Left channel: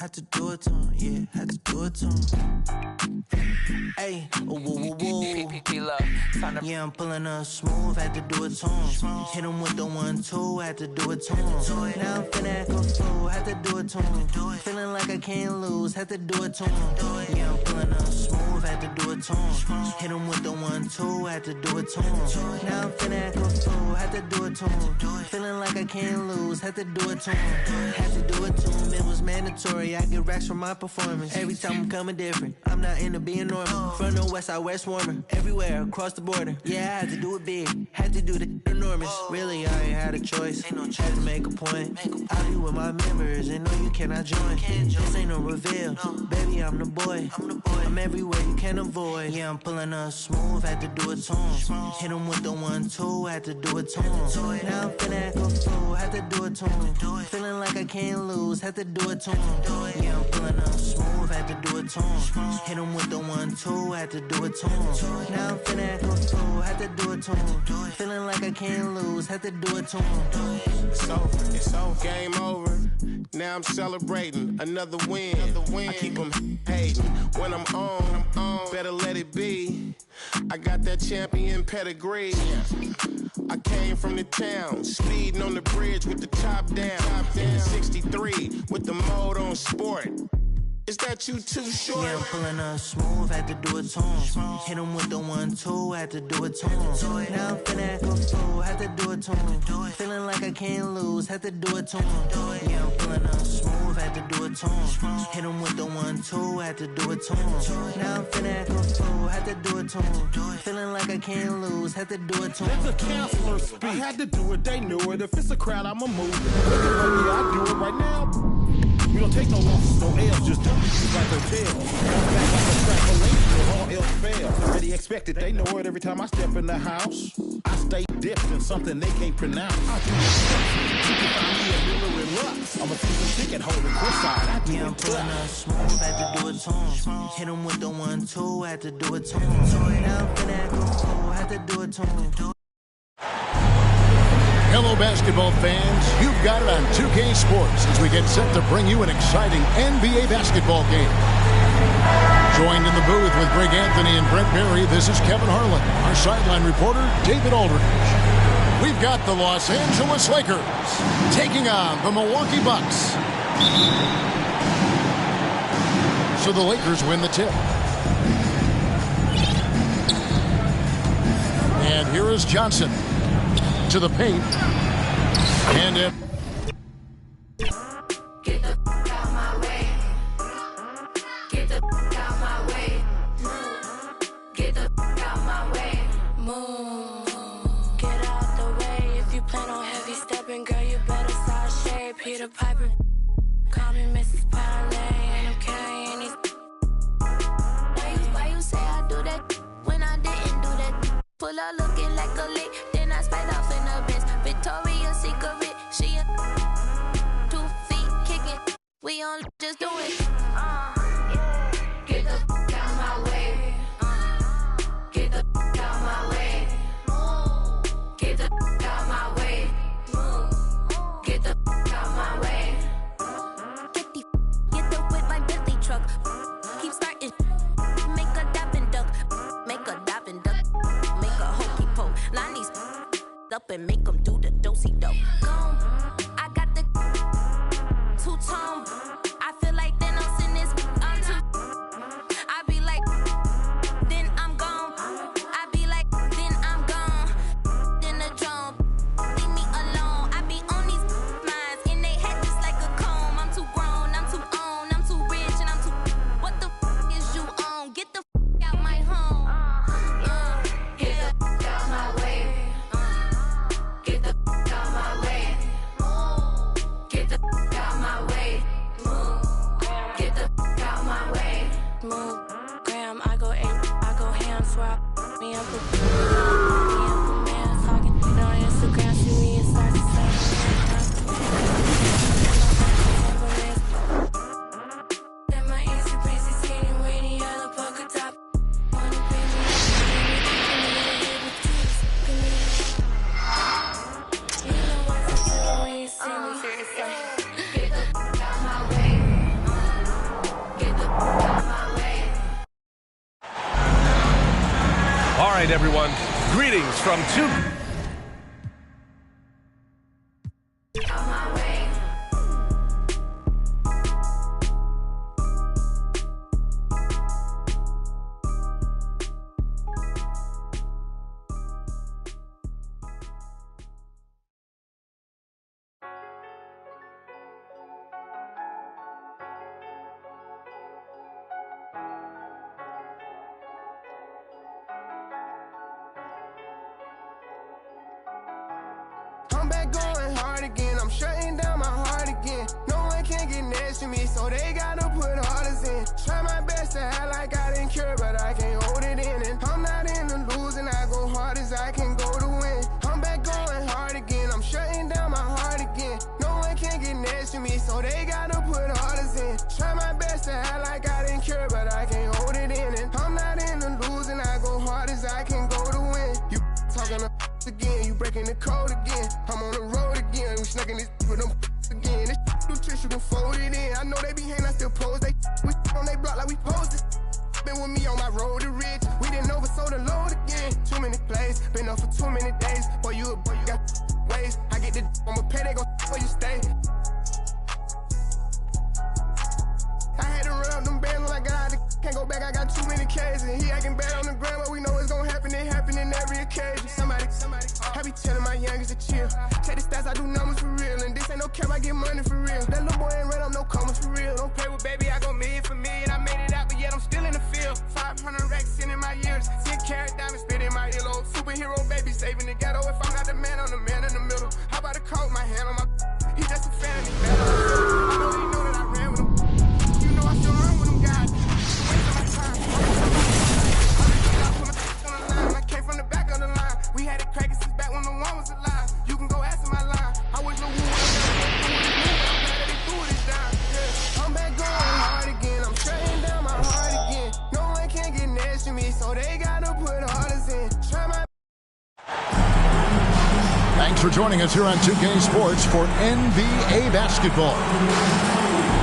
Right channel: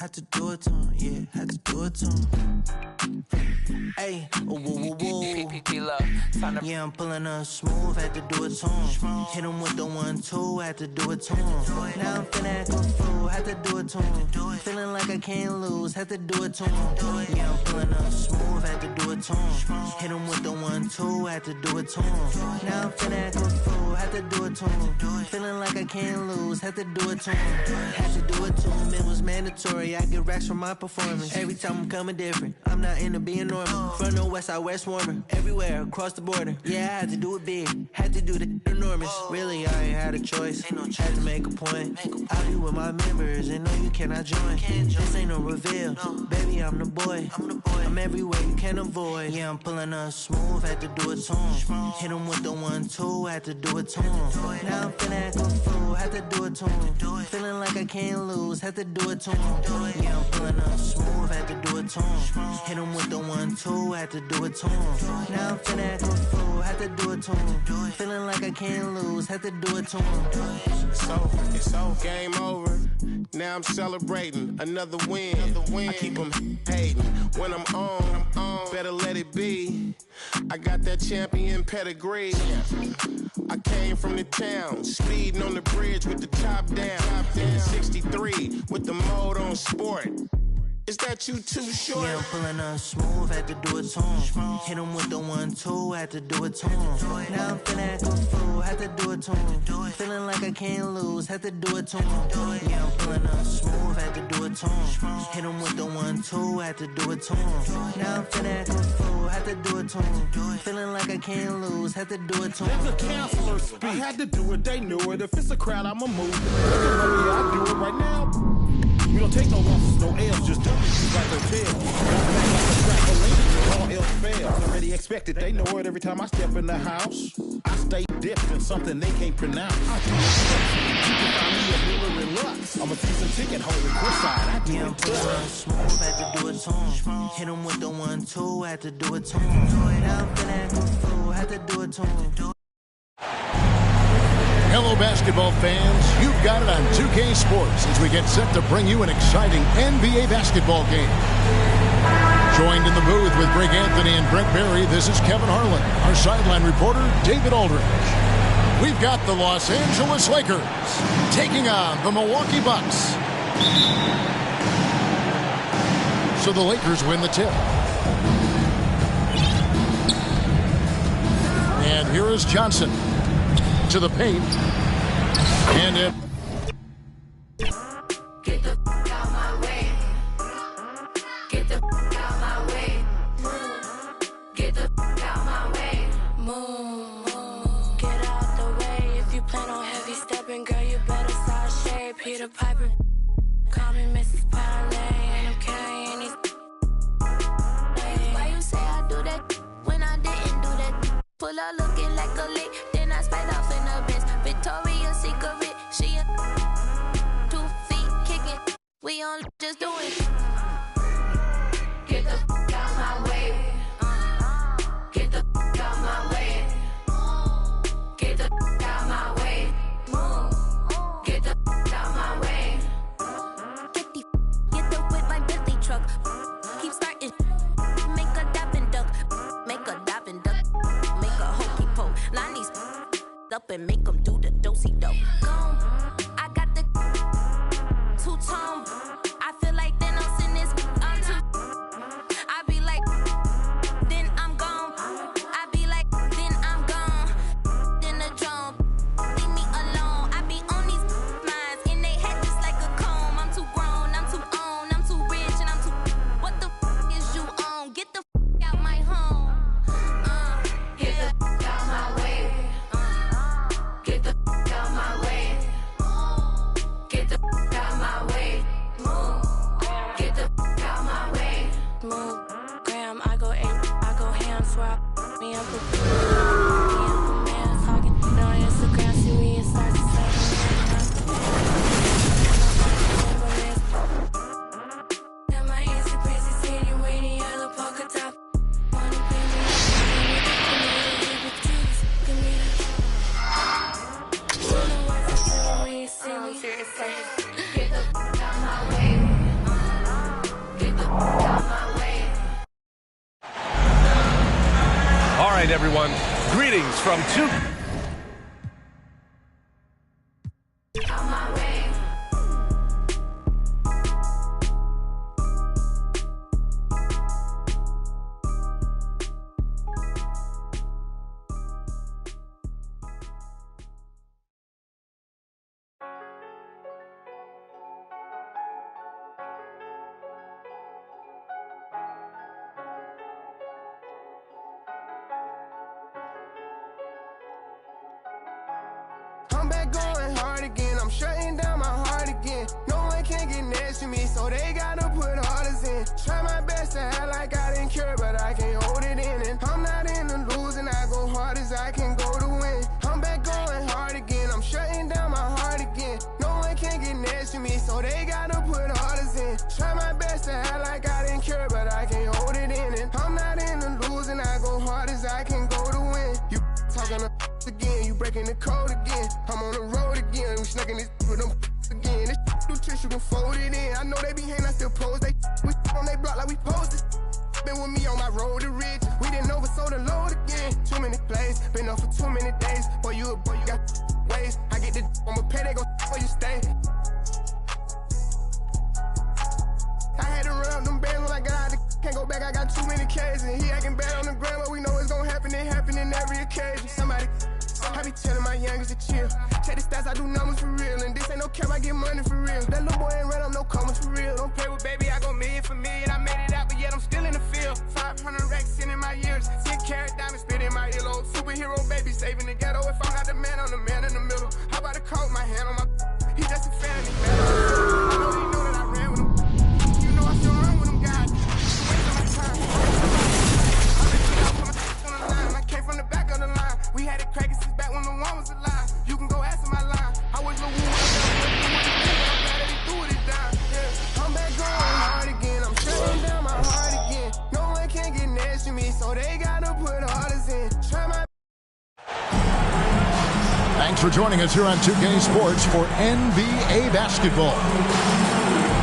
Had to do it to him, yeah, had to do it to him. Hey, whoa, whoa, whoa. Yeah, I'm pulling up smooth, had to do it to him. Hit him with the 1-2, had to do it to him. Now I'm finna act a fool, had to do it to him. Feeling like I can't lose, had to do it to him. Yeah, I'm pulling up smooth, had to do it to him. Hit him with the 1-2, had to do it to him. Now I'm finna act a fool, had to do it to him. Feeling like I can't lose, had to do it to him. Had to do it to him, it was mandatory. I get racks from my performance. Every time I'm coming different, I'm not into being normal. From the west side, west warmer. Everywhere, across the border. Yeah, I had to do it big, had to do the enormous. Really, I ain't had a choice, had to make a point. I'll be with my members, and no, you cannot join. This ain't no reveal, baby, I'm the boy. I'm everywhere you can avoid. Yeah, I'm pulling up smooth, had to do it to him. Hit him with the 1-2, had to do it to him. Now I'm finna act a fool, had to do it to him. Feeling like I can't lose, had to do it to him. Yeah, I'm pulling up smooth, had to do it to him. Hit him with the 1-2, had to do it to him. Now I'm finna act a fool, had to do it to him. Feeling like I can't lose, had to do it to him. It's over, game over. Now I'm celebrating another win. I keep them hating. When I'm on, better let it be. I got that champion pedigree. I came from the town, speeding on the bridge with the top down. In the 63 with the mode on sport. Is that you too short? Yeah, I'm pulling up smooth, had to do it to him. Hit him with the 1-2, had to do it to him. Now I'm finna act a fool, had to do it to him. Feeling like I can't lose, had to do it to him. Yeah, I'm pulling up smooth, had to do it to him. Hit him with the 1-2, had to do it to him. Now I'm finna act a fool, had to do it to him. Feeling like I can't lose, had to do it to him. Let the counselor speak. I had to do it, they knew it. If it's a crowd, I'ma move it. Look at me, I do it right now. We don't take no losses, no L's, just W's like hotels. Bounce back like a trampoline when all else fails. Already expected, they know it every time I step in the house. I stay dipped in something they can't pronounce. I do it. You can find me at Miller and Lux. I'm a season ticket holder, Westside. I do yeah, I'm pulling up smooth, had to do it to him. Hit him with the 1-2, had to do it to him. Now I'm finna act a fool, had to do it to him. Hello, basketball fans. You've got it on 2K Sports as we get set to bring you an exciting NBA basketball game. Joined in the booth with Greg Anthony and Brent Berry, this is Kevin Harlan. Our sideline reporter, David Aldridge. We've got the Los Angeles Lakers taking on the Milwaukee Bucks. So the Lakers win the tip. And here is Johnson. To the paint, and it. Get the out my way. Get the out my way. Get the out my way. Move. Get out the way. If you plan on heavy stepping, girl, you better side shade. Peter Piper. Call me Mrs. Parlay, and I'm carrying these. Why you say I do that when I didn't do that? Pull up looking like a lick. I sped off in the Benz. Victoria's Secret, she 2 feet kicking. We on just doing. Get the out my way. Get the out my way. Get the out my way. Get the out my way. Get the with my Bentley truck. Keep starting. Make a dap and duck. Make a dap and duck. Make a hokey poke. Line these up and make them do the dosey-do. I got the two-tone. I feel like Thanos in this. I'm too. I be like, then I'm gone. I be like, then I'm gone. Then the drum. Leave me alone. I be on these minds in they head just like a comb. I'm too grown. I'm too on. I'm too rich and I'm too. What the is you on? Get the out my home. Get out my way. Get the out my way. Get the out my way. Get the out my way. Move, Graham, I go ham, swear me up a man talking on Instagram, see we in start to say. Got my easy crazy sitting waiting yellow polka top. Wanna pay me right, everyone. Greetings from two. I'm back going hard again. I'm shutting down my heart again. No one can get next to me, so they gotta put orders in. Try my best to act like I didn't care, but I can't hold it in. And I'm not in the losing. I go hard as I can go to win. I'm back going hard again. I'm shutting down my heart again. No one can get next to me, so they gotta put orders in. Try my best to act like I didn't care, but I can't hold it in. And I'm not in the losing. I go hard as I can go to win. You talking again, you breaking the code again. I'm on the road again, we snacking this with them again. This new tricks, you can fold it in. I know they be hating, I still pose. They we on they block like we posed it. Been with me on my road to riches. We didn't oversold the load again. Too many plays, been up for too many days. Boy, you got ways. I get the I'ma pay, they gon' where you stay. I had to run up them bands when I got out the can't go back, I got too many K's. And he acting bad on the ground, but we know it's gonna happen. It happen in every occasion. Somebody, I be telling my youngest to chill. Check the stats, I do numbers for real. And this ain't no cap, I get money for real. That little boy ain't ran up no commas for real. Don't play with baby, I go million for million. I made it out, but yet I'm still in the field. 500 racks in my years. 10 carat diamonds spit in my earlobe. Superhero baby saving the ghetto. If I'm not the man, I'm the man in the middle. How about a coat, my hand on my... He just a fan, he mad on the middle. I know he know that I ran with him. You know I still run with him, guys. I came from the back of the line. We had it cracking since back when the one was alive. You can go ask him my line. I wish Lil Wu would have never went through with his move, but I'm glad that he threw it down. Yeah, I'm back going hard again. I'm shutting down my heart again. No one can get next to me, so they gotta put orders in. Try my. Thanks for joining us here on 2K Sports for NBA basketball.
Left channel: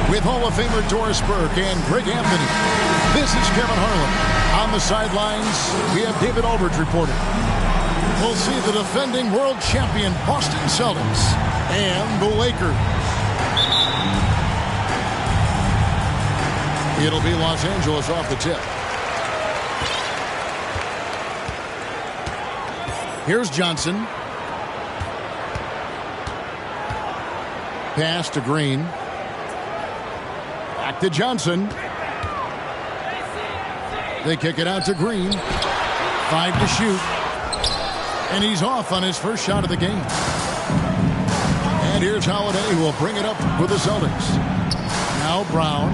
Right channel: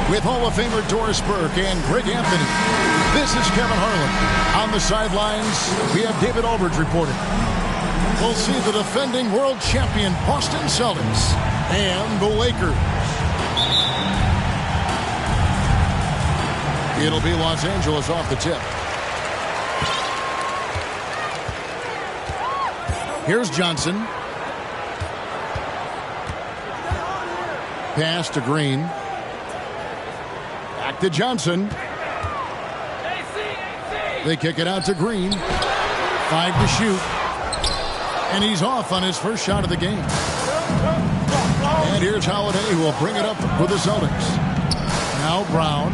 With Hall of Famer Doris Burke and Greg Anthony, this is Kevin Harlan. On the sidelines, we have David Aldridge reporting. We'll see the defending world champion Boston Celtics and the Lakers. It'll be Los Angeles off the tip. Here's Johnson. Pass to Green. Back to Johnson. They kick it out to Green. 5 to shoot. And he's off on his first shot of the game. And here's Holiday, who will bring it up for the Celtics. Now Brown.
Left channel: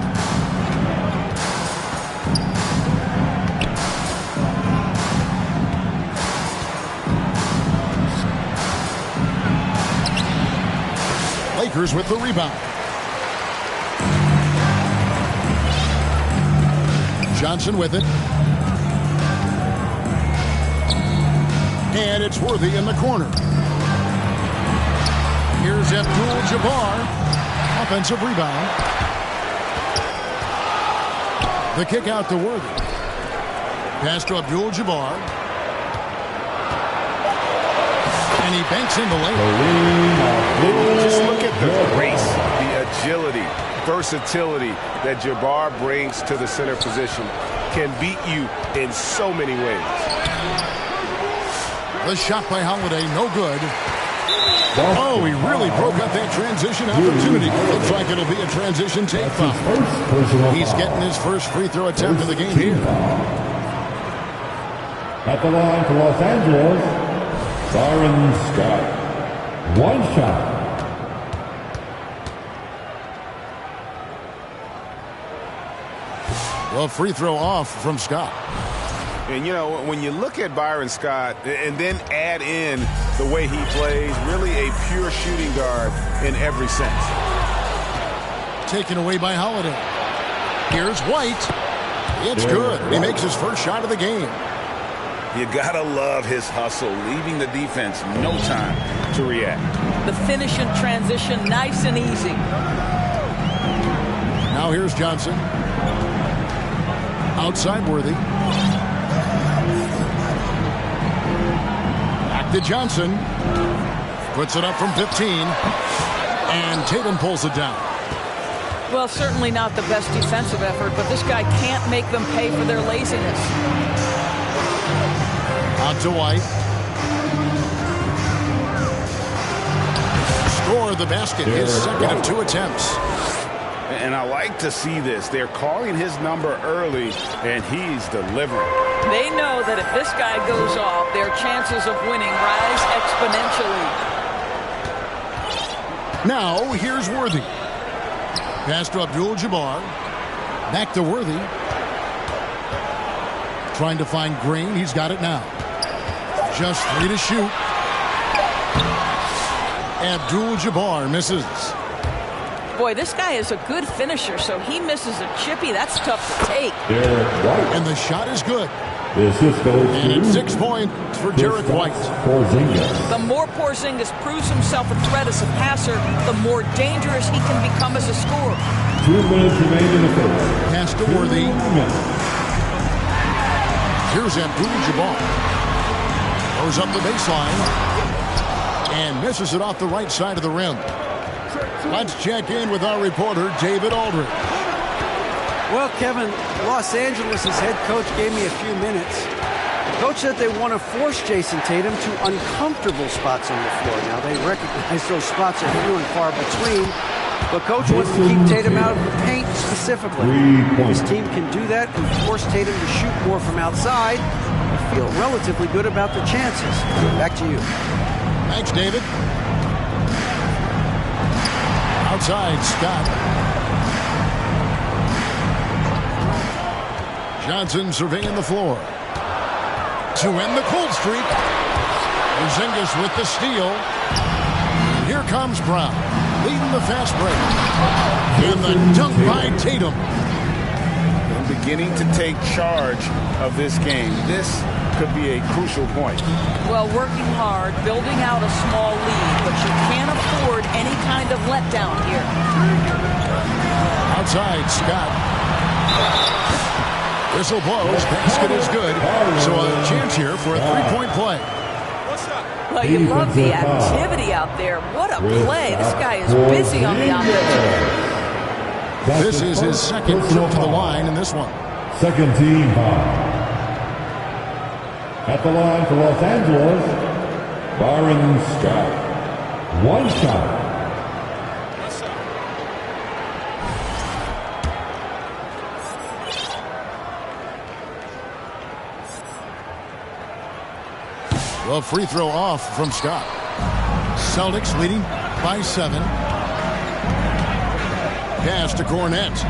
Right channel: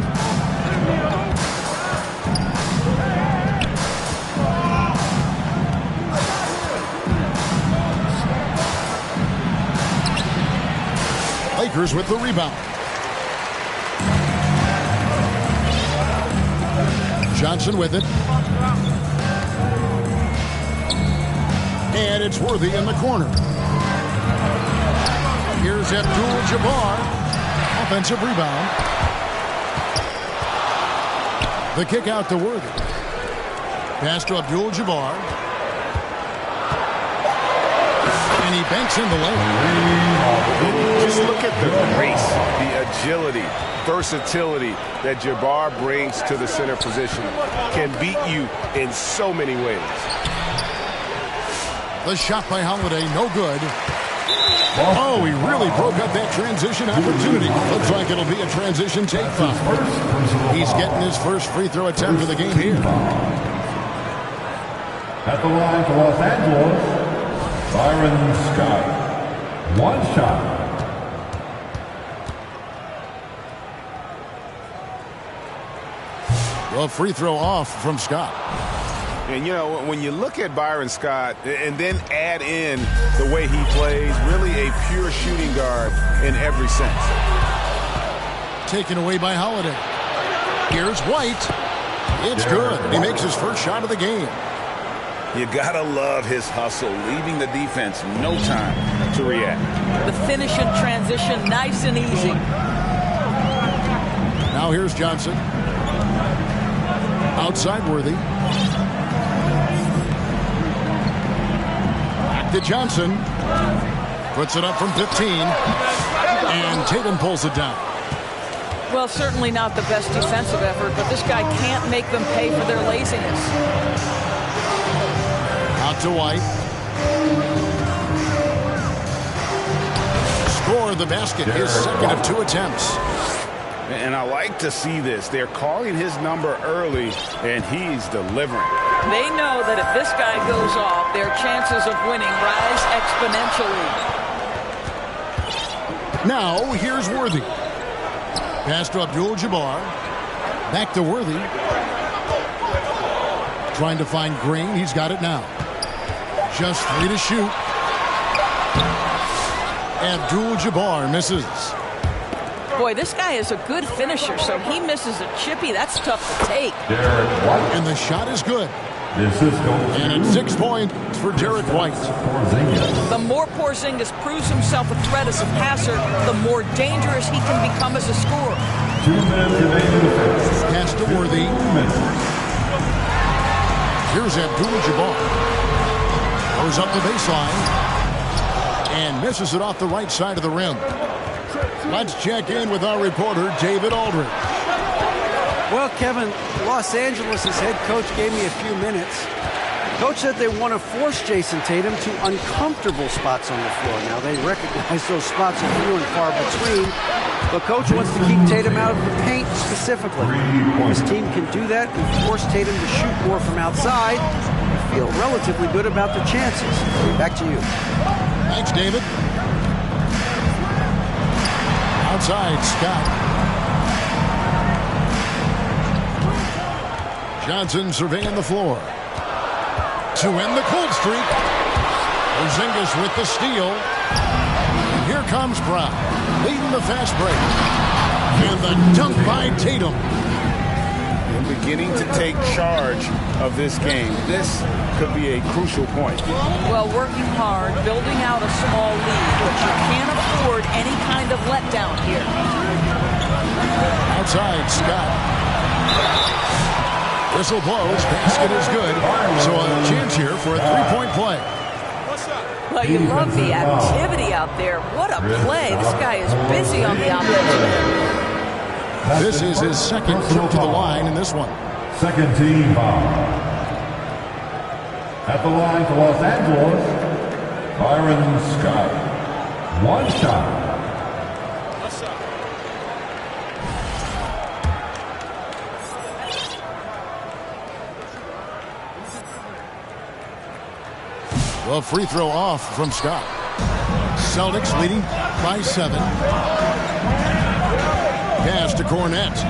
Lakers with the rebound. Johnson with it. And it's Worthy in the corner. Here's Abdul-Jabbar. Offensive rebound. The kick out to Worthy. Pass to Abdul-Jabbar. And he banks in the lane. Just look at the grace, the agility, versatility that Jabbar brings to the center position. Can beat you in so many ways. The shot by Holiday, no good. Oh, he really broke up that transition opportunity. Looks like it'll be a transition take foul. He's getting his first free throw attempt of the game here. At the line for Los Angeles, Byron Scott. One shot. Well, free throw off from Scott. And, you know, when you look at Byron Scott and then add in the way he plays, really a pure shooting guard in every sense. Taken away by Holiday. Here's White. It's good. He makes his first shot of the game. You gotta love his hustle, leaving the defense no time to react. The finish and transition, nice and easy. Now here's Johnson. to Johnson. Puts it up from 15. And Tatum pulls it down. Well, certainly not the best defensive effort, but this guy can't make them pay for their laziness. Out to White. Score the basket, his second of 2 attempts. And I like to see this. They're calling his number early, and he's delivering. They know that if this guy goes off, their chances of winning rise exponentially. Now, here's Worthy. Pass to Abdul-Jabbar. Back to Worthy. Trying to find Green. He's got it now. Just 3 to shoot. Abdul-Jabbar misses. Boy, this guy is a good finisher, so he misses a chippy. That's tough to take. And the shot is good. And it's 6 points for Derek White. The more Porzingis proves himself a threat as a passer, the more dangerous he can become as a scorer. 2 minutes remain in the first. Pass to Worthy. Here's Abdul-Jabbar. Goes up the baseline. And misses it off the right side of the rim. Let's check in with our reporter, David Aldridge. Well, Kevin, Los Angeles' head coach gave me a few minutes. The coach said they want to force Jason Tatum to uncomfortable spots on the floor. Now, they recognize those spots are few and far between, but coach wants to keep Tatum out of the paint specifically. If his team can do that and force Tatum to shoot more from outside, I feel relatively good about the chances. Back to you. Thanks, David. Outside, Scott. Johnson surveying the floor. To end the cold streak. Porzingis with the steal. And here comes Brown, leading the fast break. And the dunk by Tatum. And beginning to take charge of this game. This could be a crucial point. Well, working hard, building out a small lead, but you can't afford any kind of letdown here. Outside, Scott. Whistle blows, basket is good, so a chance here for a three-point play. Well, you love the activity out there. What a play. This guy is busy on the offensive end. This is his second trip to the line in this one. Second team foul. At the line for Los Angeles, Byron Scott. 1 shot. Well, free throw off from Scott. Celtics leading by 7. Pass to Cornette.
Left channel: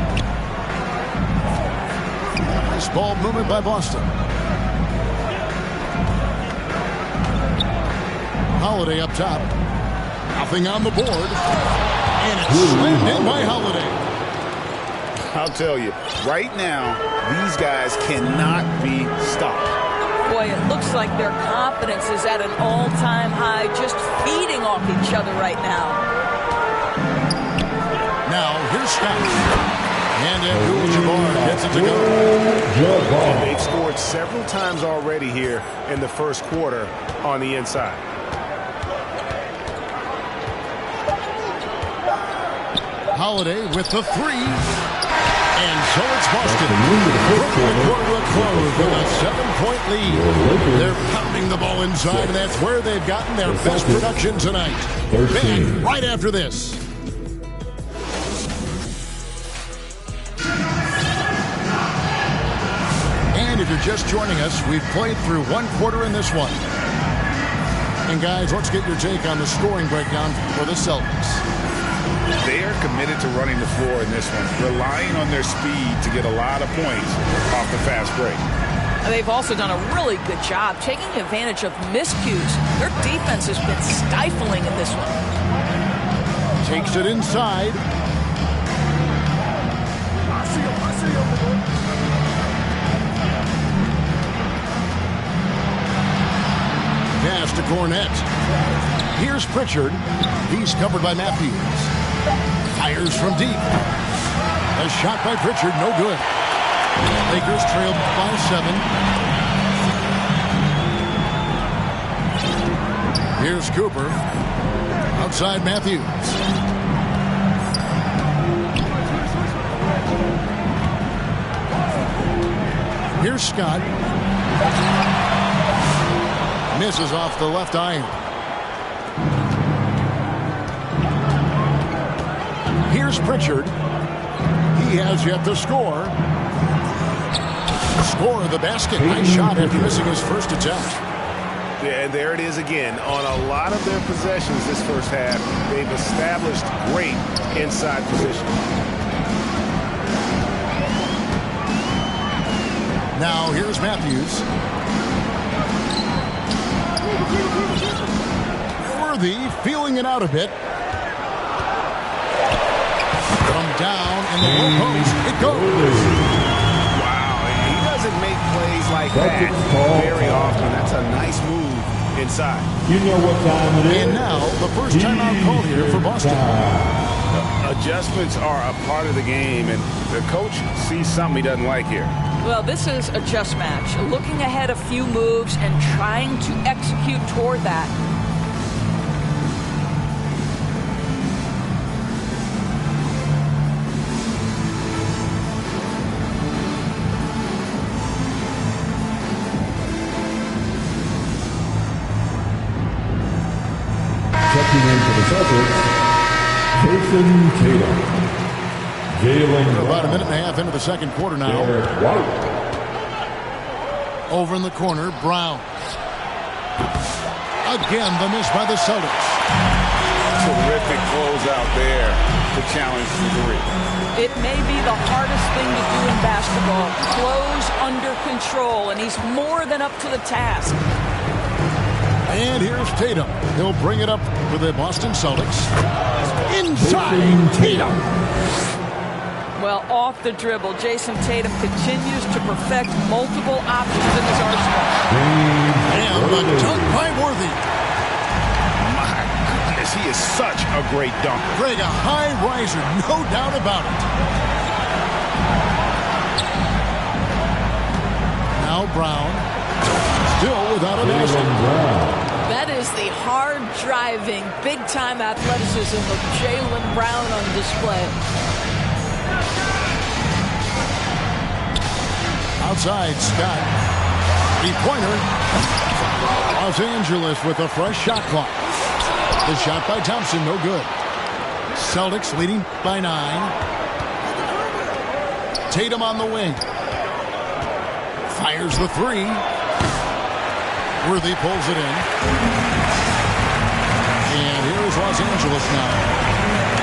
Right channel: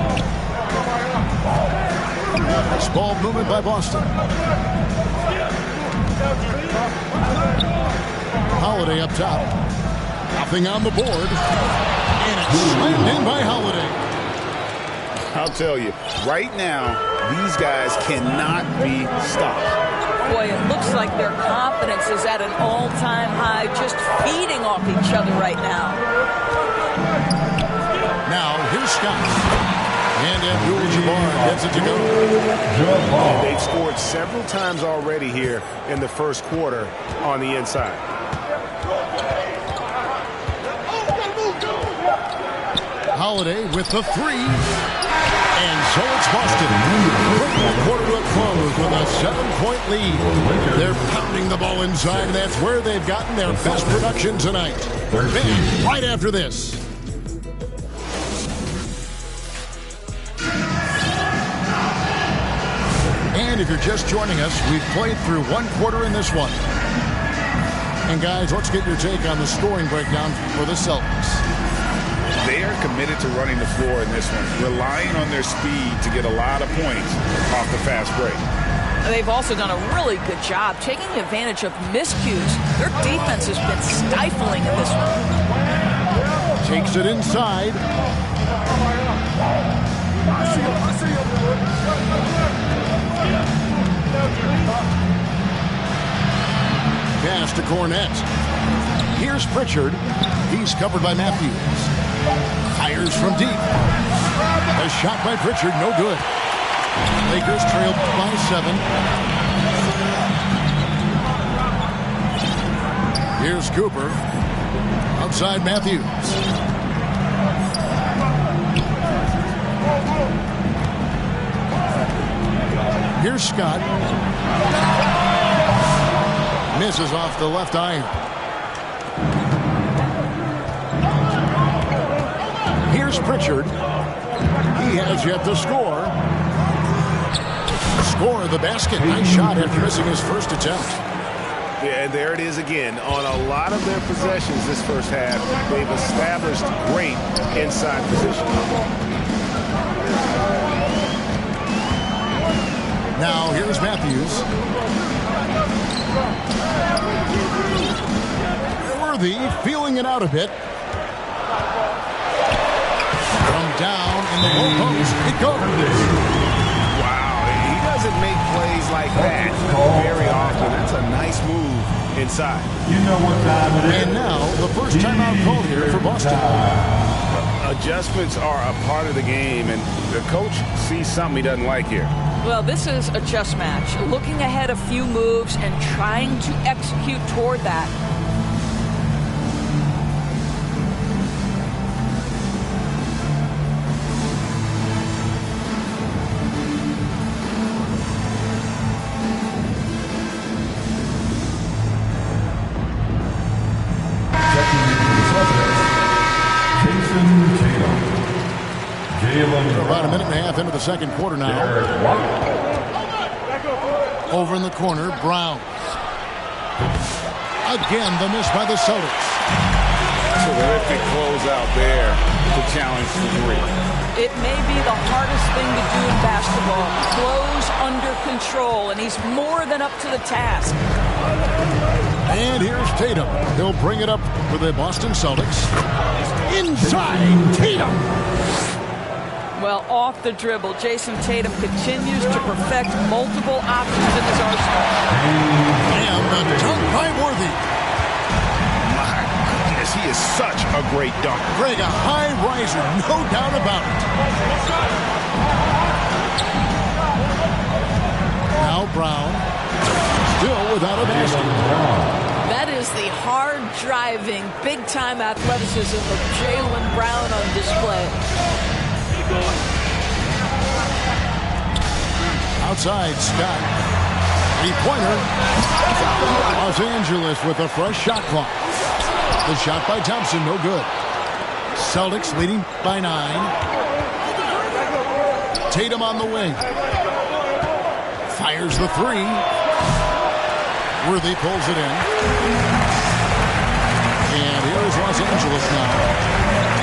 Nice ball movement by Boston. Holiday up top. Nothing on the board. And it's slammed in by Holiday. I'll tell you, right now, these guys cannot be stopped. Boy, it looks like their confidence is at an all-time high, just feeding off each other right now. Now, here's Scott. And Abdul-Jabbar gets it to go. And they've scored several times already here in the first quarter on the inside. Holiday with the 3. And so it's Boston. Bringing the quarter to a close with a 7-point lead. They're pounding the ball inside, and that's where they've gotten their best production tonight. Back right after this. And if you're just joining us, we've played through 1 quarter in this one. And guys, let's get your take on the scoring breakdown for the Celtics. They are committed to running the floor in this one, relying on their speed to get a lot of points off the fast break. They've also done a really good job taking advantage of miscues. Their defense has been stifling in this one. Takes it inside. Pass to Cornette. Here's Pritchard. He's covered by Matthews. Fires from deep. A shot by Pritchard, no good. Lakers trailed by 7. Here's Cooper. Outside Matthews. Here's Scott. Misses off the left iron. Here's Pritchard. He has yet to score. Score of the basket. Nice shot after missing his first attempt. Yeah, and there it is again. On a lot of their possessions this first half, they've established great inside position. Now here's Matthews. Worthy feeling it out a bit. From down in the low post, it goes. Wow, he doesn't make plays like that very often. That's a nice move inside. You know what time it is. And now the first timeout called here for Boston. Adjustments are a part of the game, and the coach sees something he doesn't like here. Well, this is a chess match. Looking ahead a few moves and trying to execute toward that. Checking in for the Celtics, Jason Tatum. Jalen We're about a minute and a half into the second quarter now. Over in the corner, Brown. Again, the miss by the Celtics. Terrific closeout there to challenge the three. It may be the hardest thing to do in basketball. Close under control, and he's more than up to the task. And here's Tatum. He'll bring it up for the Boston Celtics. Inside Tatum. Well, off the dribble, Jason Tatum continues to perfect multiple options in his arsenal. And the dunk by Worthy. My goodness, he is such a great dunker. Greg, a high riser, no doubt about it. Now Brown, still without a basket. That is the hard-driving, big-time athleticism of Jaylen Brown on display. Outside, Scott. Three-pointer. Los Angeles with a fresh shot clock. The shot by Thompson, no good. Celtics leading by 9. Tatum on the wing. Fires the three. Worthy pulls it in. And here is Los Angeles now.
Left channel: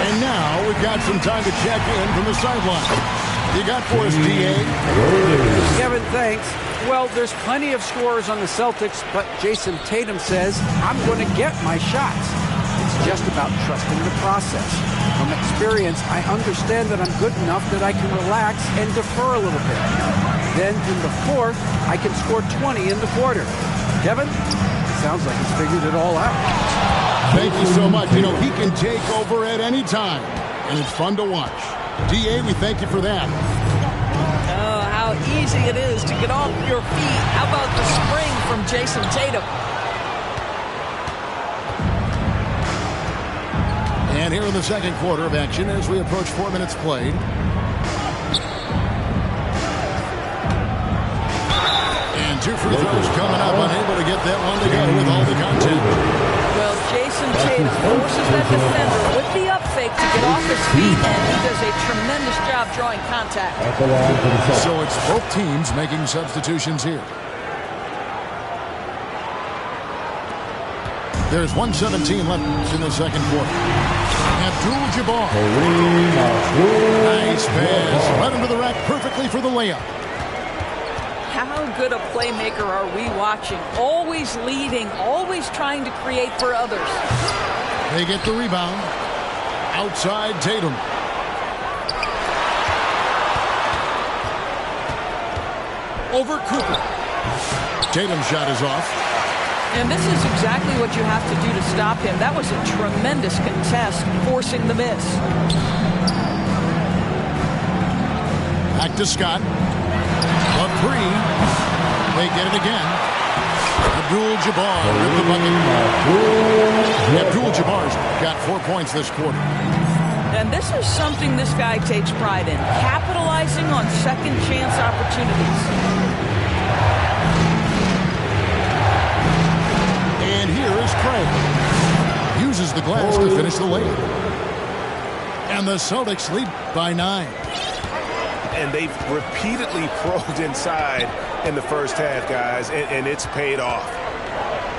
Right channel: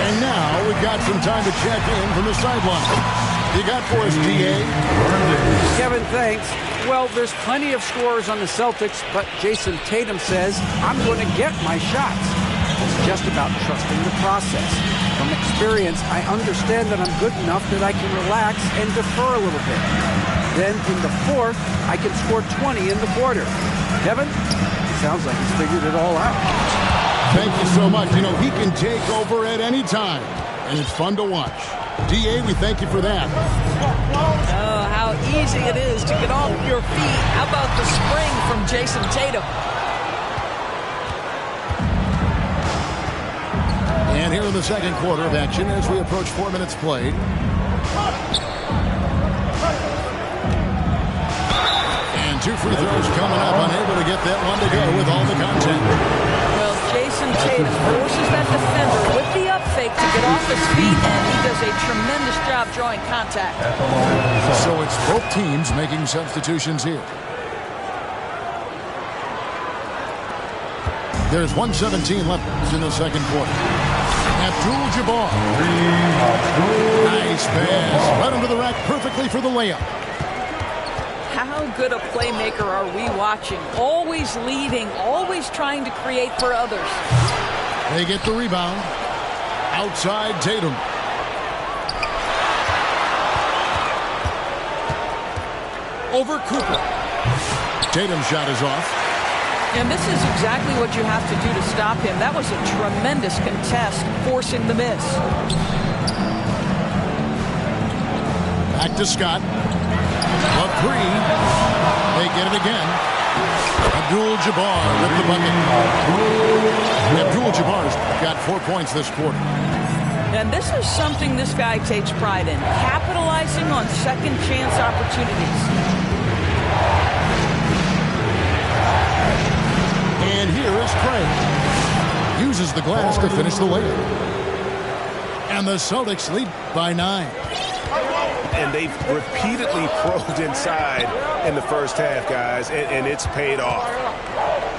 And now we've got some time to check in from the sideline. You got for us, D.A.? Kevin, thanks. Well, there's plenty of scorers on the Celtics, but Jason Tatum says, I'm going to get my shots. It's just about trusting the process. From experience, I understand that I'm good enough that I can relax and defer a little bit. Then in the fourth, I can score 20 in the quarter. Kevin, it sounds like he's figured it all out. Thank you so much. You know, he can take over at any time, and it's fun to watch. D.A., we thank you for that. Oh, how easy it is to get off your feet. How about the spring from Jason Tatum? And here in the second quarter of action as we approach 4 minutes played. And 2 free throws coming up, unable to get that one to go with all the content. Well, Jason Tatum forces that defender with the up fake to get off his feet, and he does a tremendous job drawing contact. So it's both teams making substitutions here. There's 1:17 left in the second quarter. Abdul-Jabbar. Nice pass. Led him to the rack perfectly for the layup. How good a playmaker are we watching? Always leading, always trying to create for others. They get the rebound. Outside Tatum. Over Cooper. Tatum's shot is off. And this is exactly what you have to do to stop him. That was a tremendous contest, forcing the miss. Back to Scott. Love three. They get it again. Abdul-Jabbar with the bucket. Abdul-Jabbar's got 4 points this quarter. And this is something this guy takes pride in, capitalizing on second chance opportunities. And here is Craig. Uses the glass to finish the layup. And the Celtics lead by 9. And they've repeatedly probed inside in the first half, guys, and it's paid off.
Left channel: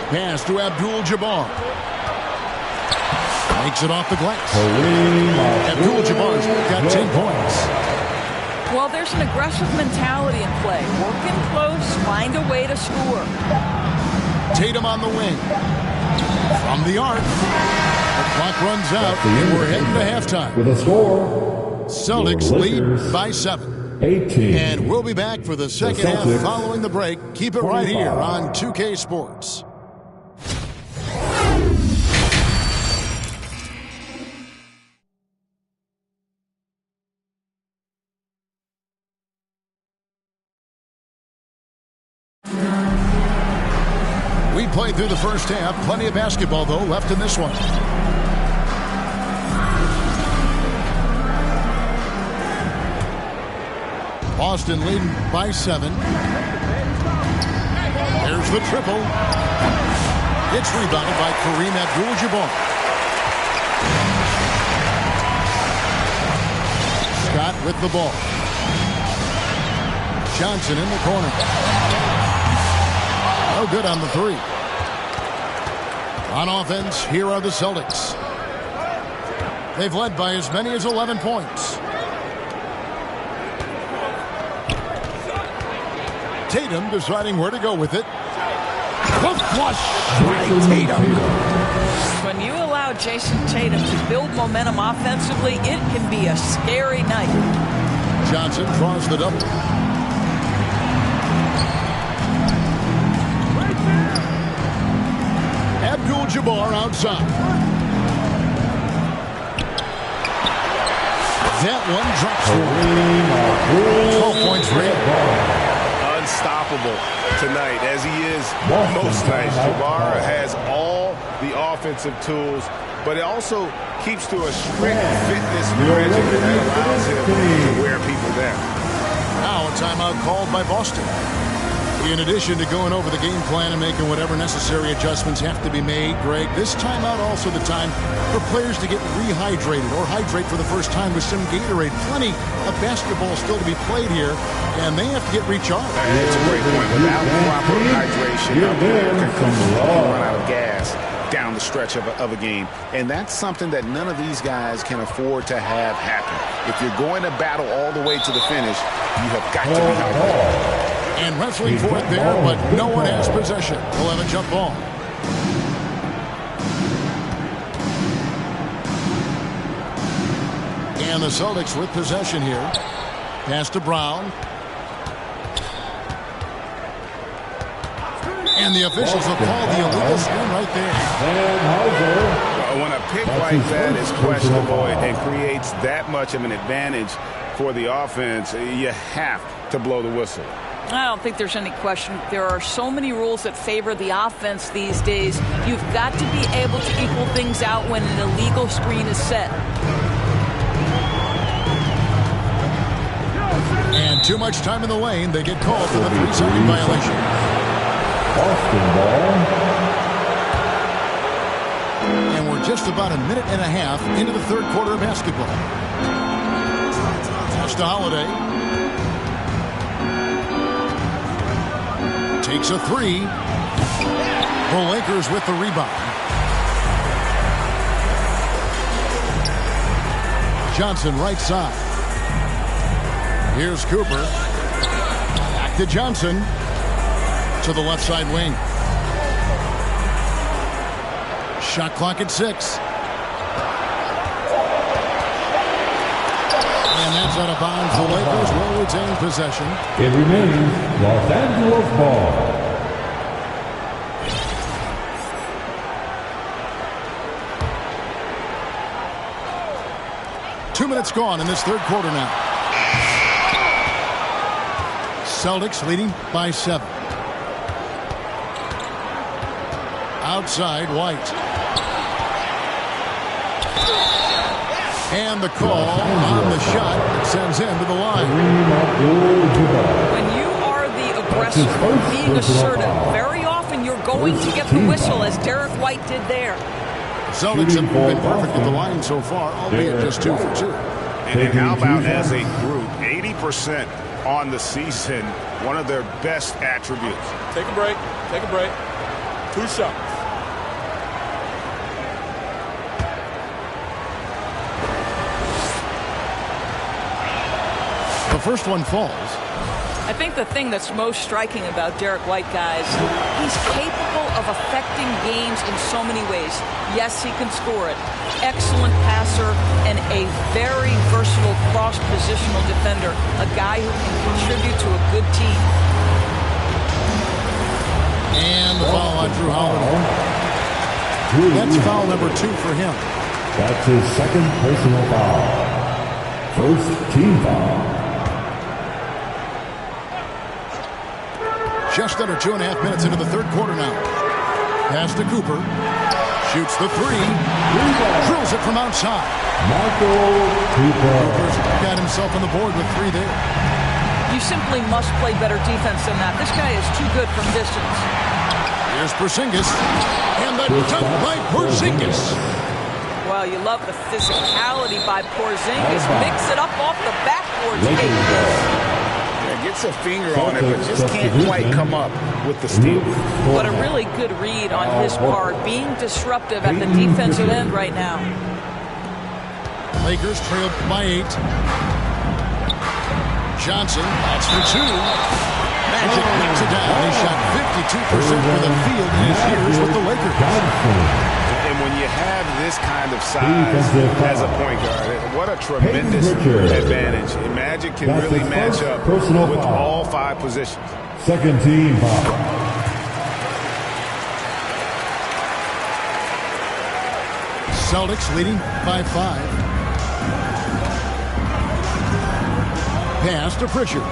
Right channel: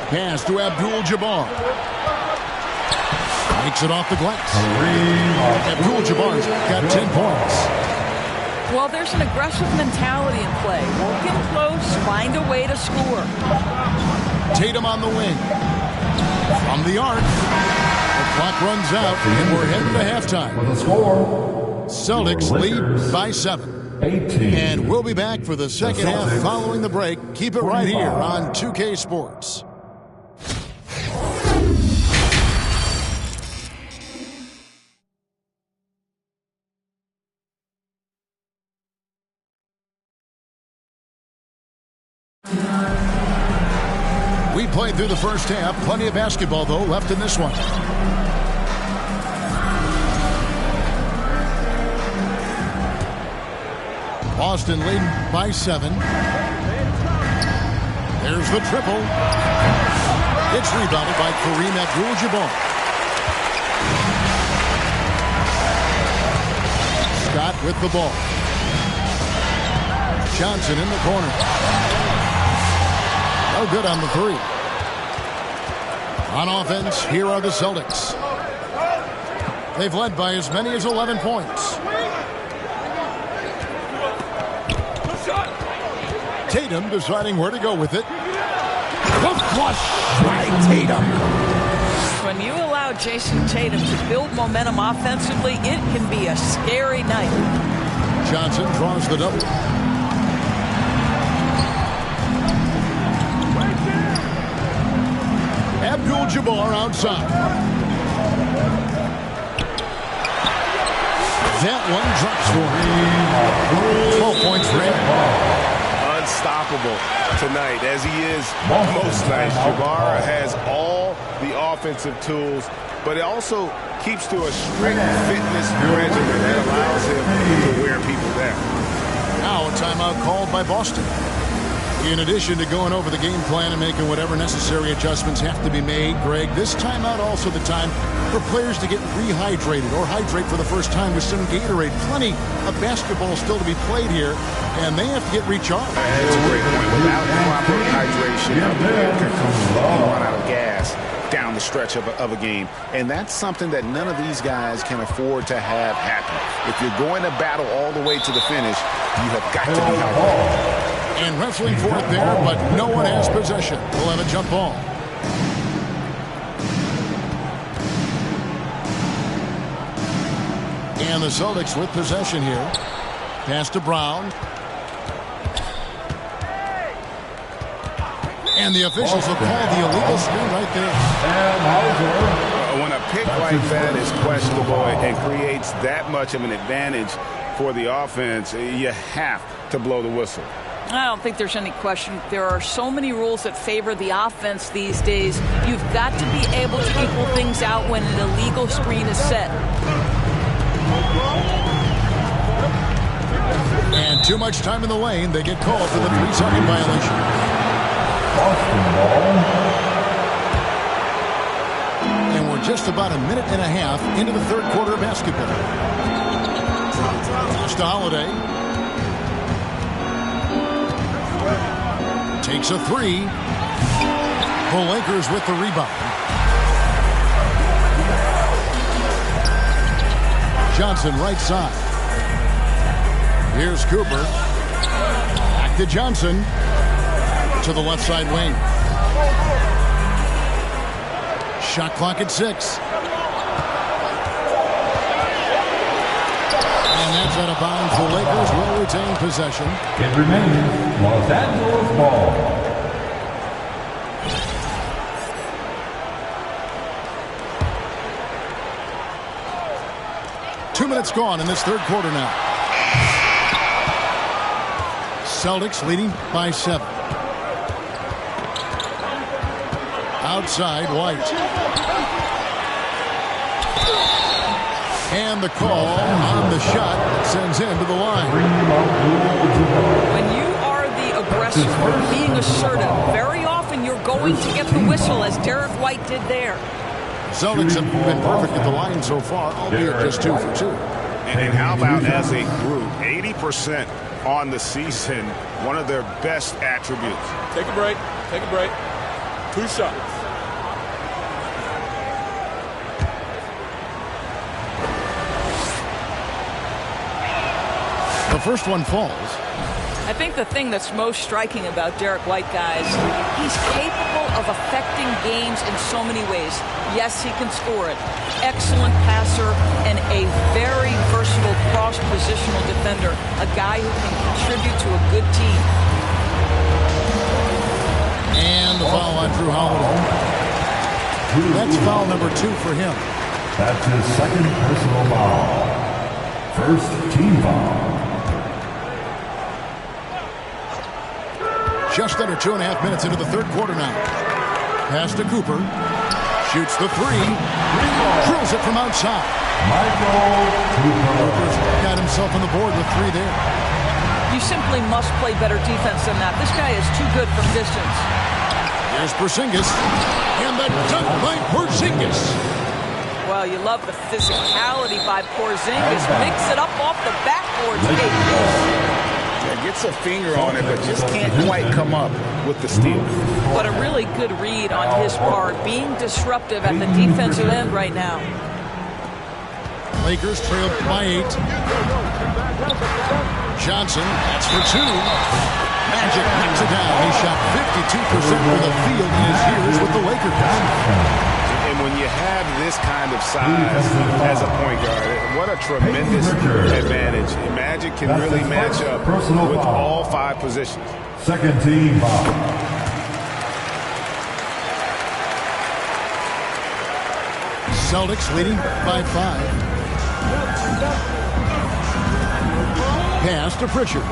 Pass to Abdul-Jabbar. Makes it off the glass. Abdul-Jabbar's got 10 points. Well, there's an aggressive mentality in play. Work in close, find a way to score. Tatum on the wing. From the arc. The clock runs out, and we're heading to halftime. With a score, Celtics lead by 7. 18. And we'll be back for the second half Celtics, following the break. Keep it right here on 2K Sports. We played through the first half. Plenty of basketball, though, left in this one. Boston leading by 7. There's the triple. It's rebounded by Kareem Abdul-Jabbar. Scott with the ball. Johnson in the corner. No good on the 3. On offense, here are the Celtics. They've led by as many as 11 points. Tatum deciding where to go with it. The flush by Tatum. When you allow Jason Tatum to build momentum offensively, it can be a scary night. Johnson draws the double. Abdul-Jabbar outside. That one drops for 12 points for him. Unstoppable tonight, as he is most nights. Jabbar has all the offensive tools, but it also keeps to a strict fitness regimen that allows him to wear people down. Now a timeout called by Boston. In addition to going over the game plan and making whatever necessary adjustments have to be made, Greg, this timeout also the time for players to get rehydrated or hydrate for the first time with some Gatorade. Plenty of basketball still to be played here, and they have to get recharged. That's a great point. Without proper hydration, a player can completely run out of gas down the stretch of a game. And that's something that none of these guys can afford to have happen. If you're going to battle all the way to the finish, you have got to be hydrated. And wrestling for it there, but no one has possession. We'll have a jump ball. And the Celtics with possession here. Pass to Brown. And the officials will call the illegal screen right there. When a pick like that is questionable and creates that much of an advantage for the offense, you have to blow the whistle. I don't think there's any question. There are so many rules that favor the offense these days. You've got to be able to equal things out when an illegal screen is set. And too much time in the lane. They get called for the 3-second violation. Boston ball. And we're just about a minute and a half into the third quarter of basketball. Pass to Holiday. Takes a 3. The Lakers with the rebound. Johnson right side. Here's Cooper. Back to Johnson. To the left side wing. Shot clock at 6. And that's out of bounds. The Lakers will retain possession. It remains Los Angeles ball. Two minutes gone in this third quarter now. Celtics leading by 7. Outside, White. And the call on the shot that sends him to the line. When you are the aggressor, being assertive, very often you're going to get the whistle, as Derek White did there. Celtics have been perfect at the line so far, albeit just 2 for 2. And how about as a group, 80% on the season, one of their best attributes. Take a break. Take a break. 2 shots. The first one falls. I think the thing that's most striking about Derek White, guys, he's capable of affecting games in so many ways. Yes, he can score it. Excellent passer and a very versatile cross-positional defender. A guy who can contribute to a good team. And the foul on Drew Holiday. That's foul number 2 for him. That's his second personal foul. First team foul. Just under 2.5 minutes into the third quarter now. Pass to Cooper. Shoots the 3. Drills it from outside. Michael Cooper. Cooper's got himself on the board with 3 there. You simply must play better defense than that. This guy is too good from distance. Here's Porzingis. And the dunk by Porzingis. Well, you love the physicality by Porzingis. Mix it up off the backboard. Yeah, gets a finger on it, but just can't quite come up with the steal. But a really good read on his part, being disruptive at the defensive end right now. Lakers trailed by 8. Johnson, that's for 2. Magic knocks it down. He shot 52% for the field in his years with the Lakers. And when you have this kind of size as a point guard, what a tremendous advantage. And Magic can really match up with all 5 positions. Second team foul. Celtics leading by 5. Pass to Pritchard.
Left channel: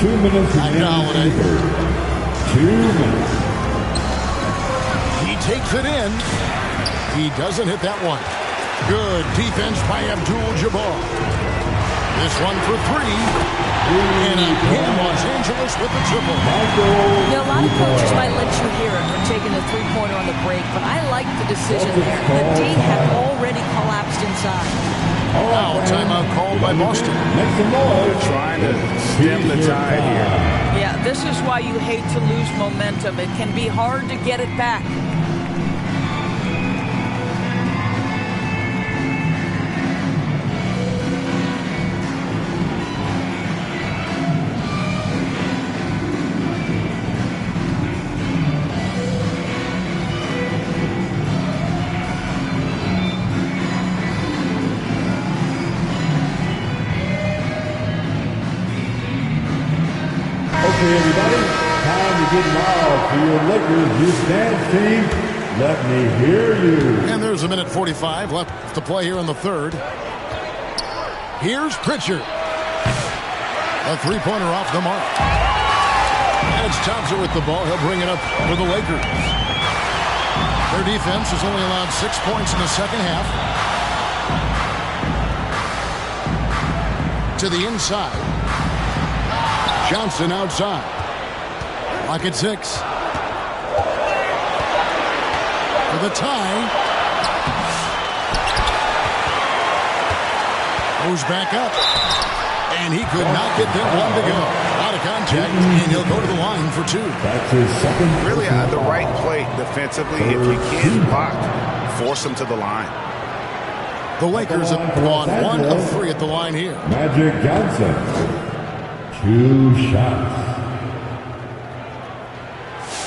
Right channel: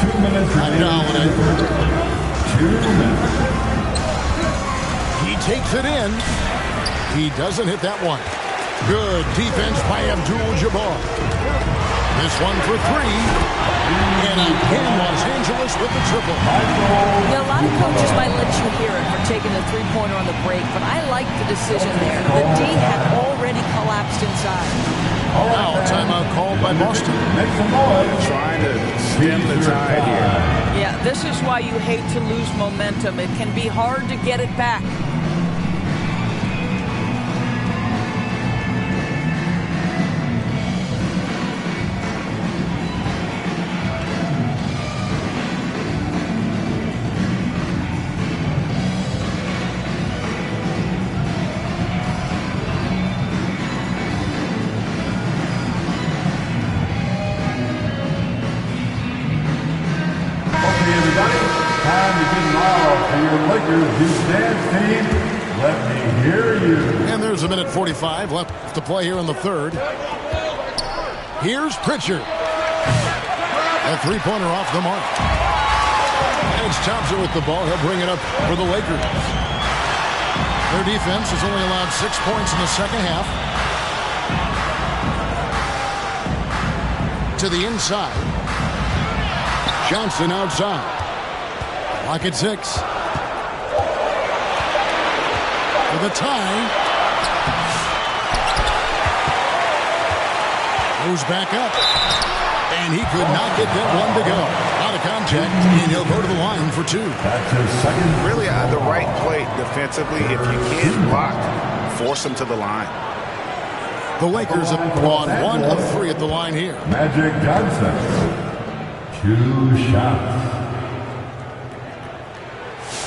2 minutes remaining. 2 minutes. He takes it in. He doesn't hit that one. Good defense by Abdul-Jabbar. This one for 3. And again, Los Angeles with the triple. Yeah, a lot of coaches might let you hear it for taking a three-pointer on the break, but I like the decision there. The D had already collapsed inside. Now, timeout called by Boston. They're trying to stem the tide here. Yeah, this is why you hate to lose momentum. It can be hard to get it back. Okay, everybody, time to get loud for your Lakers Youth Dance team. Let me hear you. And there's 1:45 left to play here in the third. Here's Pritchard. A 3-pointer off the mark. And it's Thompson with the ball. He'll bring it up for the Lakers. Their defense has only allowed 6 points in the second half. To the inside. Johnson outside. Lock at 6. For the tie. Moves back up. And he could not get that one to go. Out of contact, and he'll go to the line for 2. That's his second. Really at the right play defensively. If you can't block, force him to the line. The Lakers have gone 1 of 3 at the line here. Magic Johnson. 2 shots.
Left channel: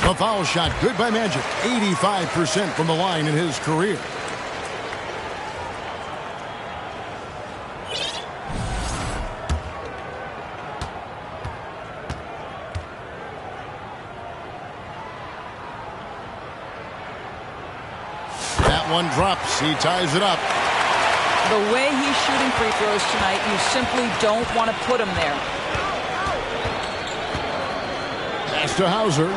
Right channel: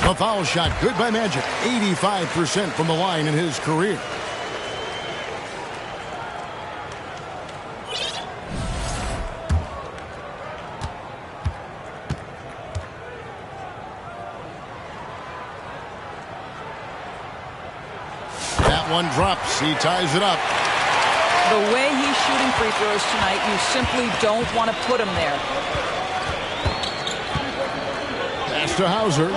A foul shot, good by Magic. 85% from the line in his career. That one drops. He ties it up. The way he's shooting free throws tonight, you simply don't want to put him there. Pass to Hauser.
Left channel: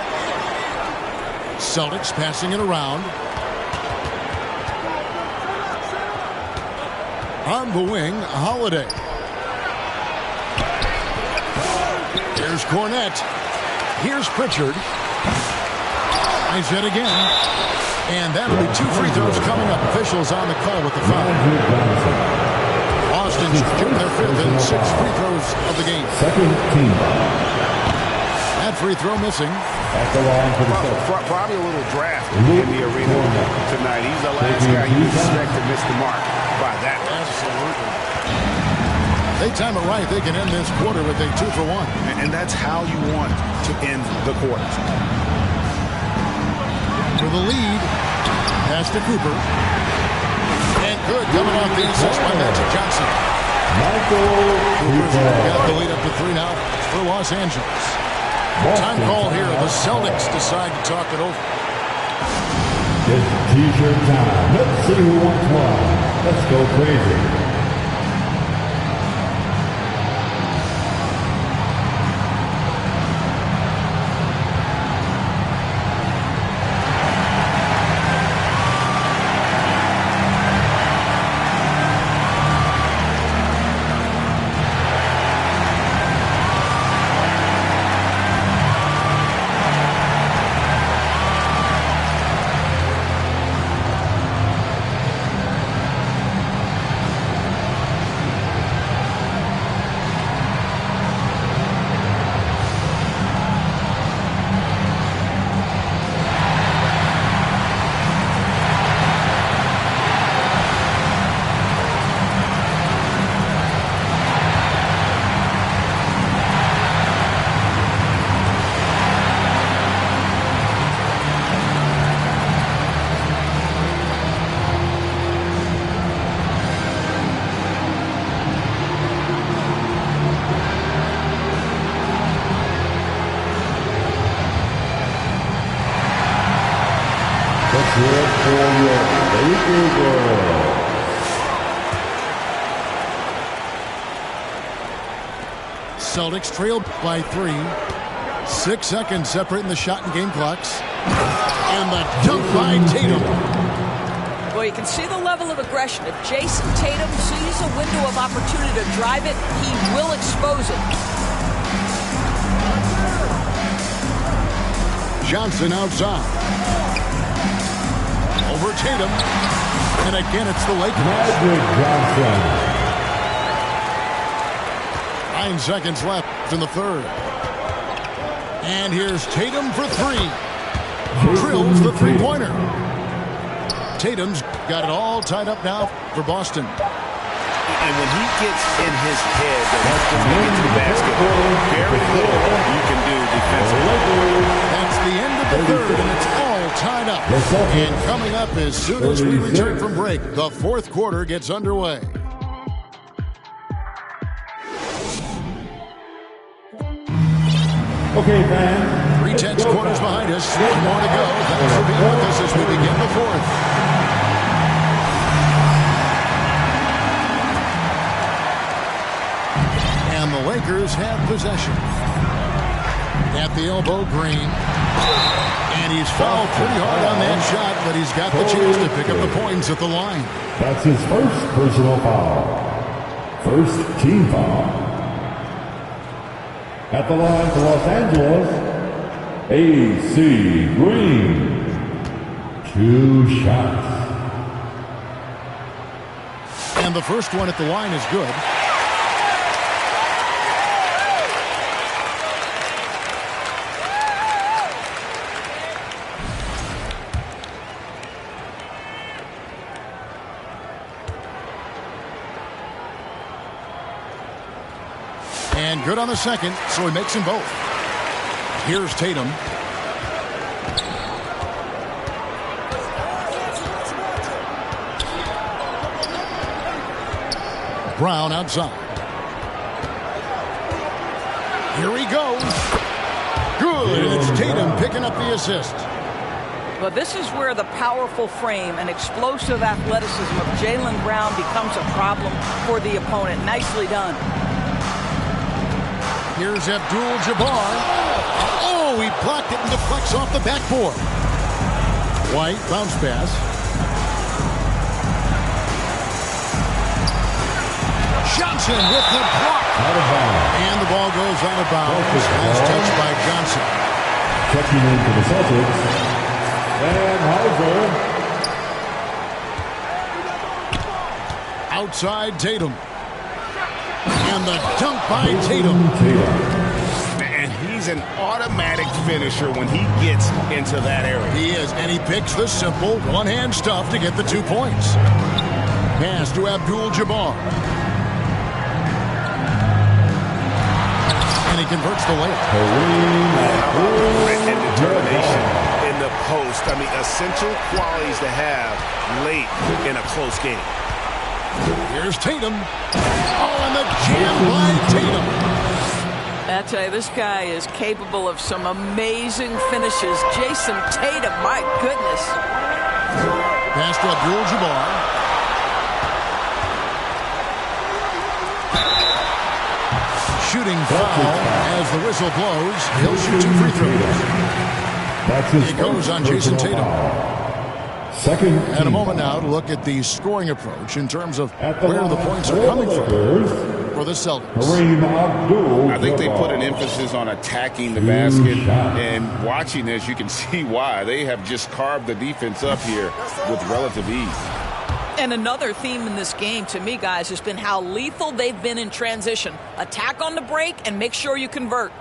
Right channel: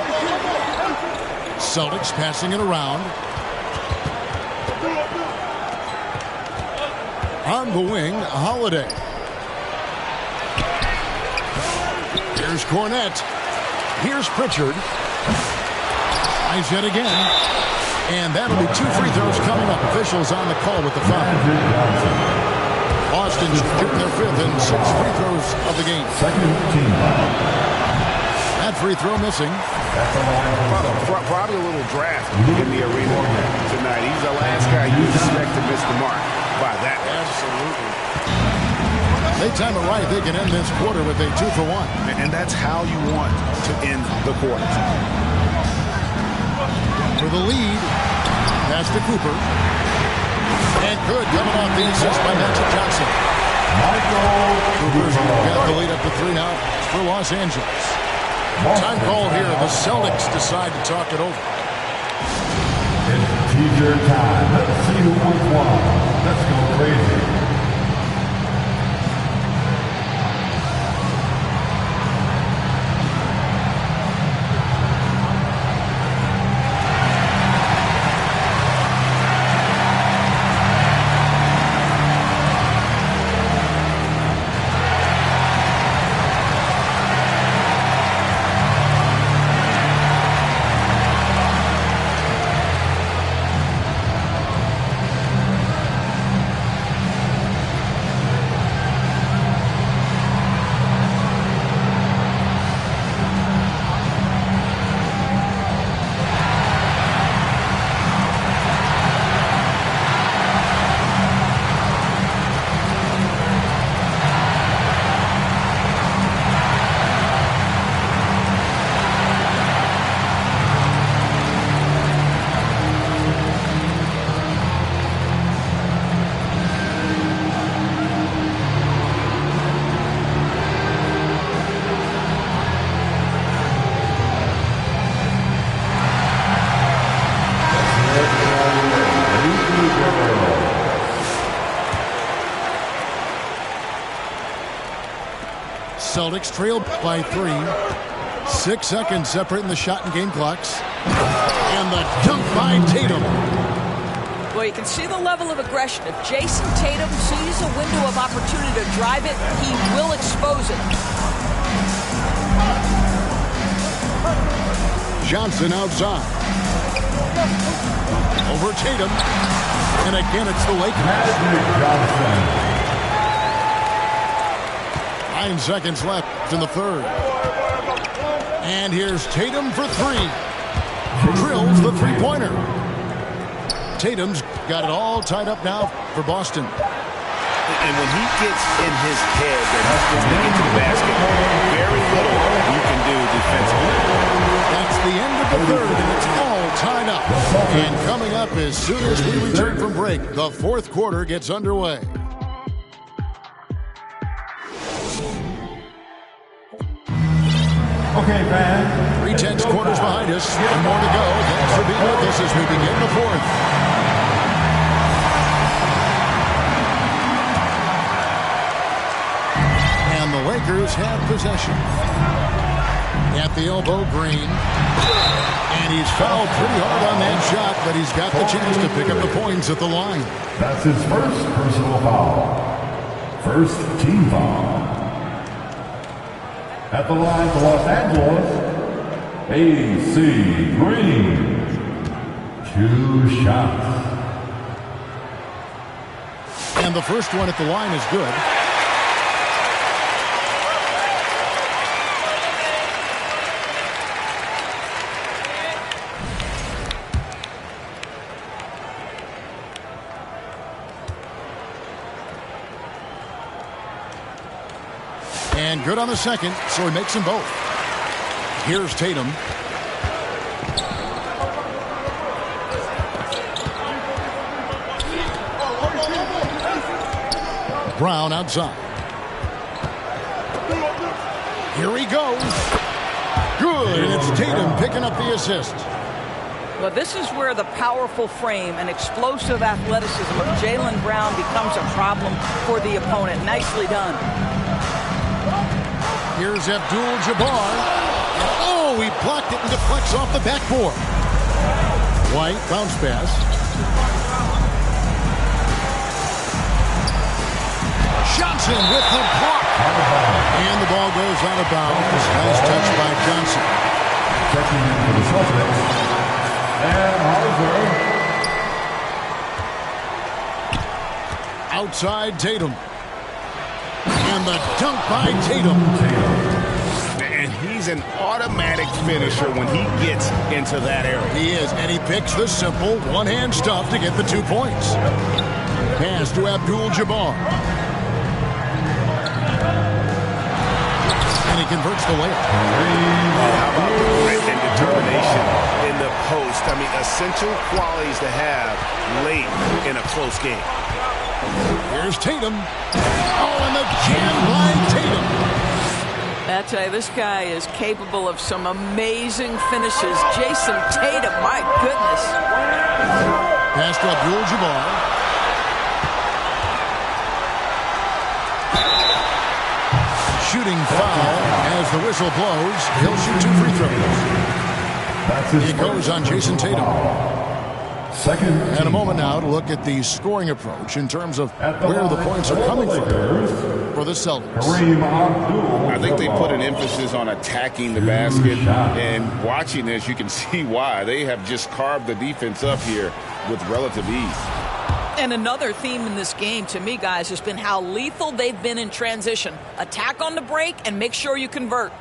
Celtics passing it around. On the wing, Holiday. Here's Cornette. Here's Pritchard. Tries yet again. And that'll be 2 free throws coming up. Officials on the call with the foul. Boston shooting their 5th and 6 free throws of the game. Second team foul. That free throw missing. At the line for the Probably a little draft in the arena tonight. He's the last guy you expect to miss the mark by that. Absolutely. They time it right. They can end this quarter with a 2-for-1. And that's how you want to end the quarter. For the lead, pass to Cooper. And good, coming off the assist by Magic Johnson. Cooper's got the lead up to 3 now for Los Angeles. Time call here. The Celtics decide to talk it over. It's t-shirt time. Let's see who wants one. Let's go crazy. Celtics trail by 3. 6 seconds separating the shot and game clocks. And the dunk by Tatum. Well, you can see the level of aggression. If Jason Tatum sees a window of opportunity to drive it, he will expose it. Johnson outside. Over Tatum. And again, it's the Lakers. Magic Johnson. 9 seconds left in the third. And here's Tatum for 3. Drills the three-pointer. Tatum's got it all tied up now for Boston. And when he gets in his head that he's going to get to the basket, very little you can do defensively. That's the end of the third, and it's all tied up. And coming up as soon as we return from break, the fourth quarter gets underway. Okay, fans. 3/10 quarters behind us. 1 more to go. Thanks for being with us as we begin the fourth. And the Lakers have possession. At the elbow, Green. And he's fouled pretty hard on that shot, but he's got the chance to pick up the points at the line. That's his first personal foul. First team foul. At the line for Los Angeles, A.C. Green. 2 shots. And the first one at the line is good. And good on the second, so he makes them both. Here's Tatum. Brown outside. Here he goes. Good, and it's Tatum picking up the assist. Well, this is where the powerful frame and explosive athleticism of Jaylen Brown becomes a problem for the opponent. Nicely done. Here's Abdul-Jabbar. And oh, he blocked it and deflects off the backboard. White, bounce pass. Johnson with the block. And the ball goes out of bounds. Nice touch by Johnson. Checking in for the Celtics. And Hauser. Outside Tatum. And the dunk by Tatum. And he's an automatic finisher when he gets into that area. He is, and he picks the simple one-hand stuff to get the 2 points. Pass to Abdul-Jabbar. And he converts the layup. How about the grit and determination in the post? I mean, essential qualities to have late in a close game. Here's Tatum. Oh, and the jam by Tatum. I tell you, this guy is capable of some amazing finishes. Jason Tatum, my goodness. Pass to Abdul-Jabbar. Shooting foul as the whistle blows. He'll shoot 2 free throws. It goes on Jason Tatum. And a moment now to look at the scoring approach in terms of where the points are coming from for the Celtics. I think they put an emphasis on attacking the basket, and watching this, you can see why. They have just carved the defense up here with relative ease. And another theme in this game, to me, guys, has been how lethal they've been in transition. Attack on the break and make sure you convert.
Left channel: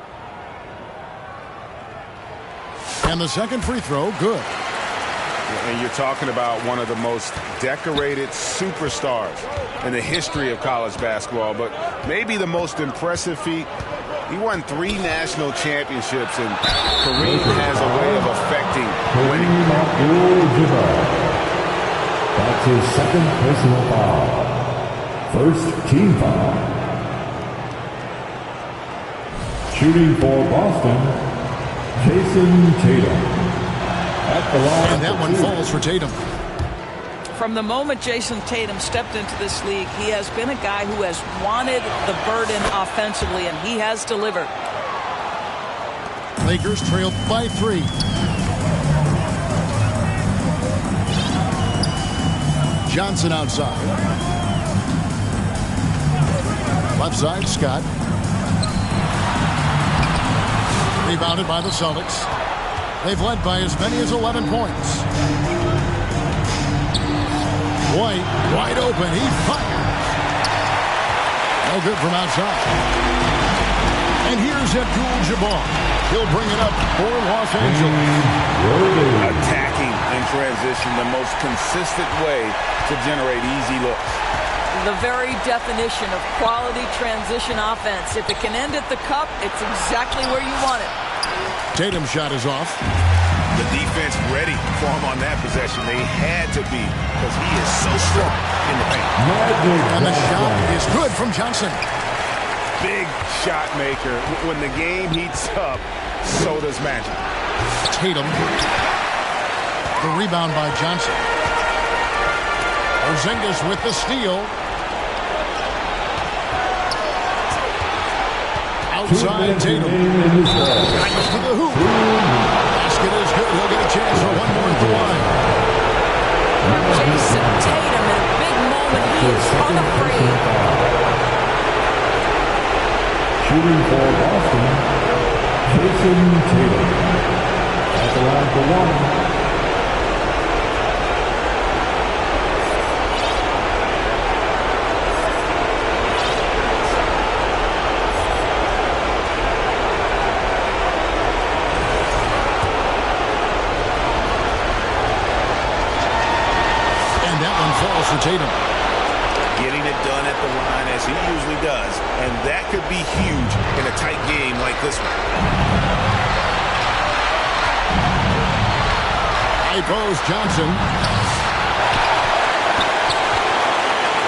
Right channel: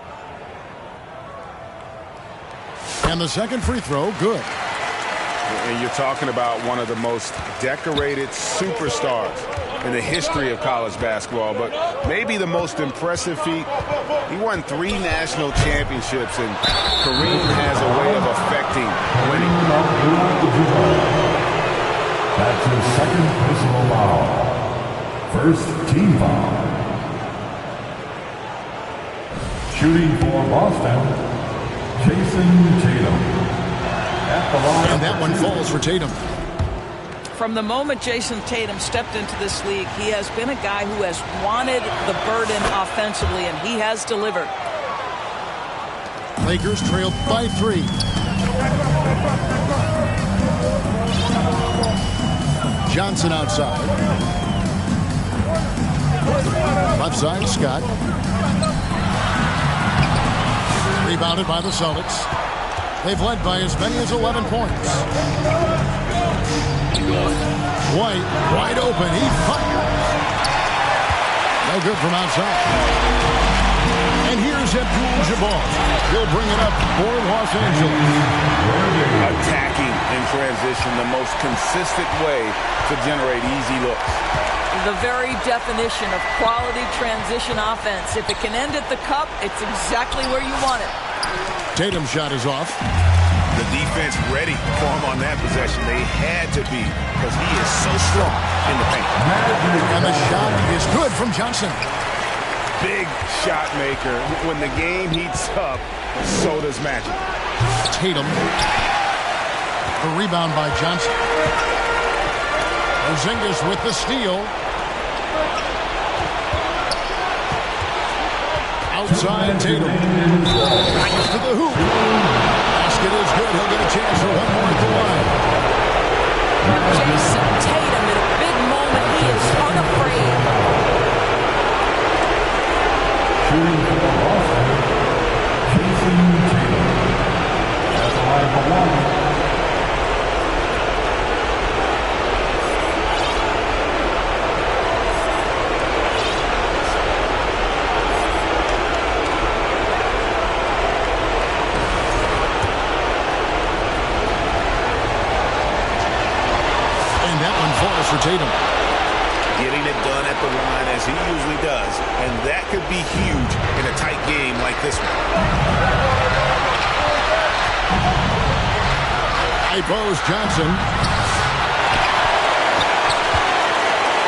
And the second free throw, good. And you're talking about one of the most decorated superstars in the history of college basketball, but maybe the most impressive feat. He won 3 national championships, and Kareem has a way of affecting winning. That's his second personal foul. First team foul. Shooting for Boston, Jason Tatum. And that one falls for Tatum. From the moment Jason Tatum stepped into this league, he has been a guy who has wanted the burden offensively, and he has delivered. Lakers trail by 3. Johnson outside. Left side, Scott. Rebounded by the Celtics. They've led by as many as 11 points. White, wide open. He fires. No good from outside. And here's Abdul-Jabbar. He'll bring it up for Los Angeles. Attacking in transition, the most consistent way to generate easy looks. The very definition of quality transition offense. If it can end at the cup, it's exactly where you want it. Tatum's shot is off. The defense ready for him on that possession. They had to be, because he is so strong in the paint. And the shot is good from Johnson. Big shot maker. When the game heats up, so does magic. Tatum. The rebound by Johnson. Porzingis with the steal. Outside Tatum. Back to the hoop. Basket is good. He'll get a chance for one more at the line. Jason Tatum in a big moment. He is unafraid. Shooting for Boston, Jason Tatum. At the line for 1. That one falls for Tatum. Getting it done at the line as he usually does, and that could be huge in a tight game like this one. High post, Johnson.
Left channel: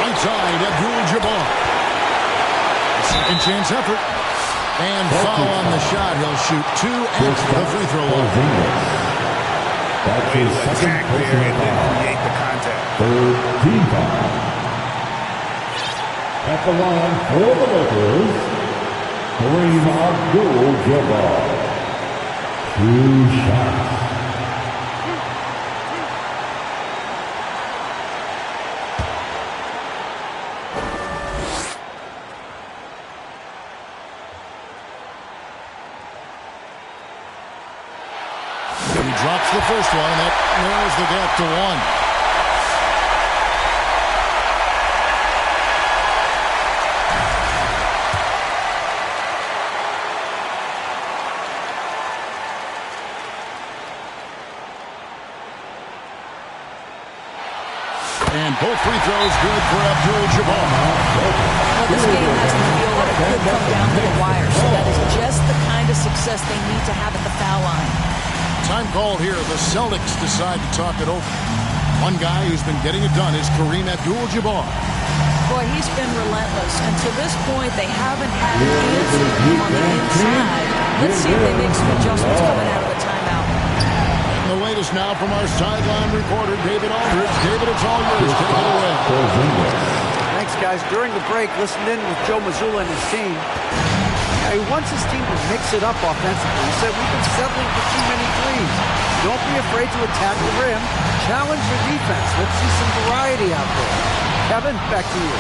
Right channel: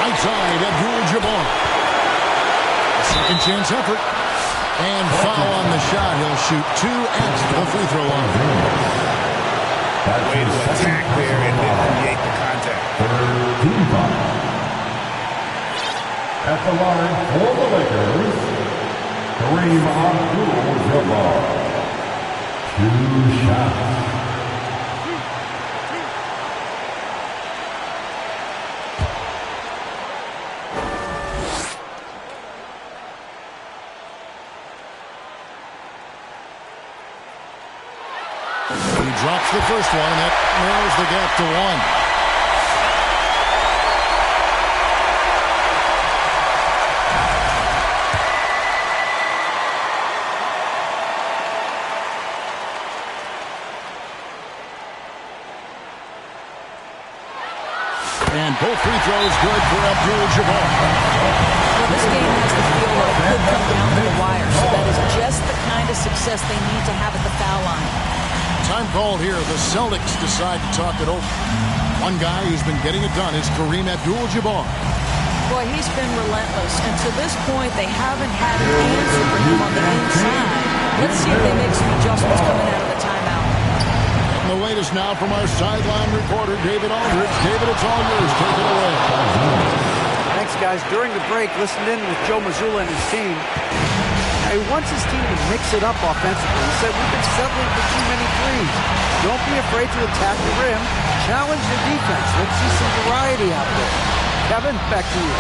Right side, Abdul-Jabbar. A second chance effort. And foul on the shot. He'll shoot 2 at the free throw line. Way to attack there and then create the contact. Third team foul. At the line for the Lakers, Kareem Abdul-Jabbar. 2 shots. He drops the first one, and that narrows the gap to 1. And both free throws good for Abdul-Jabbar. Well, this game has the feel that it could come down to the wire, so that is just the kind of success they need to have at the foul line. Time called here. The Celtics decide to talk it over. One guy who's been getting it done is Kareem Abdul-Jabbar. Boy, he's been relentless, and to this point, they haven't had an answer for him on the inside. Let's see if they make some adjustments coming out of the timeout. And the latest now from our sideline reporter, David Aldridge. David, it's all yours. Take it away. Thanks, guys. During the break, listened in with Joe Mazzulla and his team. Now, he wants his team to mix it up offensively. He said, we've been settling for too many threes. Don't be afraid to attack the rim. Challenge your defense. Let's see some variety out there. Kevin, back to you.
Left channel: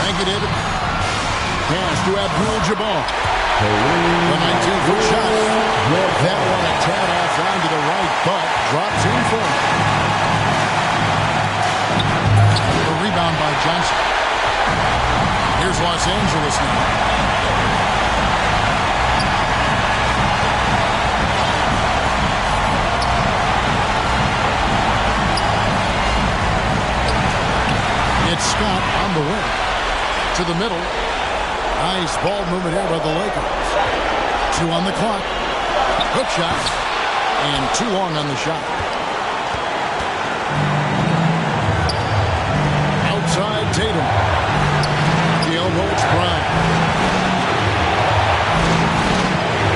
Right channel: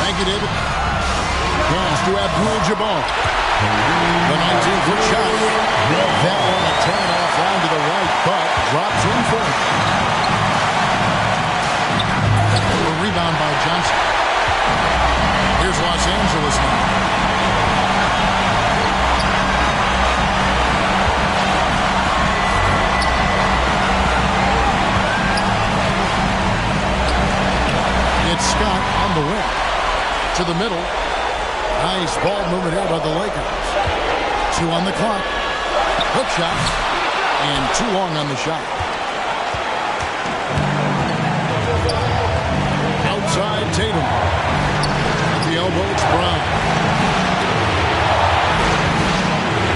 Thank you, David. Pass to Abdul-Jabbar. The 19-foot shot. That one a tad offline to the right, but drops in for him. The rebound by Johnson. Here's Los Angeles now. It's Scott on the wing. To the middle. Nice ball movement here by the Lakers. 2 on the clock. Hook shot. And too long on the shot. Outside Tatum. At the elbow, it's Brown.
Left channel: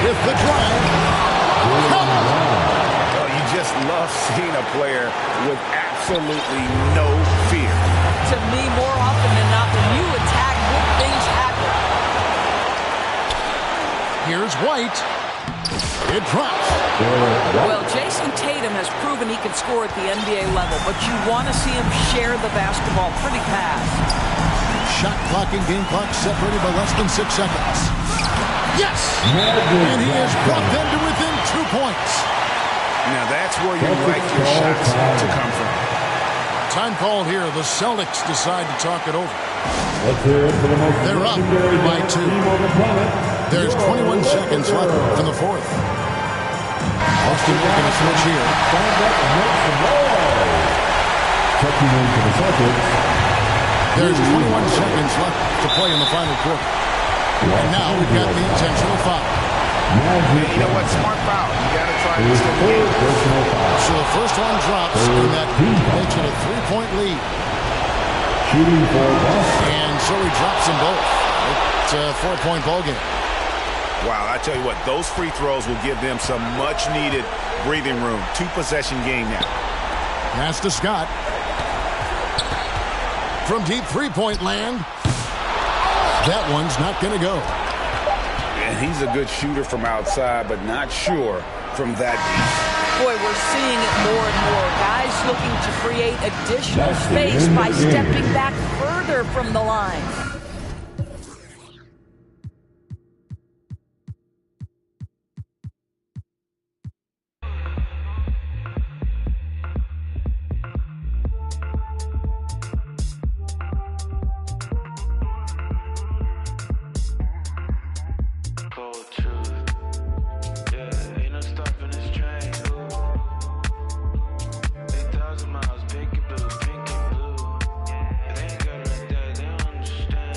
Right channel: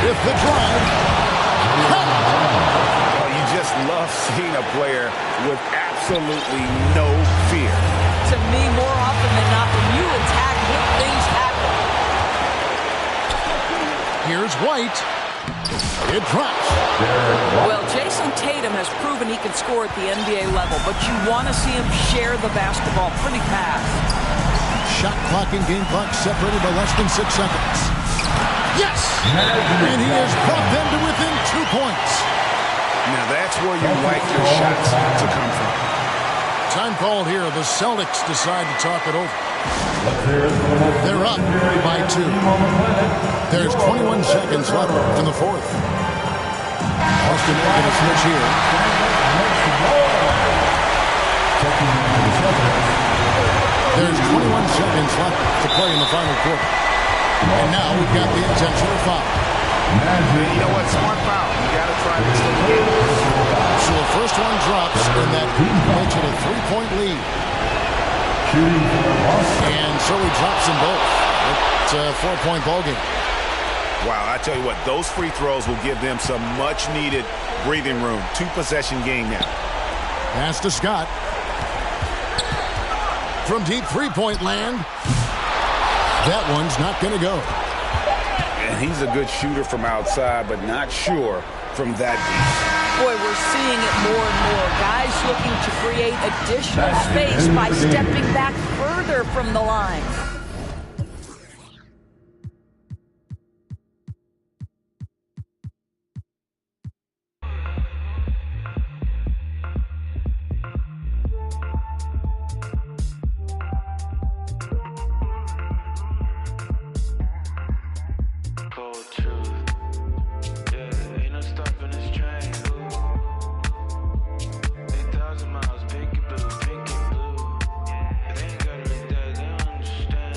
With the drive. Oh, you just love seeing a player with absolutely no fear. To me, more often than not, when you attack, good things happen. Here's White. It drops. Well, Jason Tatum has proven he can score at the NBA level, but you want to see him share the basketball pretty fast. Shot clock and game clock separated by less than 6 seconds. Yes! And he has brought them to within 2 points. Now that's where you like your shots to come from. Time called here. The Celtics decide to talk it over. Let's hear it for the most They're up by 2. team on the planet. There's 21 seconds left in the fourth. Austin making a switch here. Checking into the Celtics. There's 21 seconds left to play in the final quarter. And now we've got the intentional foul. You know what? Smart foul. You got to try to extend the game. So the first one drops, and that makes it a 3-point lead. Shooting for Boston. And so he drops them both. It's a 4-point ball game. Wow, I tell you what, those free throws will give them some much-needed breathing room. 2-possession game now. Pass to Scott. From deep 3-point land. That one's not going to go. And he's a good shooter from outside, but not sure from that deep. Boy, we're seeing it more and more. Guys looking to create additional space by stepping back further from the line. Miles, pink and blue, pink and blue. They ain't gotta like that, they don't understand.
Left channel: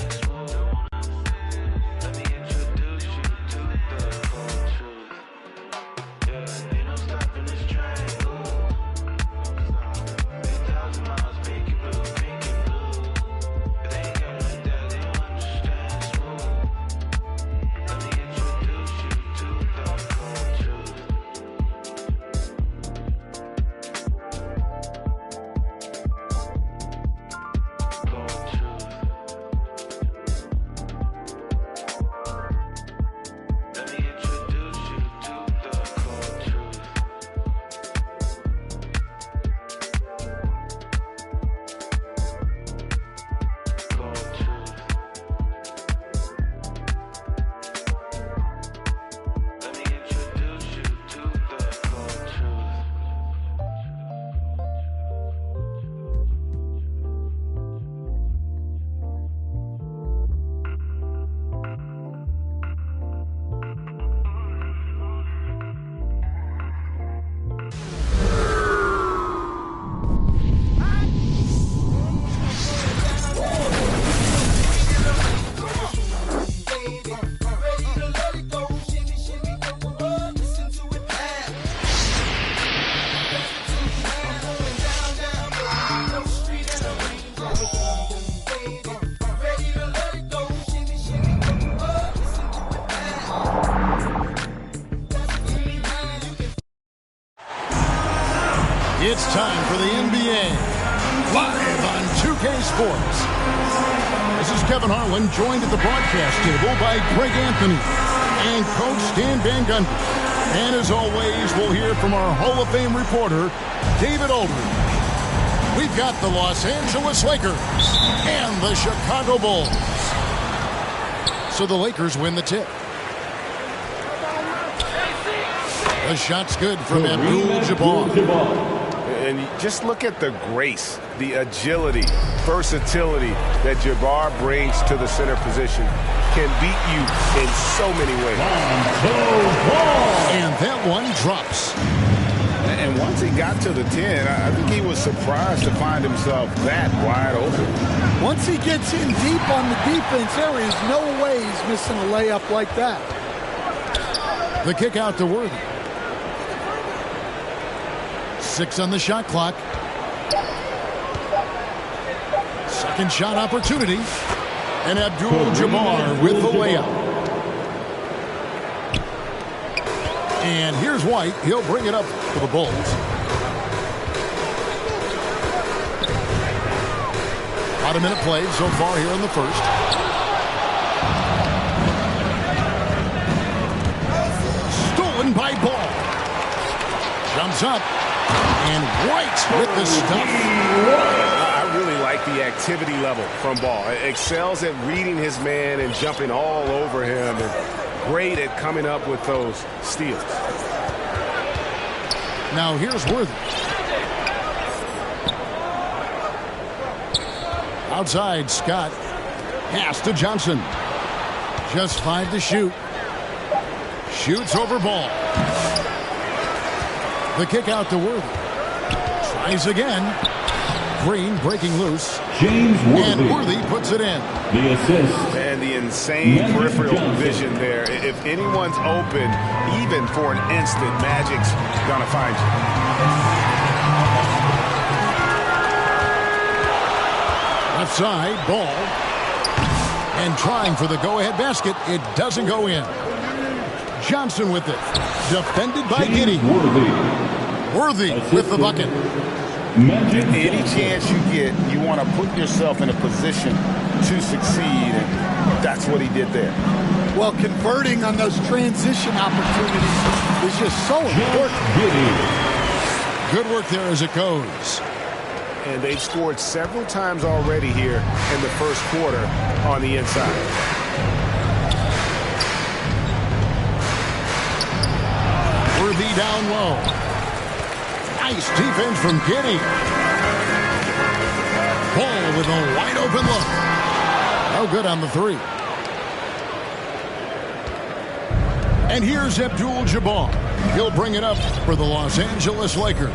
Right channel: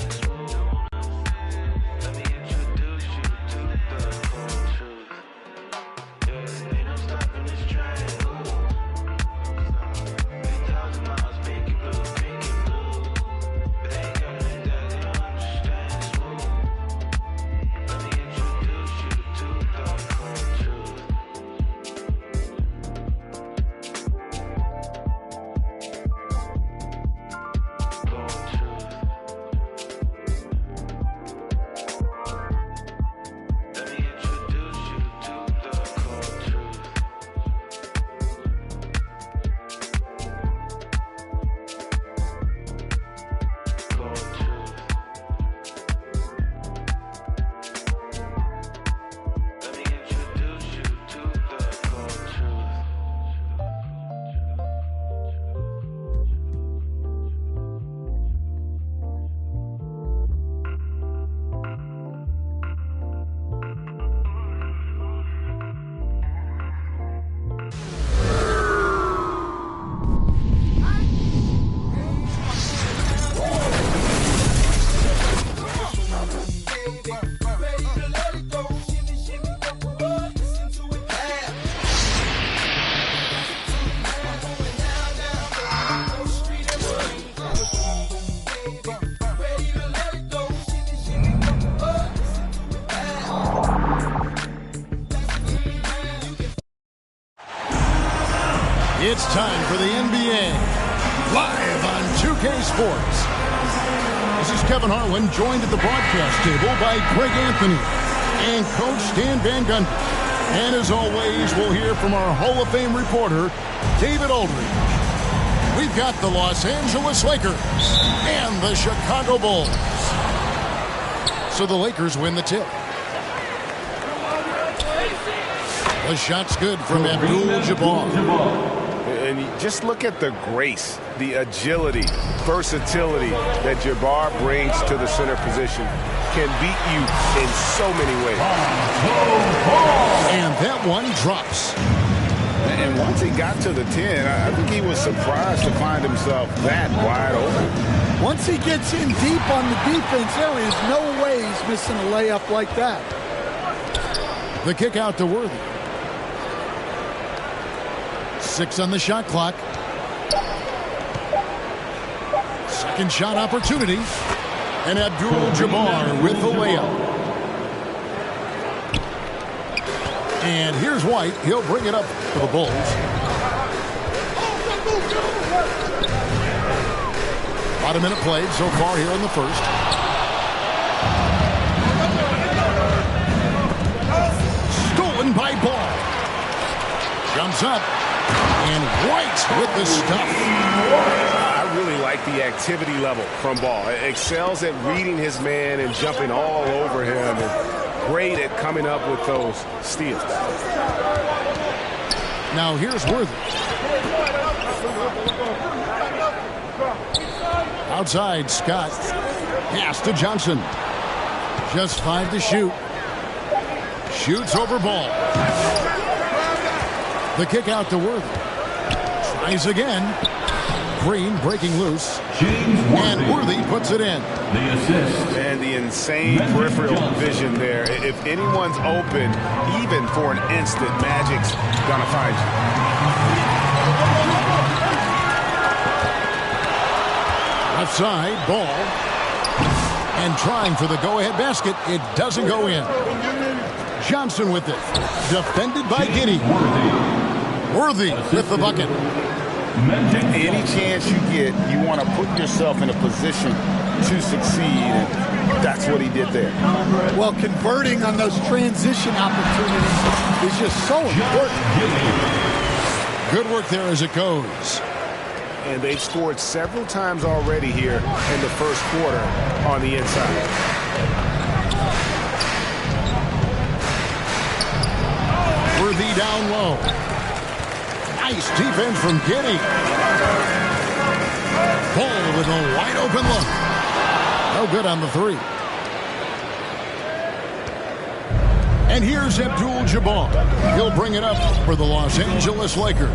It's time for the NBA, live on 2K Sports. This is Kevin Harlan, joined at the broadcast table by Greg Anthony and Coach Stan Van Gundy. And as always, we'll hear from our Hall of Fame reporter, David Aldridge. We've got the Los Angeles Lakers and the Chicago Bulls. So the Lakers win the tip. The shot's good from Abdul-Jabbar. And just look at the grace, the agility, versatility that Jabbar brings to the center position. Can beat you in so many ways. And that one drops. And once he got to the 10, I think he was surprised to find himself that wide open. Once he gets in deep on the defense, there is no way he's missing a layup like that. The kick out to Worthy. 6 on the shot clock. Second shot opportunity. And Abdul-Jabbar with the layup. And here's White. He'll bring it up for the Bulls. About a minute played so far here in the first. Stolen by Ball. Jumps up. And White with the stuff. I really like the activity level from Ball. Excels at reading his man and jumping all over him. And great at coming up with those steals. Now here's Worthy. Outside, Scott. Pass to Johnson. Just 5 to shoot. Shoots over Ball. The kick out to Worthy. Tries again. Green breaking loose. James Worthy. And Worthy puts it in. The assist. And the insane Magic peripheral Johnson. vision there. If anyone's open, even for an instant, Magic's gonna find you. Left side, Ball. And trying for the go-ahead basket. It doesn't go in. Johnson with it. Defended by Giddey. Worthy with the bucket. Any chance you get, you want to put yourself in a position to succeed, and that's what he did there. Well, converting on those transition opportunities is just so important. Good work there as it goes. And they've scored several times already here in the first quarter on the inside. Worthy down low. Nice defense from Giddey. Ball with a wide open look. No good on the 3. And here's Abdul-Jabbar. He'll bring it up for the Los Angeles Lakers.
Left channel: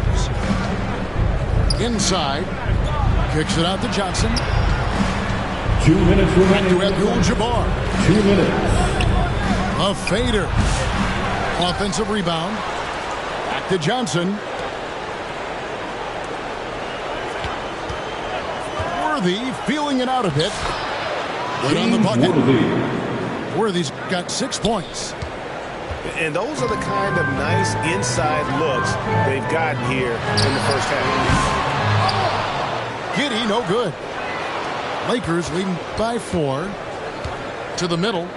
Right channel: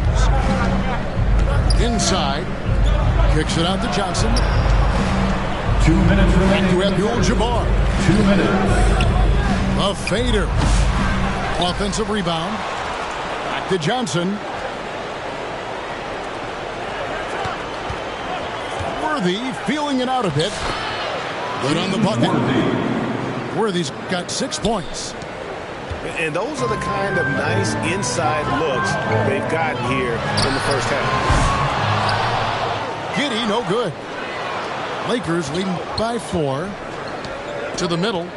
Inside. Kicks it out to Johnson. 2 minutes remaining. Back to Abdul-Jabbar. 2 minutes. A fader. Offensive rebound. Back to Johnson. Worthy feeling it out a bit. Good on the bucket. Worthy's got 6 points. And those are the kind of nice inside looks they've gotten here in the first half. Giddey, no good. Lakers leading by 4. To the middle.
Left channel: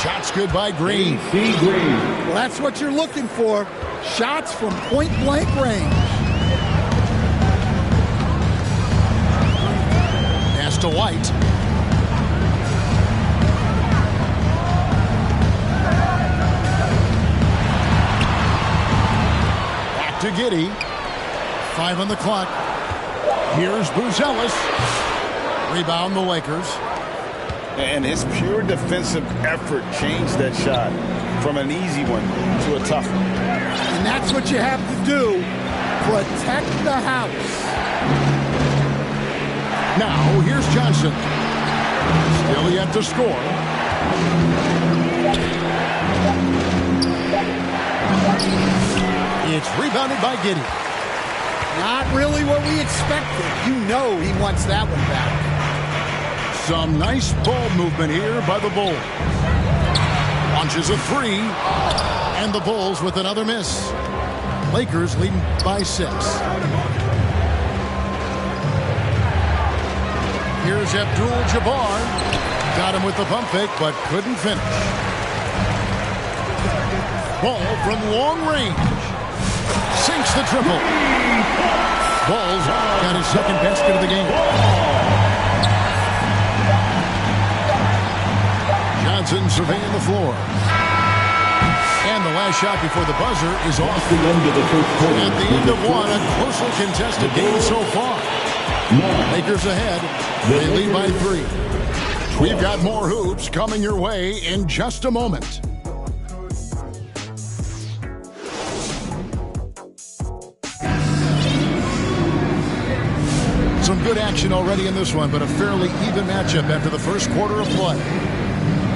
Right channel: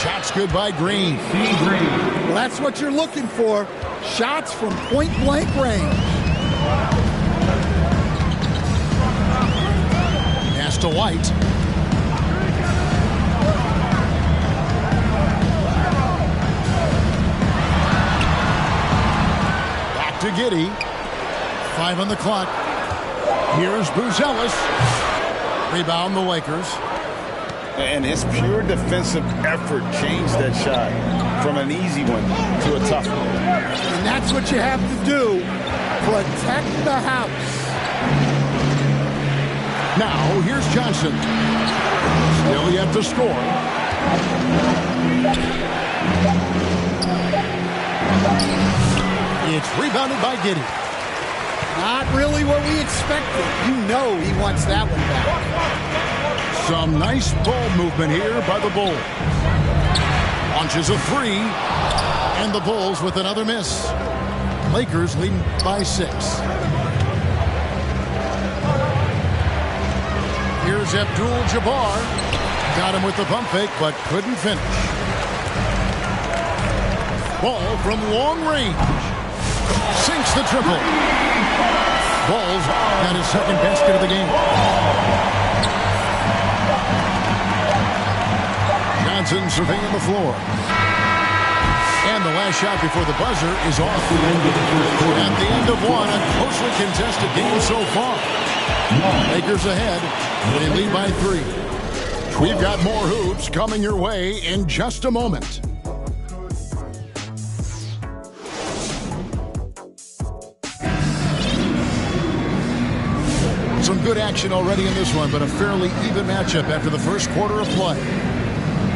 Shots good by Green. Well, that's what you're looking for. Shots from point-blank range. Pass to White. Back to Giddey. 5 on the clock. Here's Buzelis. Rebound the Lakers. And his pure defensive effort changed that shot from an easy one to a tough one. And that's what you have to do. Protect the house. Now, here's Johnson. Still yet to score. It's rebounded by Giddey. Not really what we expected. You know he wants that one back. Some nice ball movement here by the Bulls. Launches a 3. And the Bulls with another miss. Lakers leading by 6. Here's Abdul-Jabbar. Got him with the pump fake, but couldn't finish. Ball from long range. Sinks the triple. Ball's got his second basket of the game. Johnson surveying the floor. And the last shot before the buzzer is off. At the end of one, a closely contested game so far. Lakers ahead. They lead by 3. We've got more hoops coming your way in just a moment. Some good action already in this one, but a fairly even matchup after the first quarter of play.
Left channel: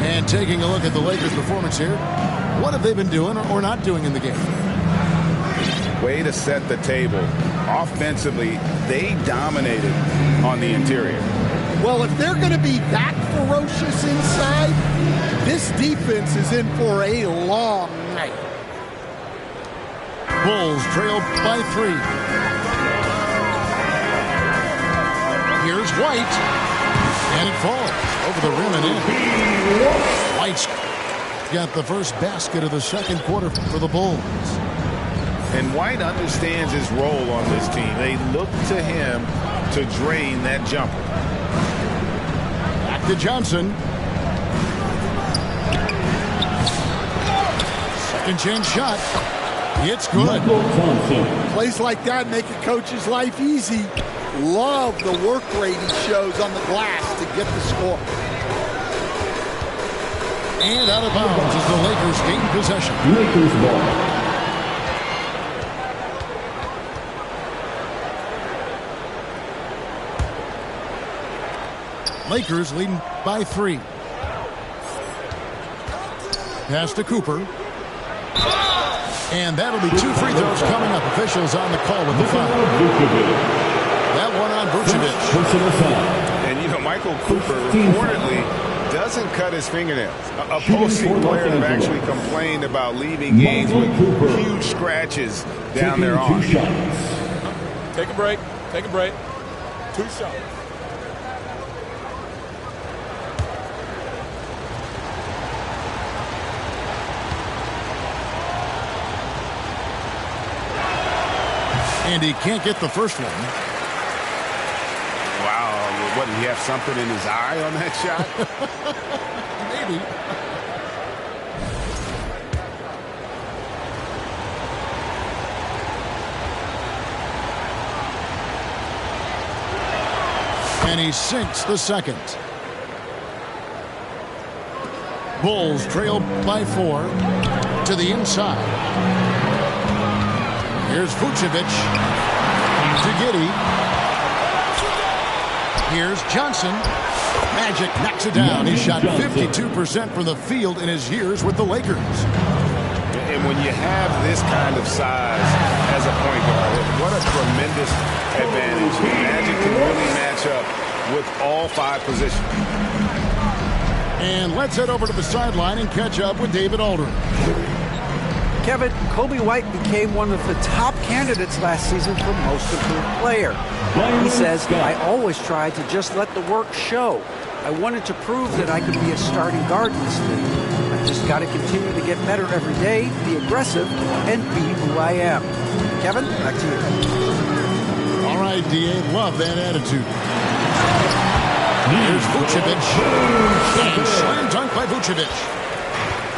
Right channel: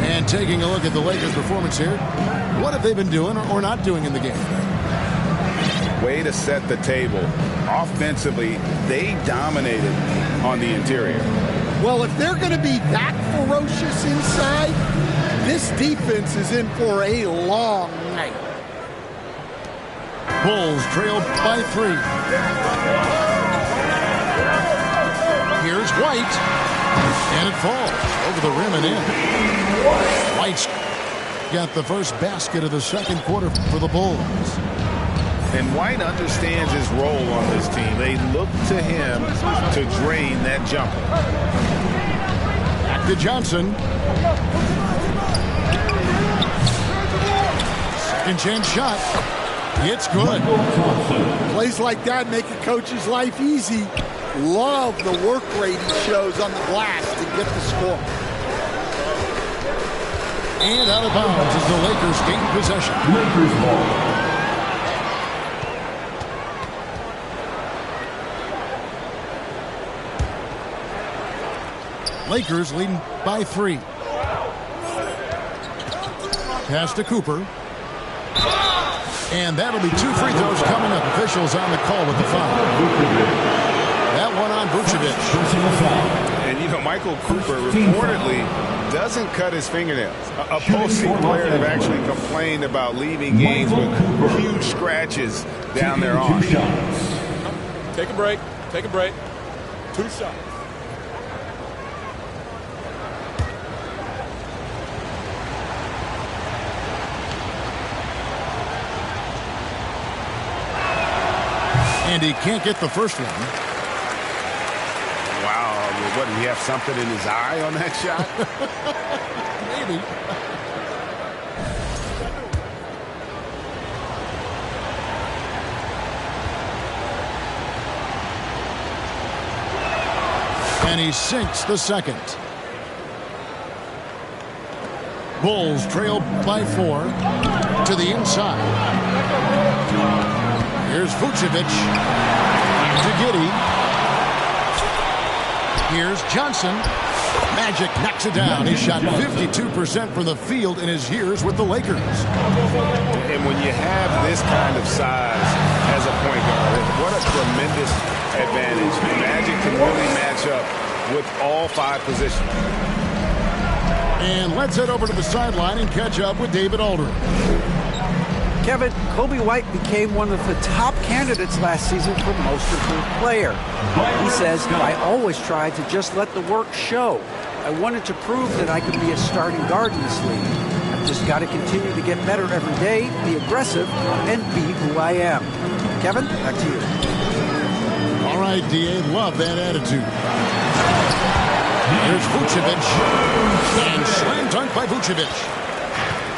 And taking a look at the Lakers' performance here, what have they been doing or not doing in the game? Way to set the table. Offensively, they dominated on the interior. Well, if they're going to be that ferocious inside, this defense is in for a long night. Bulls trail by 3. Here's White. And it falls over the rim and in. White's got the first basket of the second quarter for the Bulls. And White understands his role on this team. They look to him to drain that jumper. Back to Johnson. Second chance shot. It's good. Plays like that make a coach's life easy. Love the work rate he shows on the glass to get the score. And out of bounds as the Lakers gain possession. Lakers ball. Lakers leading by 3. Pass to Cooper. And that'll be 2 free throws coming up. Officials on the call with the foul. That one on Vucevic. And, you know, Michael Cooper reportedly doesn't cut his fingernails. Opposing players have actually complained about leaving games with huge scratches down their arms. Take a break. Take a break. 2 shots. And he can't get the first one. Wow. What, did he have something in his eye on that shot? Maybe. And he sinks the second. Bulls trail by 4 to the inside. Here's Vucevic to Giddey. Here's Johnson. Magic knocks it down. He shot 52% from the field in his years with the Lakers. And when you have this kind of size as a point guard, what a tremendous advantage. The Magic can really match up with all 5 positions. And let's head over to the sideline and catch up with David Aldridge. Kevin, Kobe White became one of the top candidates last season for Most Improved Player. He says, I always tried to just let the work show. I wanted to prove that I could be a starting guard in this league. I've just got to continue to get better every day, be aggressive, and be who I am. Kevin, back to you. All right, D.A., love that attitude. Here's Vucevic. And slam dunk by Vucevic.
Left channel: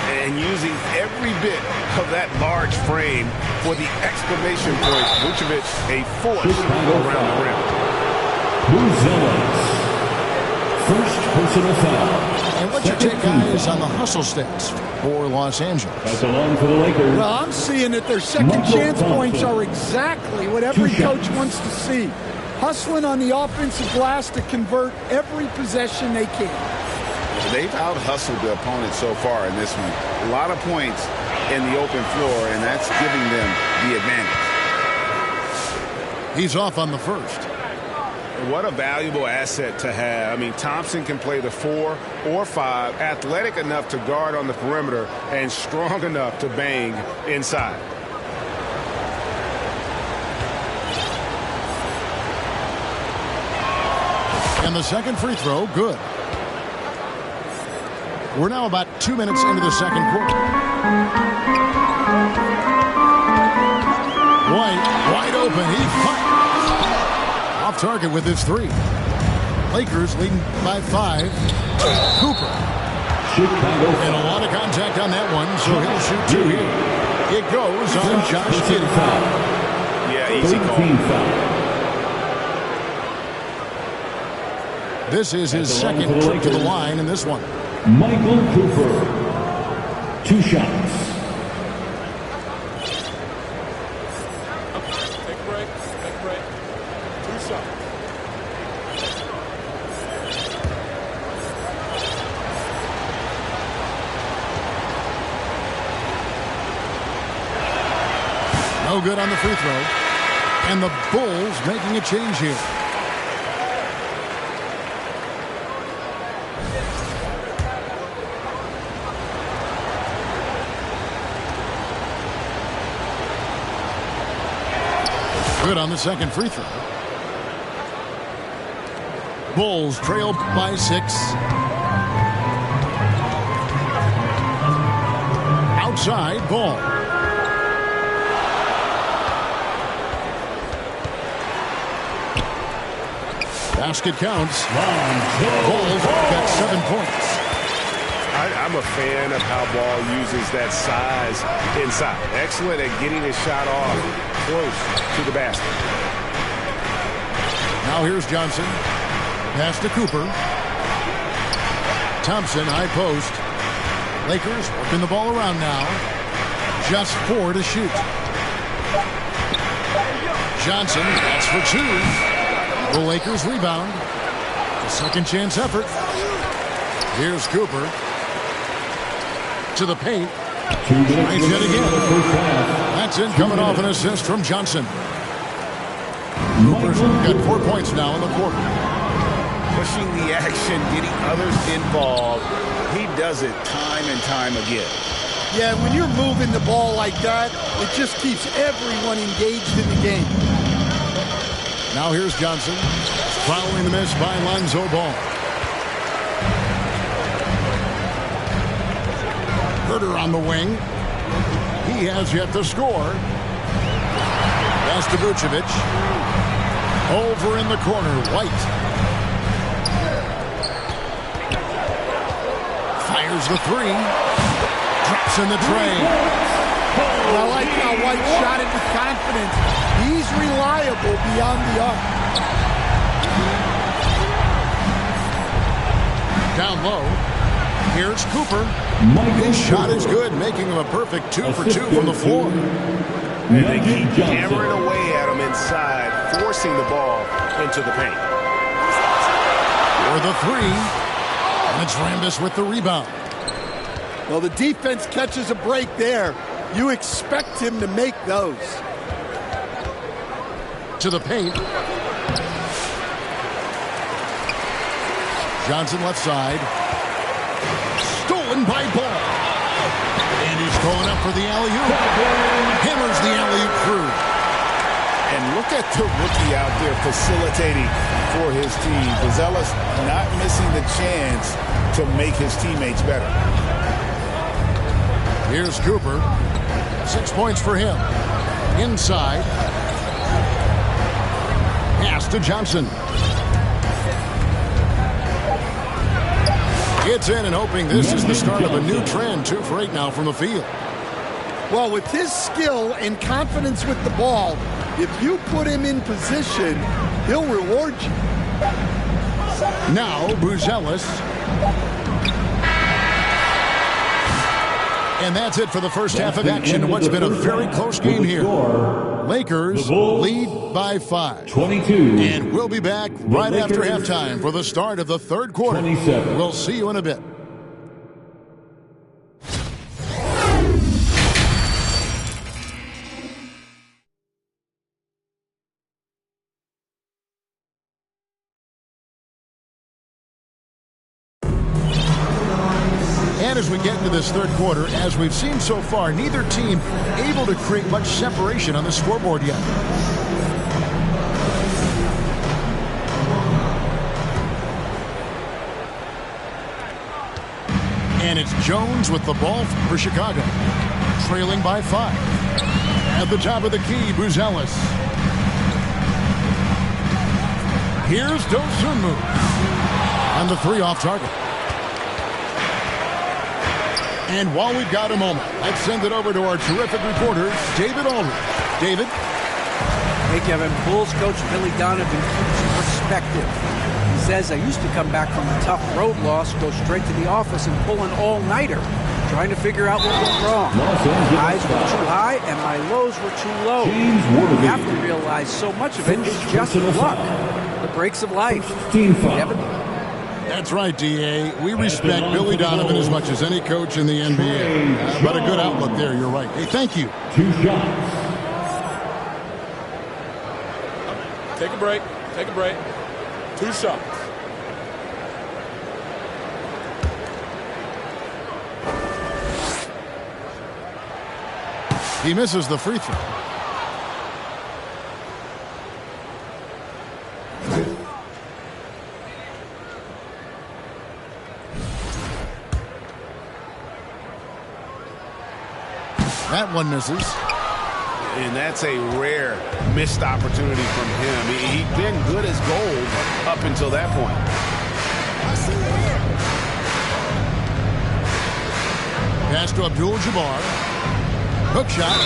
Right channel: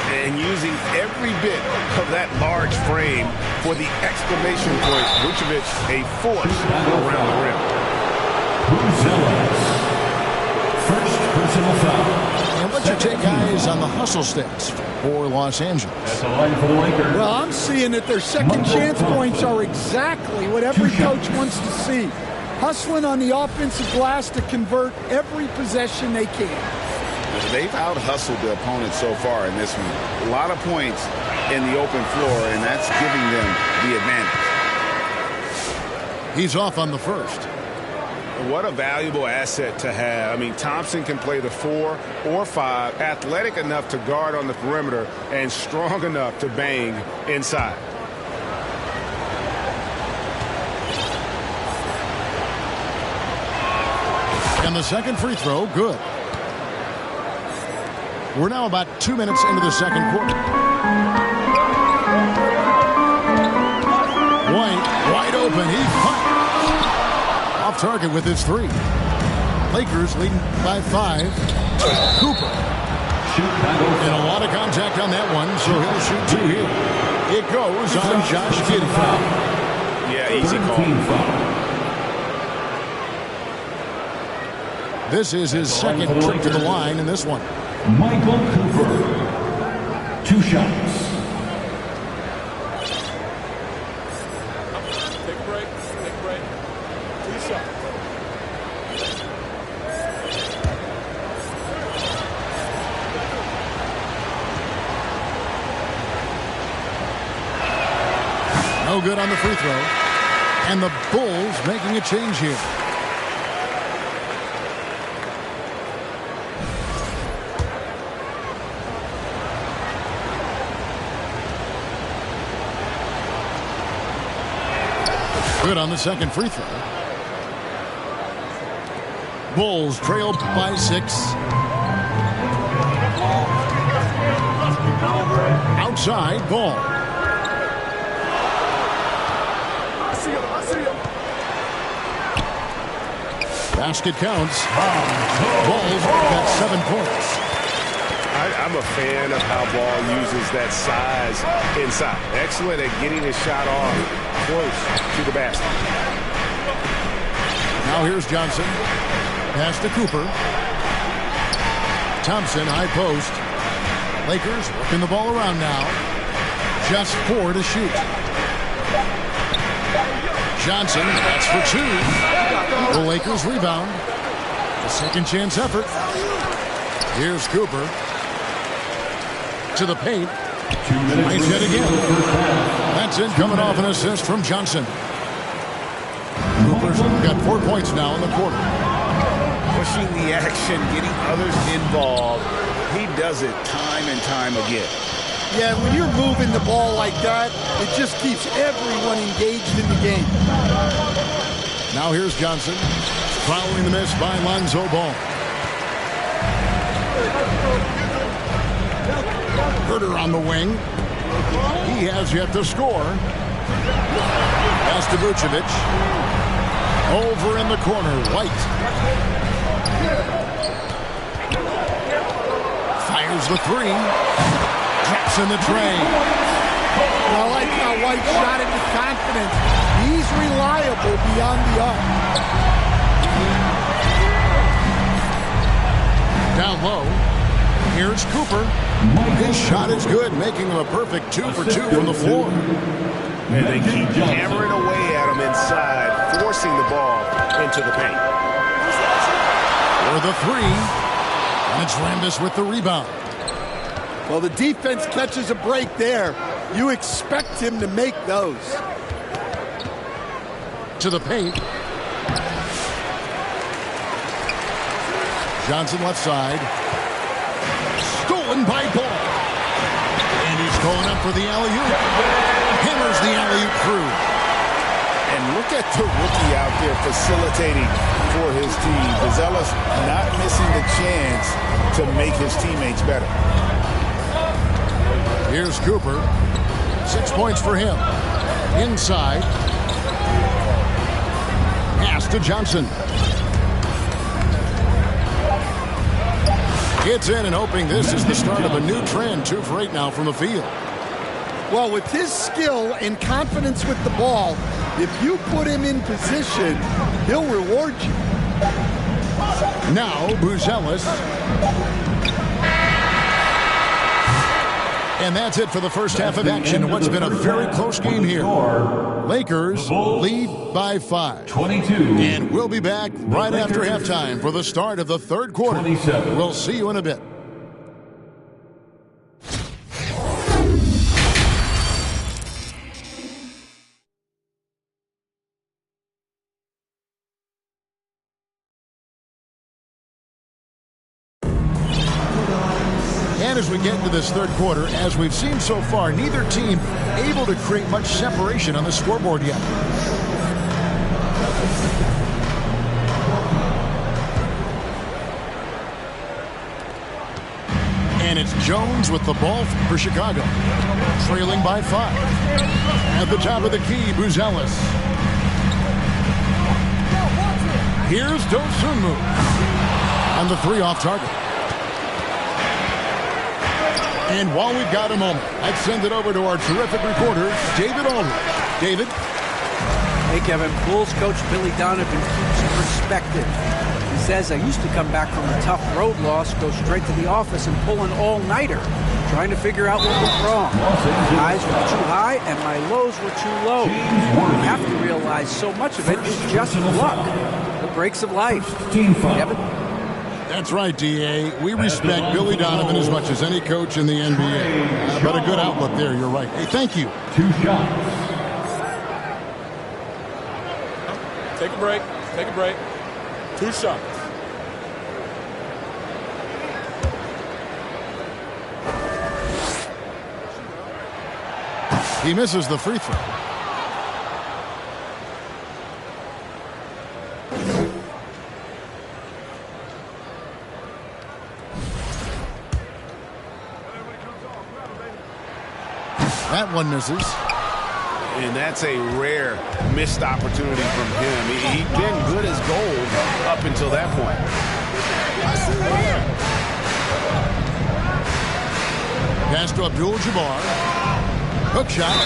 And using every bit of that large frame for the exclamation point. Vucevic, a force around the rim. First personal foul. And what's your take, guys, on the hustle stats for Los Angeles? At the line for the Lakers. Well, I'm seeing that their second chance points are exactly what every coach wants to see. Hustling on the offensive glass to convert every possession they can. They've out-hustled the opponent so far in this one. A lot of points in the open floor, and that's giving them the advantage. He's off on the first. What a valuable asset to have. I mean, Thompson can play the 4 or 5, athletic enough to guard on the perimeter and strong enough to bang inside. And the second free throw, good. We're now about 2 minutes into the second quarter. White, wide open. He fires. Off target with his three. Lakers leading by 5. Cooper. And a lot of contact on that one, so he'll shoot 2 here. It goes on Josh Giddey. Yeah, easy call. This is his second trip to the line in this one. Michael Cooper. 2 shots. Take a break. Take a break. 2 shots. No good on the free throw. And the Bulls making a change here. Good on the second free throw. Bulls trail by 6. Outside ball. Basket counts. Bulls got 7 points. I'm a fan of how Ball uses that size inside. Excellent at getting his shot off close to the basket. Now here's Johnson. Pass to Cooper. Thompson, high post. Lakers working the ball around now. Just 4 to shoot. Johnson, that's for 2. The Lakers rebound. The second chance effort. Here's Cooper. To the paint. Finds it again. That's it, coming off an assist from Johnson. Cooper's got 4 points now in the quarter. Pushing the action, getting others involved. He does it time and time again. Yeah, when you're moving the ball like that, it just keeps everyone engaged in the game. Now here's Johnson. Following the miss by Lonzo Ball. Herter on the wing. He has yet to score. Pass to Vucevic. Over in the corner, White. Fires the 3. Drops in the tray. I like how White shot it with confidence. He's reliable beyond the arc. Down low. Here's Cooper. His shot is good, making him a perfect 2 for 2 from the floor. And they keep hammering away at him inside, forcing the ball into the paint. For the 3. And it's Rambis with the rebound. Well, the defense catches a break there. You expect him to make those. To the paint. Johnson left side. Stolen by Ball. And he's going up for the alley-oop. Hammers the alley-oop through. And look at the rookie out there facilitating for his team. Buzelis not missing the chance to make his teammates better. Here's Cooper. 6 points for him. Inside. Pass to Johnson. Gets in and hoping this is the start of a new trend. 2 for 8 now from the field. Well, with his skill and confidence with the ball, if you put him in position, he'll reward you. Now, Buzelis. And that's it for the first half of action. What's been a very close game here. Lakers lead by 5. 22. And we'll be back right after halftime for the start of the third quarter. 27. We'll see you in a bit. And as we get into this third quarter, as we've seen so far, neither team able to create much separation on the scoreboard yet. And it's Jones with the ball for Chicago, trailing by 5. At the top of the key, Buzelis. Here's Dosunmu on the 3 off target. And while we've got a moment, let's send it over to our terrific reporter, David Aldridge. David? Hey, Kevin. Bulls coach Billy Donovan keeps perspective. He says, I used to come back from a tough road loss, go straight to the office and pull an all-nighter, trying to figure out what went wrong. My highs were too high and my lows were too low. You have to realize so much of it is just luck. The breaks of life. Kevin? That's right, D.A. We respect Billy Donovan as much as any coach in the NBA. But a good outlook there, you're right. Hey, thank you. 2 shots. Take a break. Take a break. 2 shots. He misses the free throw. That one misses. And that's a rare missed opportunity from him. He'd been good as gold up until that point. Pass to Abdul-Jabbar. Hook shot.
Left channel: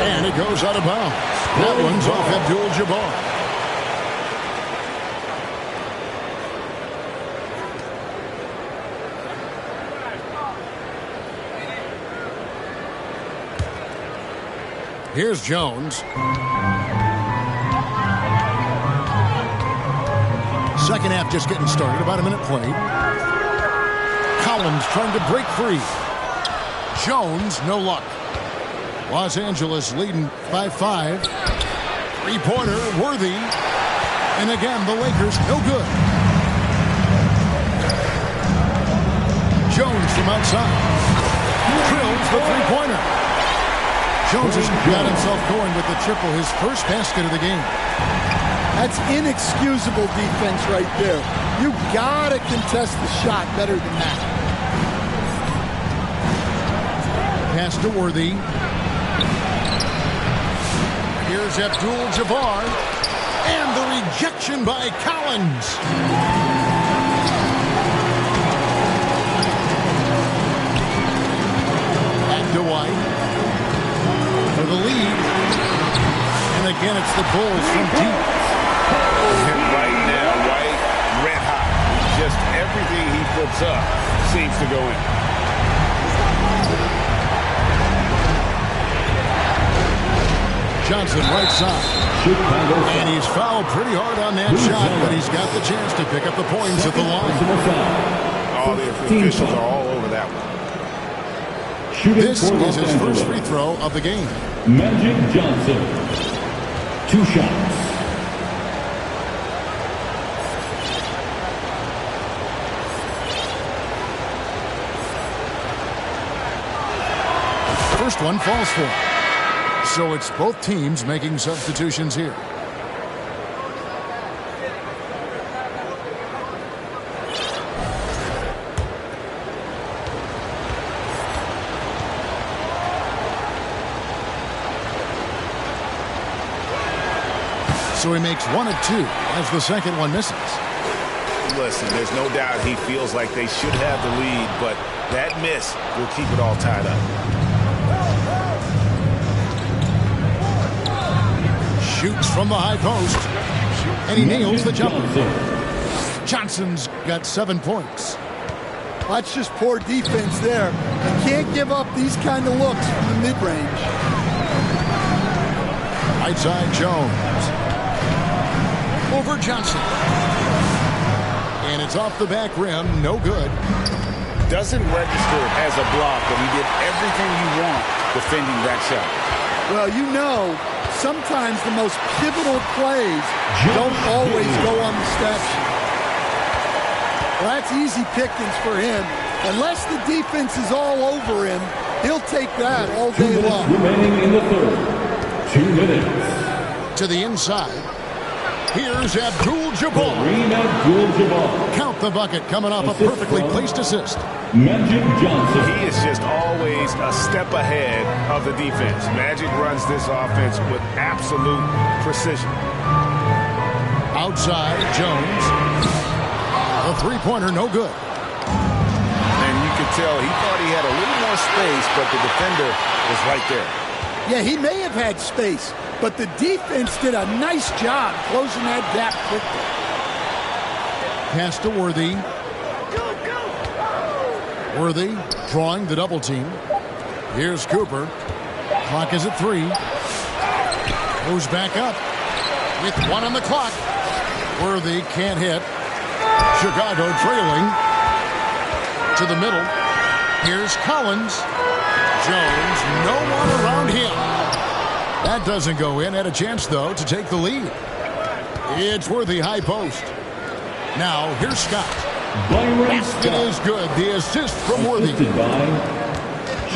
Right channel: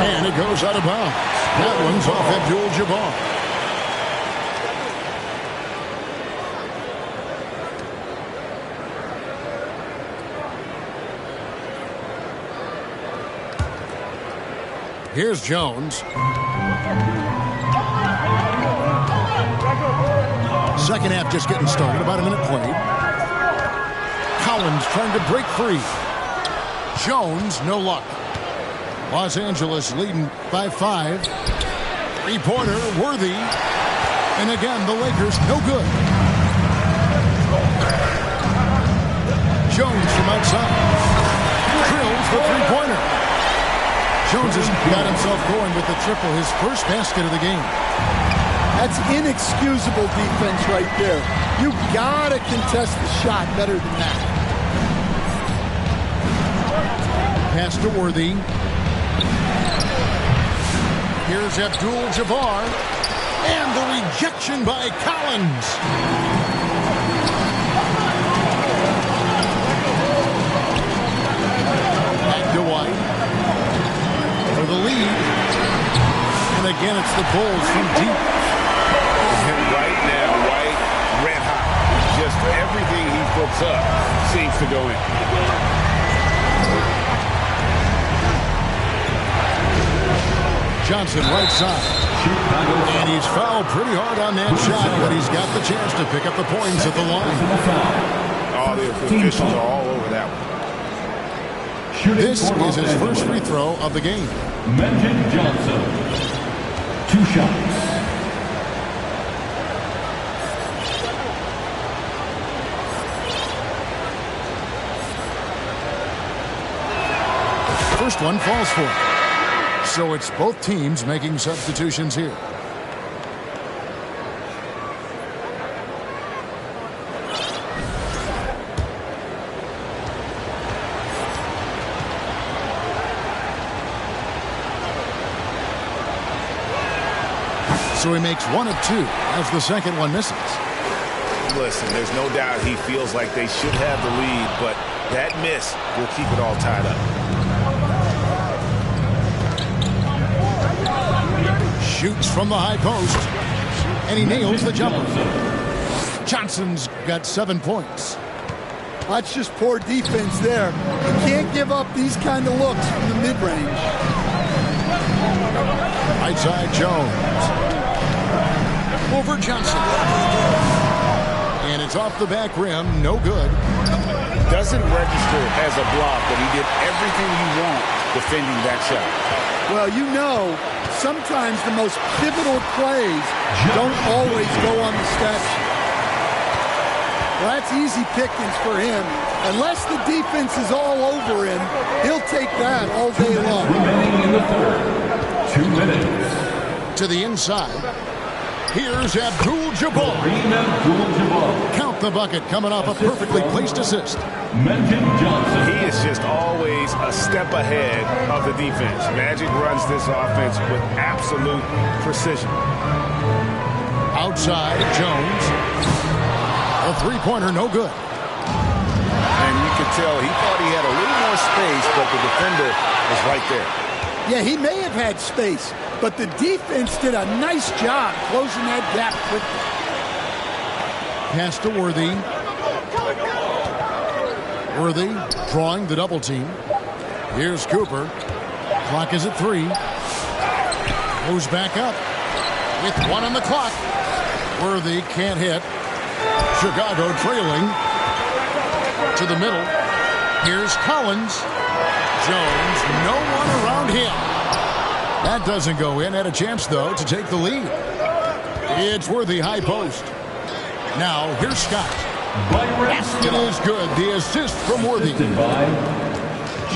And it goes out of bounds. That one's off Abdul-Jabbar. Here's Jones. Second half just getting started. About a minute played. Collins trying to break free. Jones, no luck. Los Angeles leading by 5. Three-pointer, Worthy. And again, the Lakers, no good. Jones from outside. Drills the three-pointer. Jones has got himself going with the triple, his first basket of the game. That's inexcusable defense right there. You gotta contest the shot better than that. Pass to Worthy. Here's Abdul-Jabbar. And the rejection by Collins. Back to White. For the lead. And again, it's the Bulls from deep. And right now, White, red hot. Just everything he puts up seems to go in. Johnson, right side. And he's fouled pretty hard on that shot, but he's got the chance to pick up the points at the line. All the officials are all over that one. This is his first free throw of the game. Magic Johnson. 2 shots. First one falls for him. So it's both teams making substitutions here. So he makes 1 of 2 as the second one misses. Listen, there's no doubt he feels like they should have the lead, but that miss will keep it all tied up. Shoots from the high post. And he nails the jumper. Johnson's got 7 points. That's just poor defense there. You can't give up these kind of looks from the mid-range. Right side, Jones. Over Johnson. And it's off the back rim. No good. Doesn't register as a block, but he did everything you want defending that shot. Well, you know, sometimes the most pivotal plays don't always go on the stat sheet. Well, that's easy pickings for him. Unless the defense is all over him, he'll take that all day long. Remaining in the third. 2 minutes. To the inside. Here's Abdul-Jabbar. Kareem Abdul-Jabbar. Count the bucket, coming off a perfectly placed assist. Magic Johnson. He is just always a step ahead of the defense. Magic runs this offense with absolute precision. Outside, Jones. A three-pointer, no good. And you could tell he thought he had a little more space, but the defender was right there. Yeah, he may have had space, but the defense did a nice job closing that gap quickly. Pass to Worthy. Worthy drawing the double team. Here's Cooper. Clock is at 3. Moves back up with 1 on the clock. Worthy can't hit. Chicago trailing to the middle. Here's Collins. Jones, no one around him. That doesn't go in. Had a chance, though, to take the lead. It's Worthy, high post. Now, here's Scott. Basket is good. The assist from Worthy.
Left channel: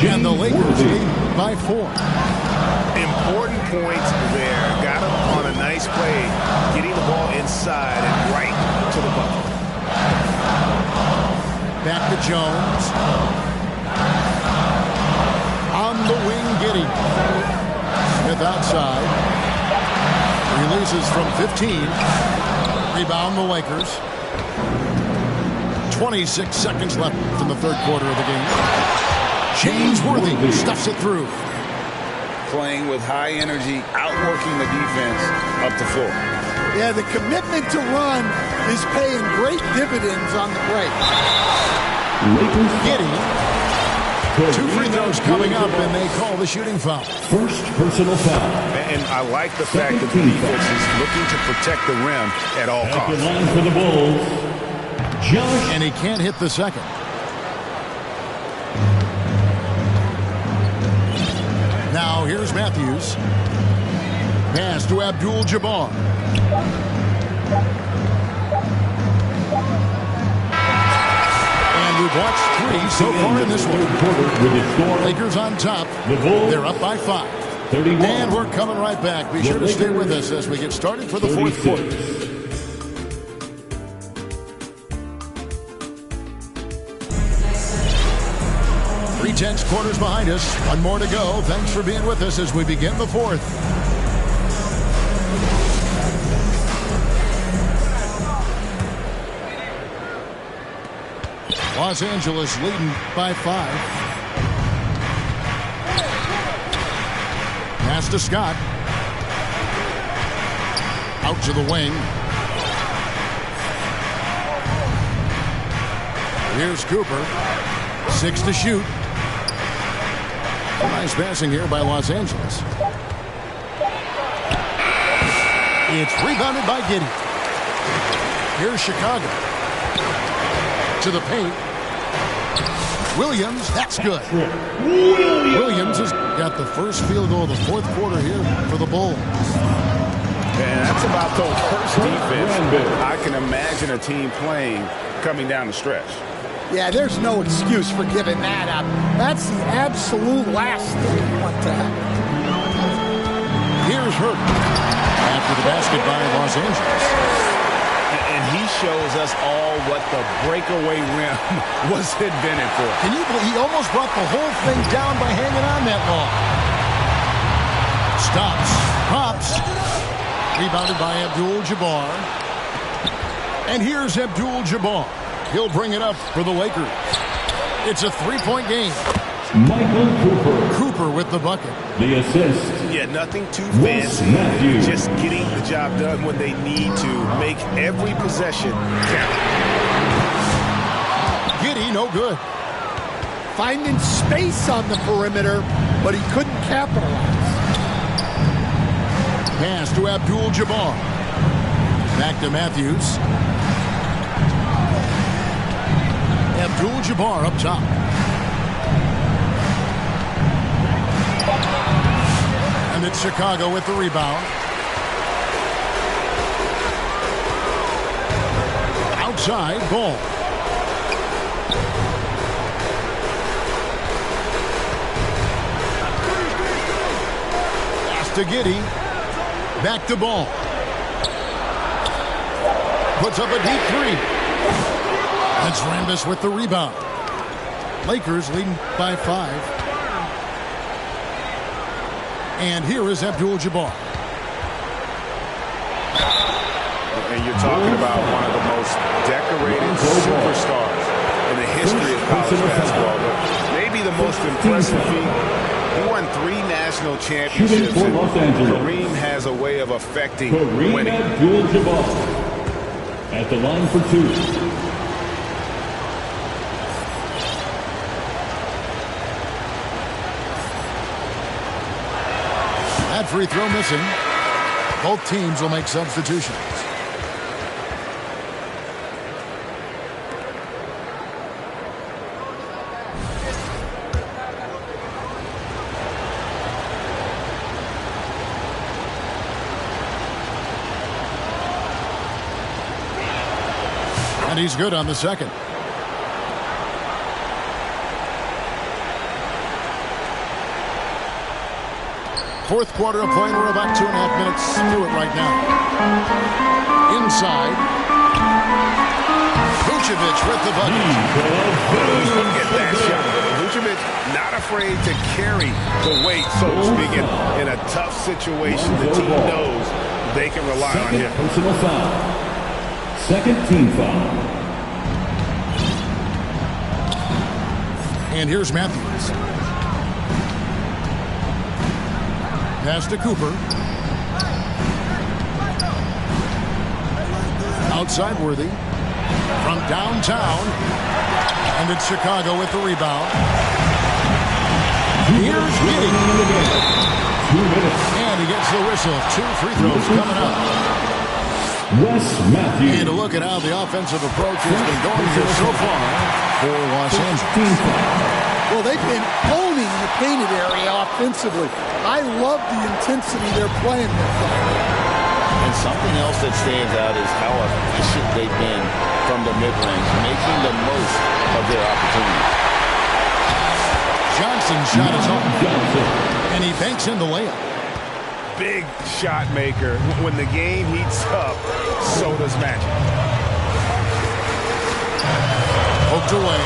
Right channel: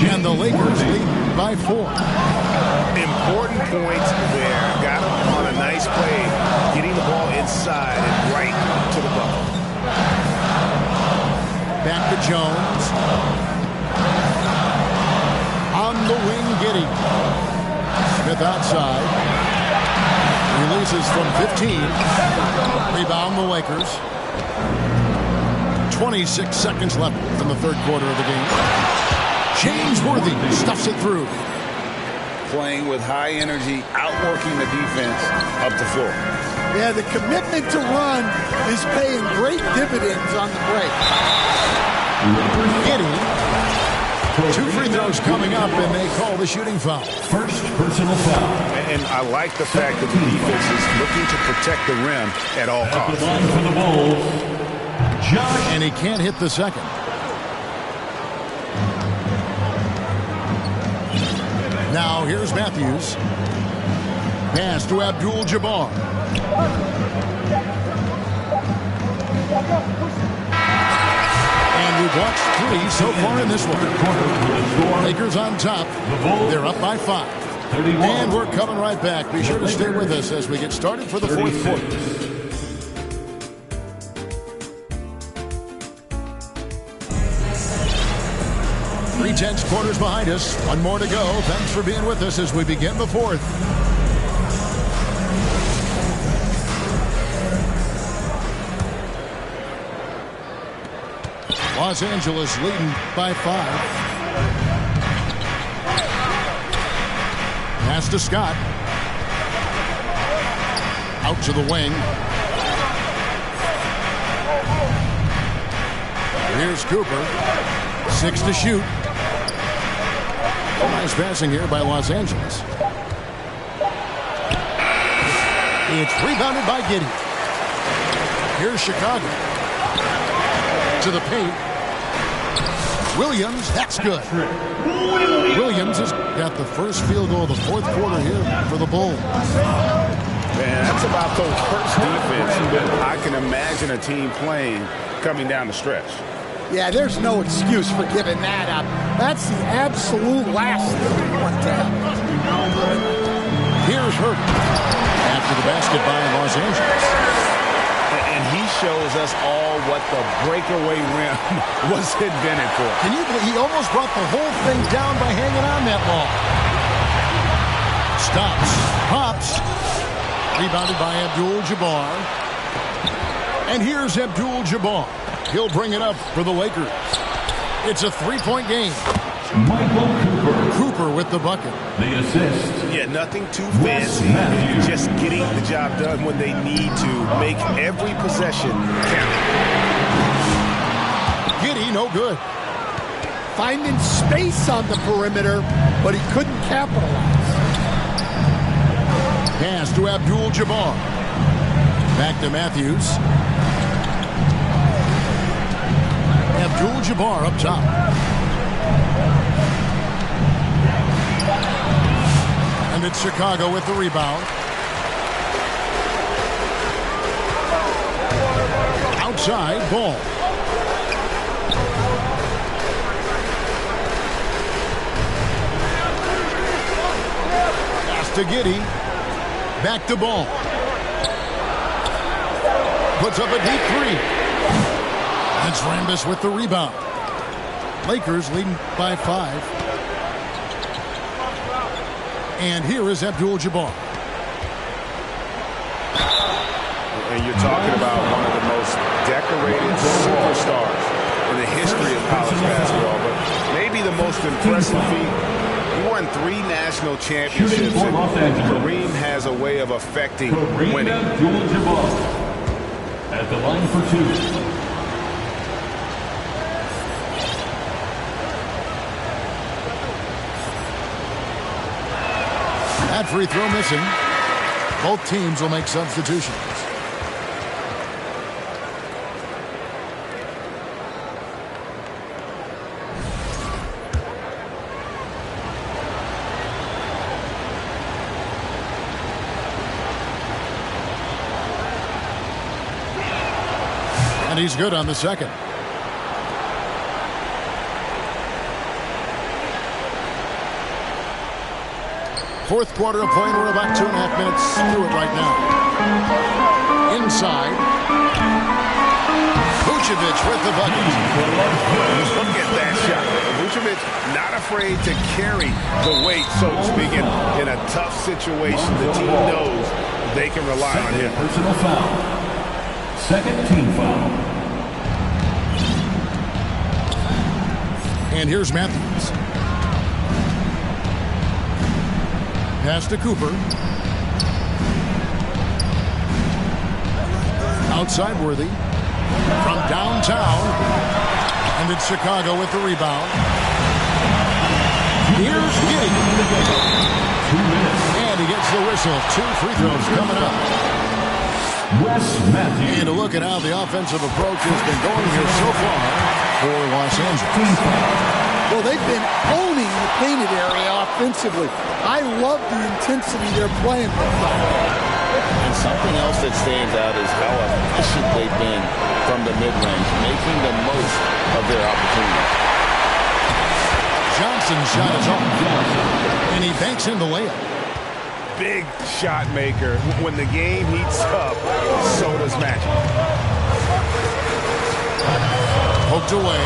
And the Lakers lead by 4. Important points there. Got him on a nice play, getting the ball inside and right to the bucket. Back to Jones. On the wing, Giddey. Smith outside. Releases from 15. Rebound the Lakers. 26 seconds left in the third quarter of the game. James Worthy stuffs it through. Playing with high energy, outworking the defense up the floor. Yeah, the commitment to run is paying great dividends on the break. Giddey. 2 free throws coming up, and they call the shooting foul. First personal foul. And I like the fact that the defense is looking to protect the rim at all costs. At the line for the Bulls, Josh. And he can't hit the second. Now here's Matthews. Pass to Abdul-Jabbar. And we've watched 3 so far in this one. Lakers on top. They're up by 5. And we're coming right back. Be sure to stay with us as we get started for the fourth quarter. 3/10 quarters behind us. 1 more to go. Thanks for being with us as we begin the fourth. Los Angeles leading by 5. Pass to Scott. Out to the wing. Here's Cooper. 6 to shoot. Nice passing here by Los Angeles. It's rebounded by Giddey. Here's Chicago. To the paint. Williams, that's good. Williams has got the first field goal of the fourth quarter here for the Bulls. Man, that's about the worst defense I can imagine a team playing coming down the stretch. Yeah, there's no excuse for giving that up. That's the absolute last thing you want to happen. Here's Hurt. After the basket by Los Angeles. And he shows us all what the breakaway rim was invented for. Can you believe he almost brought the whole thing down by hanging on that long? Stops. Pops. Rebounded by Abdul-Jabbar. And here's Abdul-Jabbar. He'll bring it up for the Lakers. It's a 3-point game. Michael Cooper. Cooper with the bucket. The assist. Yeah, nothing too fancy. Just getting the job done when they need to. Make every possession count. Giddey, no good. Finding space on the perimeter, but he couldn't capitalize. Pass to Abdul-Jabbar. Back to Matthews. Abdul-Jabbar up top. And it's Chicago with the rebound. Outside, Ball. Pass to Giddey. Back to Ball. puts up a deep three. That's Rambis with the rebound. Lakers leading by 5. And here is Abdul-Jabbar. And you're talking about one of the most decorated superstars in the history of college basketball, but maybe the most impressive feat. He won 3 national championships, and Kareem has a way of affecting winning. Abdul-Jabbar at the line for 2. That free throw missing. Both teams will make substitutions. And he's good on the second. Fourth quarter of play, and we're about 2.5 minutes through it right now. Inside. Vucevic with the bucket. Look at that shot. Vucevic not afraid to carry the weight, so to speak, in a tough situation. The team knows they can rely on him. Personal foul. Second team foul. And here's Matthews. Pass to Cooper. Outside Worthy. From downtown. And it's Chicago with the rebound. Here's Giddey. 2 minutes. And he gets the whistle. 2 free throws coming up. Wes Matthews. And a look at how the offensive approach has been going here so far for Los Angeles. Well, they've been owning the painted area offensively. I love the intensity they're playing with. And something else that stands out is how efficient they've been from the mid-range, making the most of their opportunities. Johnson's shot is off. And he banks in the layup. Big shot maker. When the game heats up, so does Magic. Poked away.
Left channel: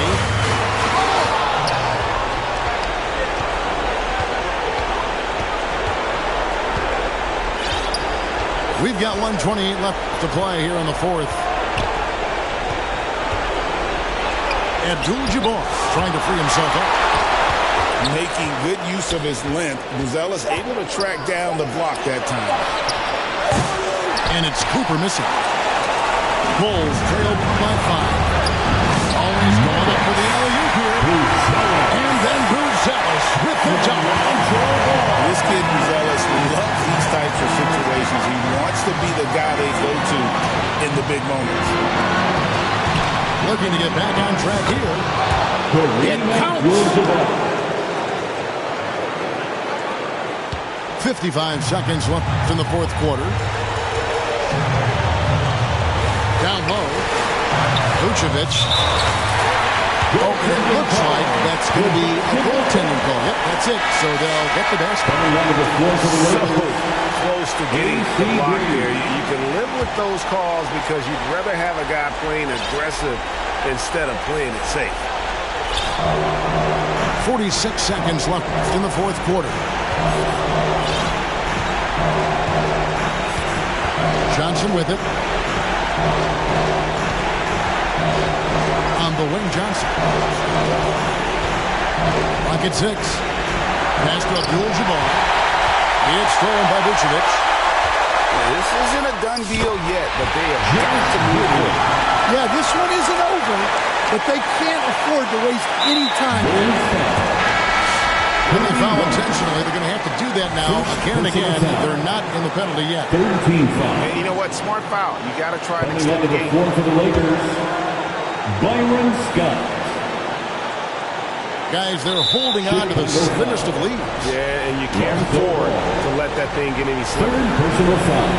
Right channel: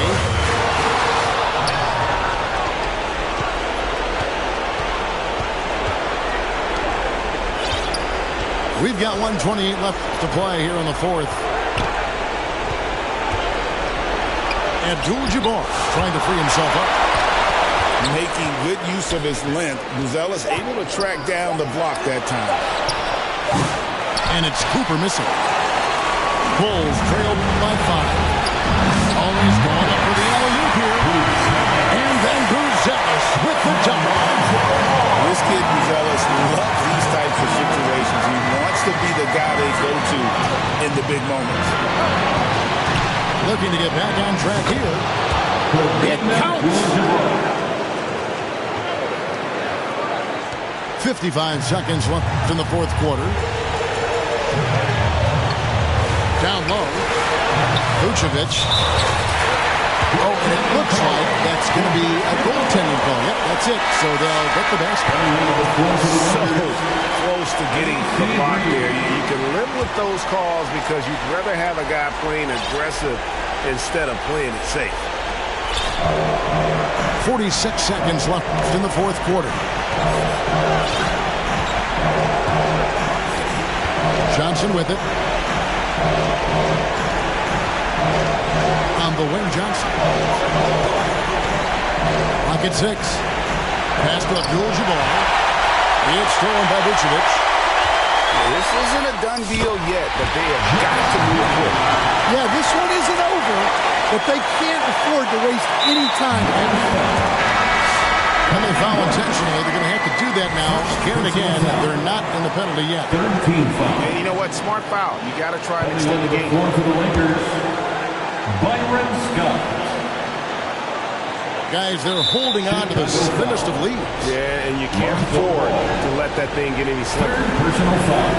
We've got 1:28 left to play here in the fourth. Abdul-Jabbar trying to free himself up. Making good use of his length. Buzelis able to track down the block that time. And it's Cooper missing. Bulls trail by 5. Always going up for the alley-oop here. And then Buzelis with the dunk. This kid Buzelis loves these types of situations. He wants to be the guy they go to in the big moments. Looking to get back on track here. It counts. 55 seconds left in the fourth quarter. Down low. Vucevic. Oh, and it looks like that's going to be a goaltending call. Yep, that's it. So they'll get the basket. So close to getting the block there. You can live with those calls because you'd rather have a guy playing aggressive instead of playing it safe. 46 seconds left in the fourth quarter. Johnson with it. On the wing, Johnson. Rocket 6. Pass to Abdul-Jabbar. It's stolen by Vucevic. This isn't a done deal yet, but they have got to move quick. Yeah, this one isn't over, but they can't afford to waste any time. When they foul intentionally, they're going to have to do that now again and again. They're not in the penalty yet. 13 foul. And you know what? Smart foul. You got to try and extend the game. For the Lakers, Byron Scott. Guys, they're holding on to the thinnest of leads. Yeah, and you can't afford to let that thing get any slimmer. Third personal foul.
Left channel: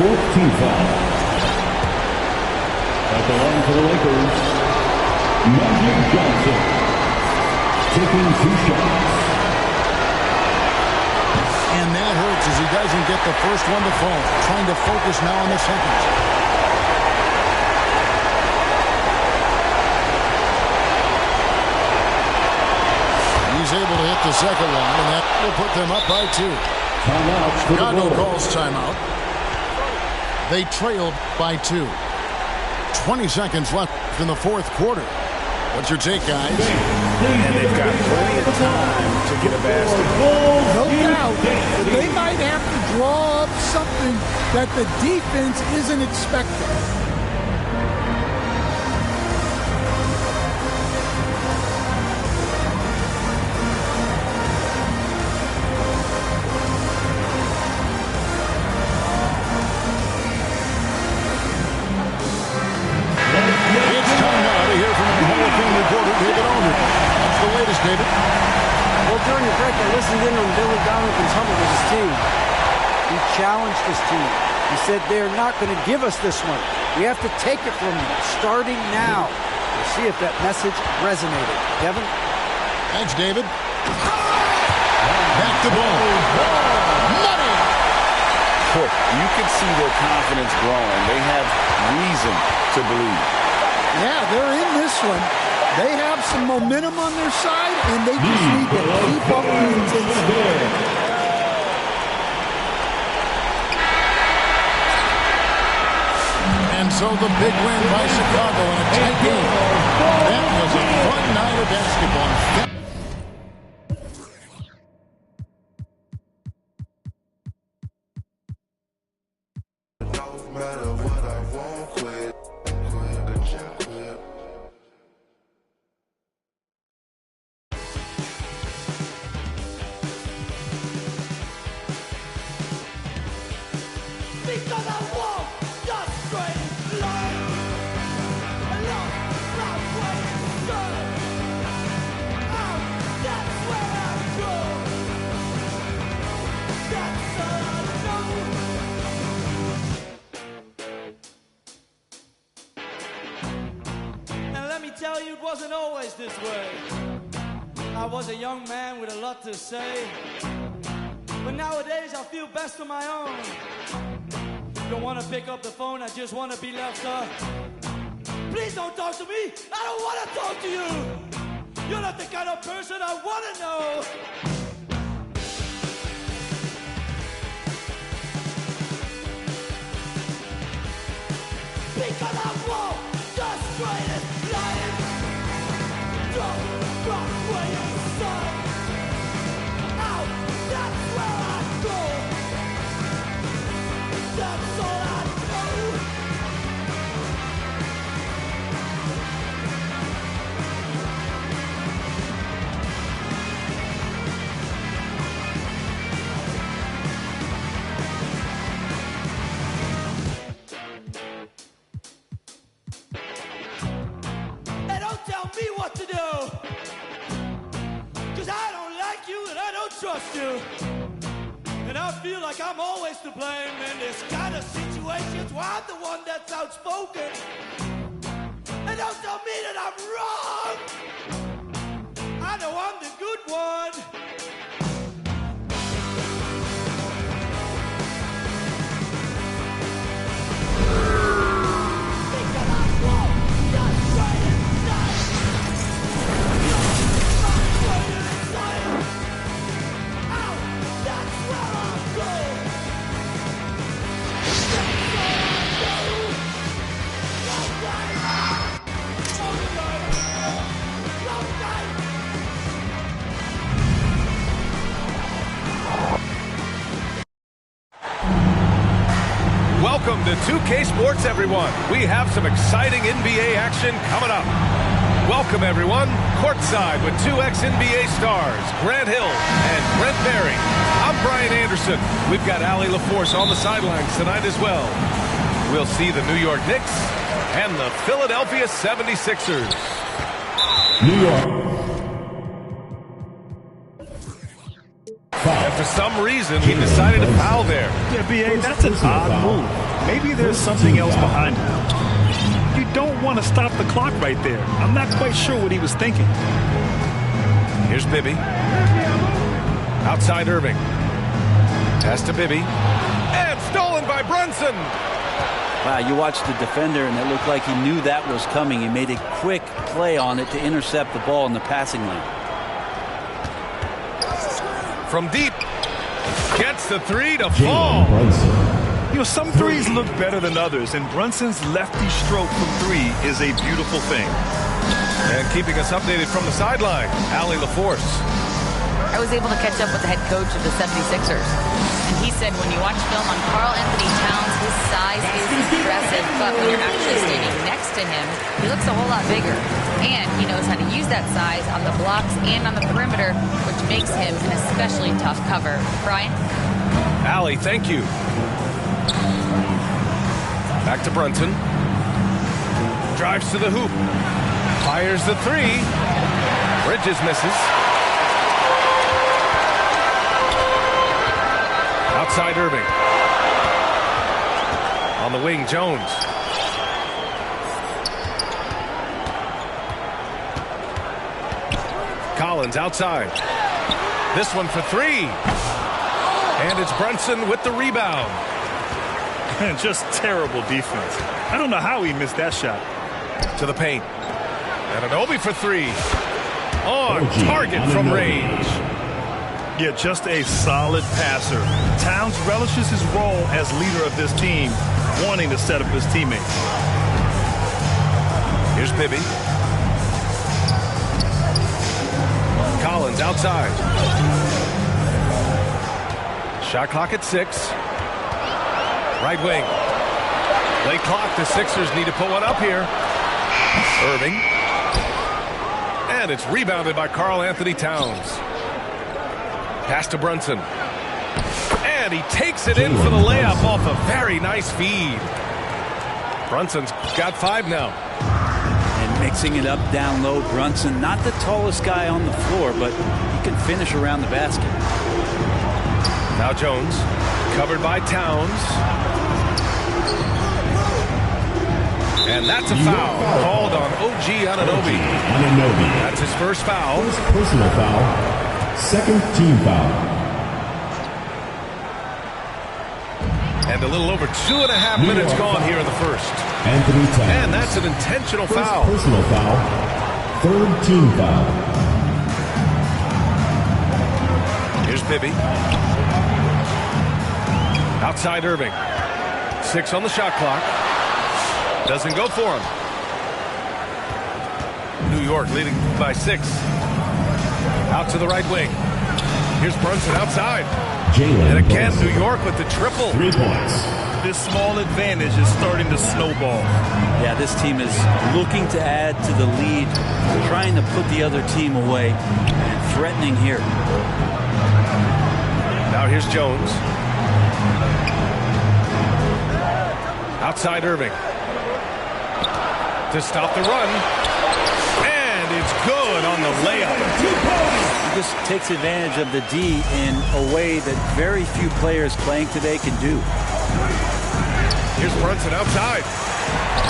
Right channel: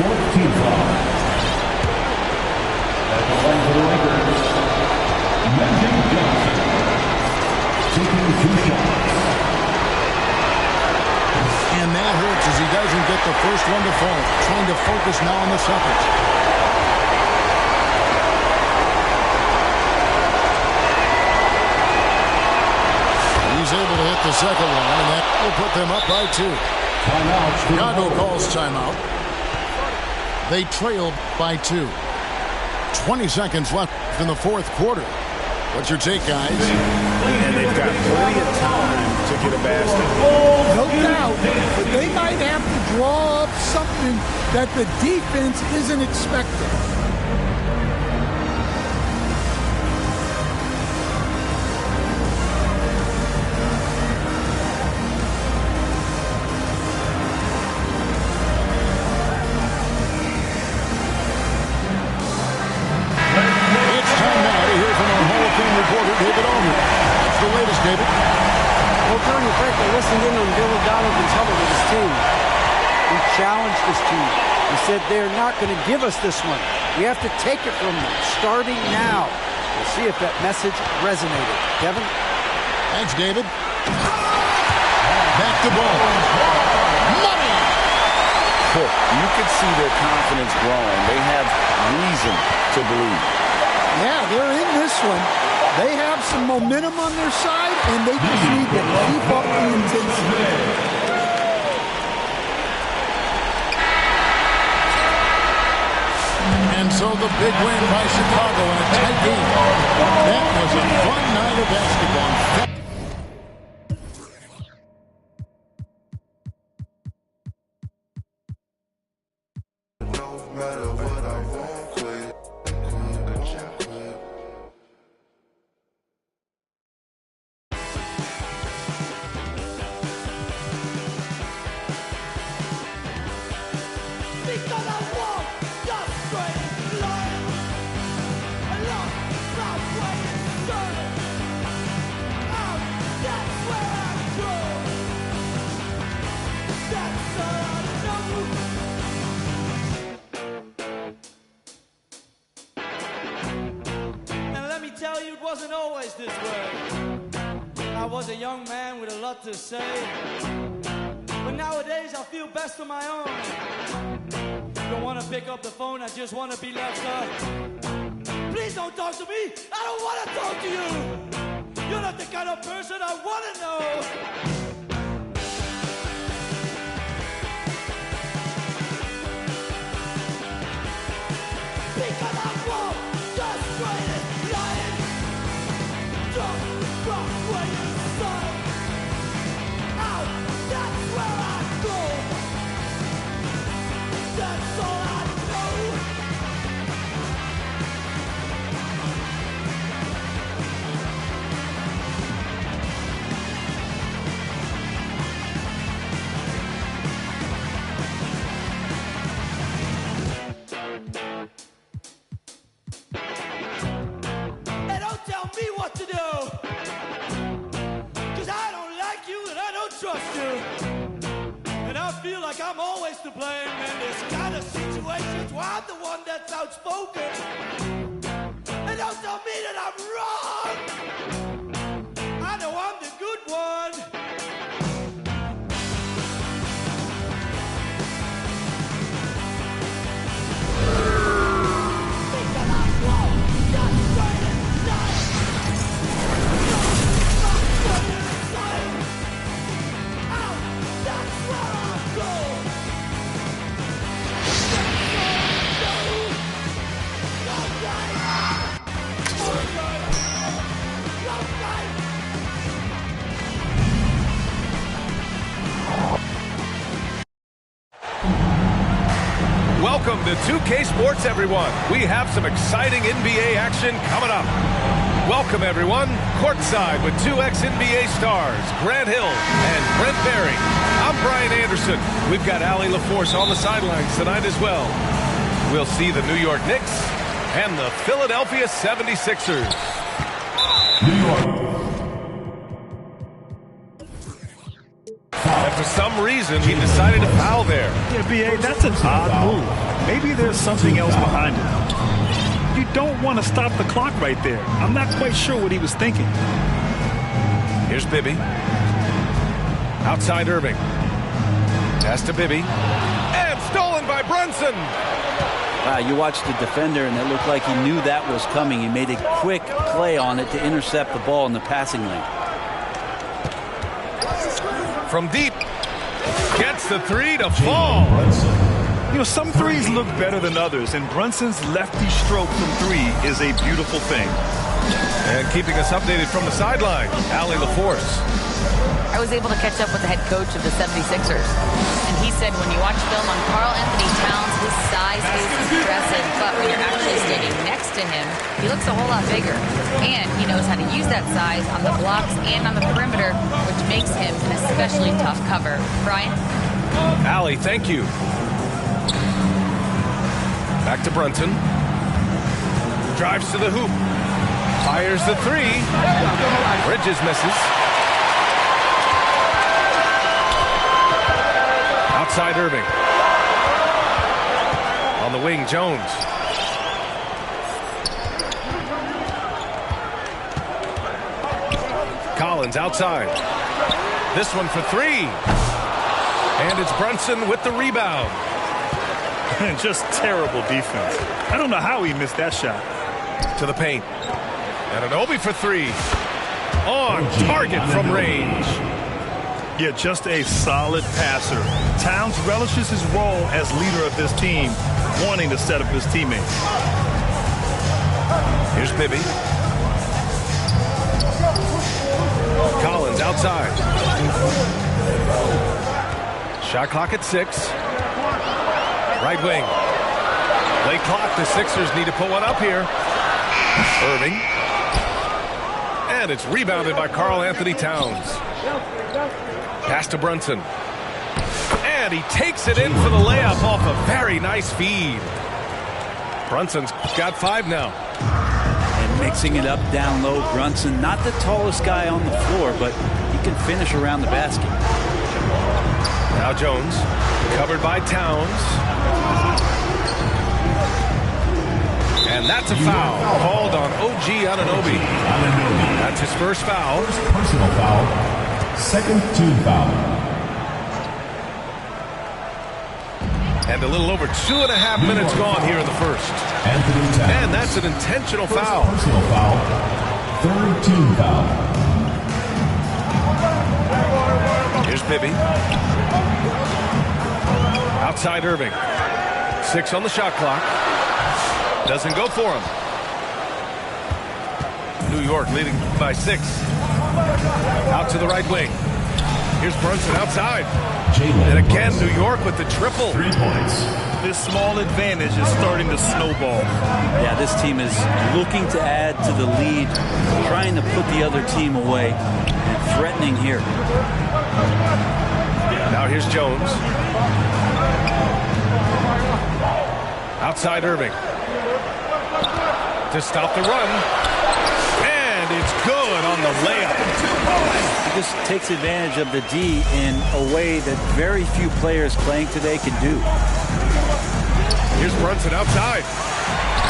Fourth team foul. At the line for the Lakers, Magic Johnson. Taking 2 shots. And that hurts as he doesn't get the first one to fall. Trying to focus now on the second. He's able to hit the second one, and that will put them up by 2. Chicago calls timeout. They trailed by 2. 20 seconds left in the fourth quarter. What's your take, guys? And they've got plenty of time to get a basket. No doubt. But they might have to draw up something that the defense isn't expecting. Reporter David Allman. What's the latest, David? Well, during the break, I listened in on Billy Donovan's huddle with his team. He challenged his team. He said they're not going to give us this one. We have to take it from them, starting now. We'll see if that message resonated. Kevin? Thanks, David. Back to ball. Money! You can see their confidence growing. They have reason to believe. Yeah, they're in this one. They have some momentum on their side, and they just need to keep up the intensity. And so the big win by Chicago in a tight game. That was a fun night of basketball. Tell you it wasn't always this way. I was a young man with a lot to say, but nowadays I feel best on my own. Don't want to pick up the phone, I just want to be left up. Please don't talk to me, I don't want to talk to you. You're not the kind of person I want to know. Because I won't destroy it. Rock where you son. Out, that's where I go. That's all I know. And don't tell me what to do. Trust you, and I feel like I'm always to blame in this kind of situations where I'm the one that's outspoken. And don't tell me that I'm wrong. I know I'm the good one. Because I won't just straight and nice. Not straight and insane. That's where I go. That's all Welcome to 2K Sports, everyone. We have some exciting NBA action coming up. Welcome, everyone. Courtside with two ex-NBA stars, Grant Hill and Brent Barry. I'm Brian Anderson. We've got Allie LaForce on the sidelines tonight as well. We'll see the New York Knicks and the Philadelphia 76ers. New York. And for some reason, he decided to foul there. Yeah, B.A., that's an odd move. Maybe there's something else behind it. You don't want to stop the clock right there. I'm not quite sure what he was thinking. Here's Bibby. Outside Irving. Pass to Bibby. And stolen by Brunson. Wow, you watched the defender, and it looked like he knew that was coming. He made a quick play on it to intercept the ball in the passing lane. From deep. Gets the three to fall. You know, some threes look better than others, and Brunson's lefty stroke from three is a beautiful thing. And keeping us updated from the sideline, Allie LaForce. I was able to catch up with the head coach of the 76ers. And he said when you watch film on Karl Anthony Towns, his size is impressive. But when you're actually standing next to him, he looks a whole lot bigger. And he knows how to use that size on the blocks and on the perimeter, which makes him an especially tough cover. Brian? Allie, thank you. Back to Brunson. Drives to the hoop. Fires the three. Bridges misses. Outside Irving. On the wing, Jones. Collins outside. This one for three. And it's Brunson with the rebound. Just terrible defense. I don't know how he missed that shot. To the paint. Anunoby for three. On target from range. Yeah, just a solid passer. Towns relishes his role as leader of this team, wanting to set up his teammates. Here's Bibby. Collins outside. Shot clock at 6. Right wing. Late clock. The Sixers need to put one up here. Irving. And it's rebounded by Karl Anthony Towns. Pass to Brunson. And he takes it in for the layup off a very nice feed. Brunson's got 5 now. And mixing it up down low, Brunson, not the tallest guy on the floor, but he can finish around the basket. Now Jones, covered by Towns. And that's a foul called on OG Anunoby. That's his first foul. First personal foul. Second team foul. And a little over 2.5 minutes gone here in the first. Anthony Towns. And that's an intentional foul. Personal foul. Third team foul. Here's Bibby. Outside Irving. 6 on the shot clock. Doesn't go for him. New York leading by 6. Out to the right wing. Here's Brunson outside. And again, New York with the triple. 3 points. This small advantage is starting to snowball. Yeah, this team is looking to add to the lead, trying to put the other team away, and threatening here. Now here's Jones. Outside Irving. To stop the run. And it's good on the layup. 2 points. He just takes advantage of the D in a way that very few players playing today can do. Here's Brunson outside.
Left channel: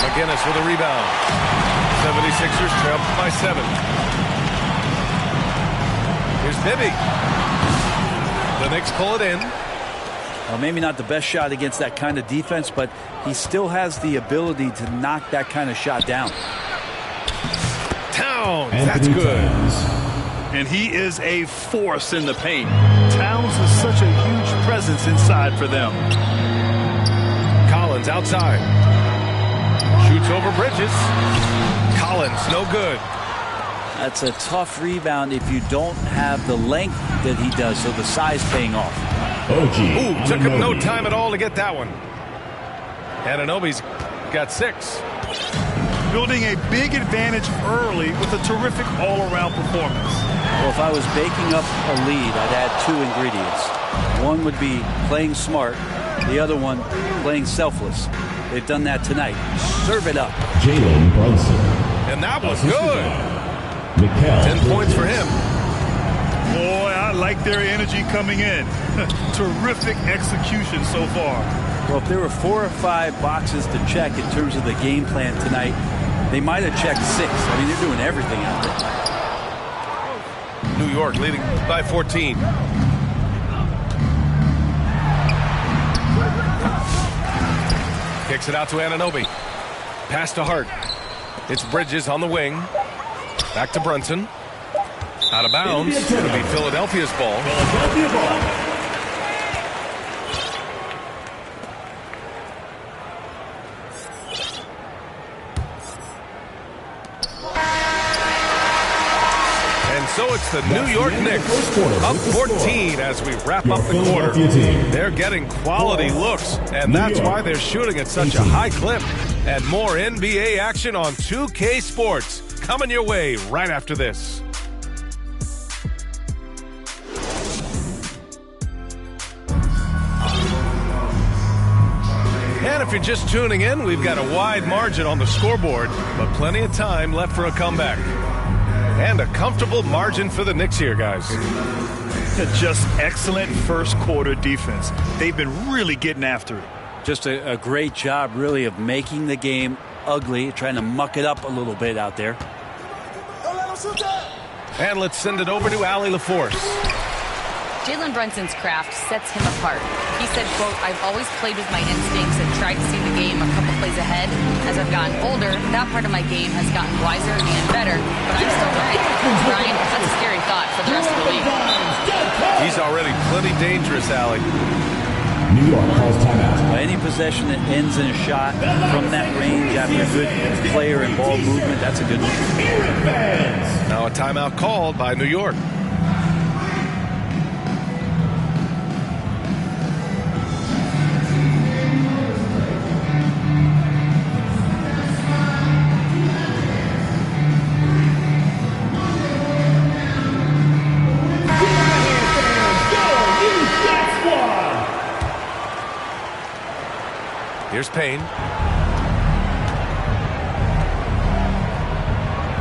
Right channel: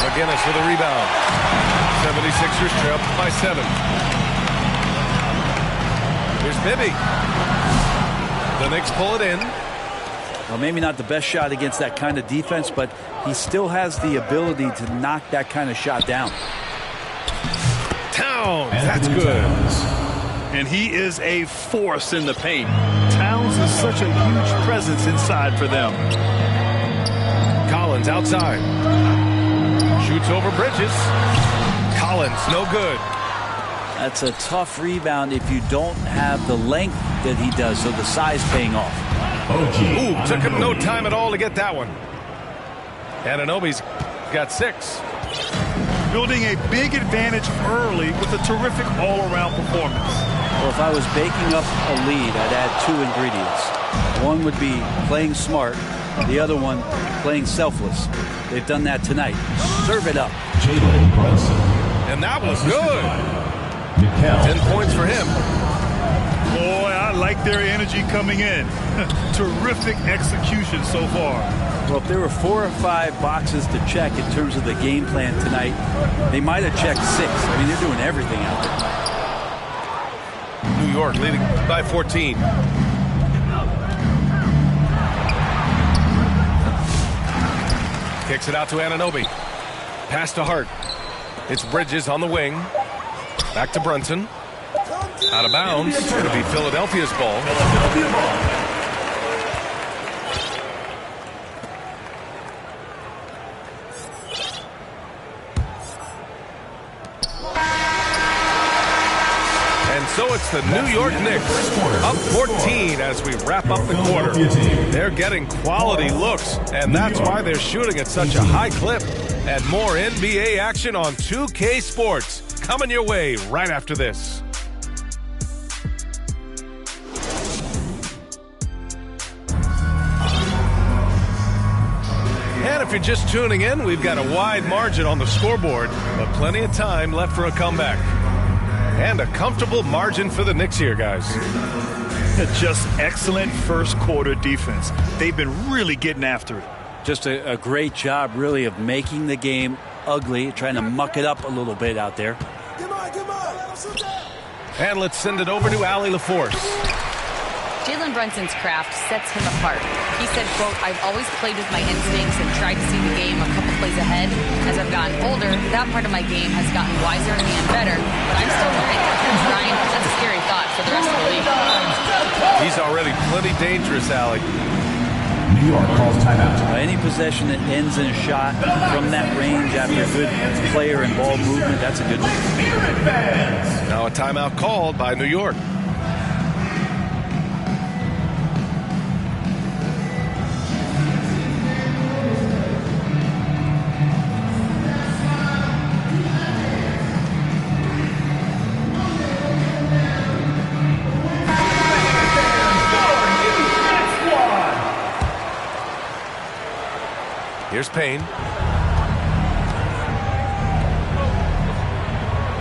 McGinnis with a rebound. 76ers trail by 7. Here's Bibby. The Knicks pull it in. Well, maybe not the best shot against that kind of defense, but he still has the ability to knock that kind of shot down. Towns, that's good. And he is a force in the paint. Towns is such a huge presence inside for them. Collins outside. Shoots over Bridges. Collins, no good. That's a tough rebound if you don't have the length that he does, so the size paying off. Ooh, took him no time at all to get that one. Anunoby's got 6. Building a big advantage early with a terrific all-around performance. Well, if I was baking up a lead, I'd add 2 ingredients. One would be playing smart. The other one, playing selfless. They've done that tonight. Serve it up. Jalen Brunson. And that was good. 10 points for him. Boy, I like their energy coming in. Terrific execution so far. Well, if there were 4 or 5 boxes to check in terms of the game plan tonight, they might have checked 6. I mean, they're doing everything out there. New York leading by 14. Kicks it out to Anunoby. Pass to Hart. It's Bridges on the wing. Back to Brunson. Out of bounds. It'll be Philadelphia's ball. Philadelphia ball. And so it's the New York Knicks up 14 as we wrap up the quarter. They're getting quality looks, and that's why they're shooting at such a high clip. And more NBA action on 2K Sports coming your way right after this. And if you're just tuning in, we've got a wide margin on the scoreboard, but plenty of time left for a comeback. And a comfortable margin for the Knicks here, guys. Just excellent first quarter defense. They've been really getting after it. Just a great job, really, of making the game ugly, trying to muck it up a little bit out there. And let's send it over to Allie LaForce. Jalen Brunson's craft sets him apart. He said, quote, "I've always played with my instincts and tried to see the game a couple plays ahead. As I've gotten older, that part of my game has gotten wiser and better, but I'm still learning." Brian, that's a scary thought for the rest of the league. He's already plenty dangerous, Allie. New York calls timeout. Any possession that ends in a shot from that range after a good player and ball movement, that's a good one. Now a timeout called by New York. Here's Payne.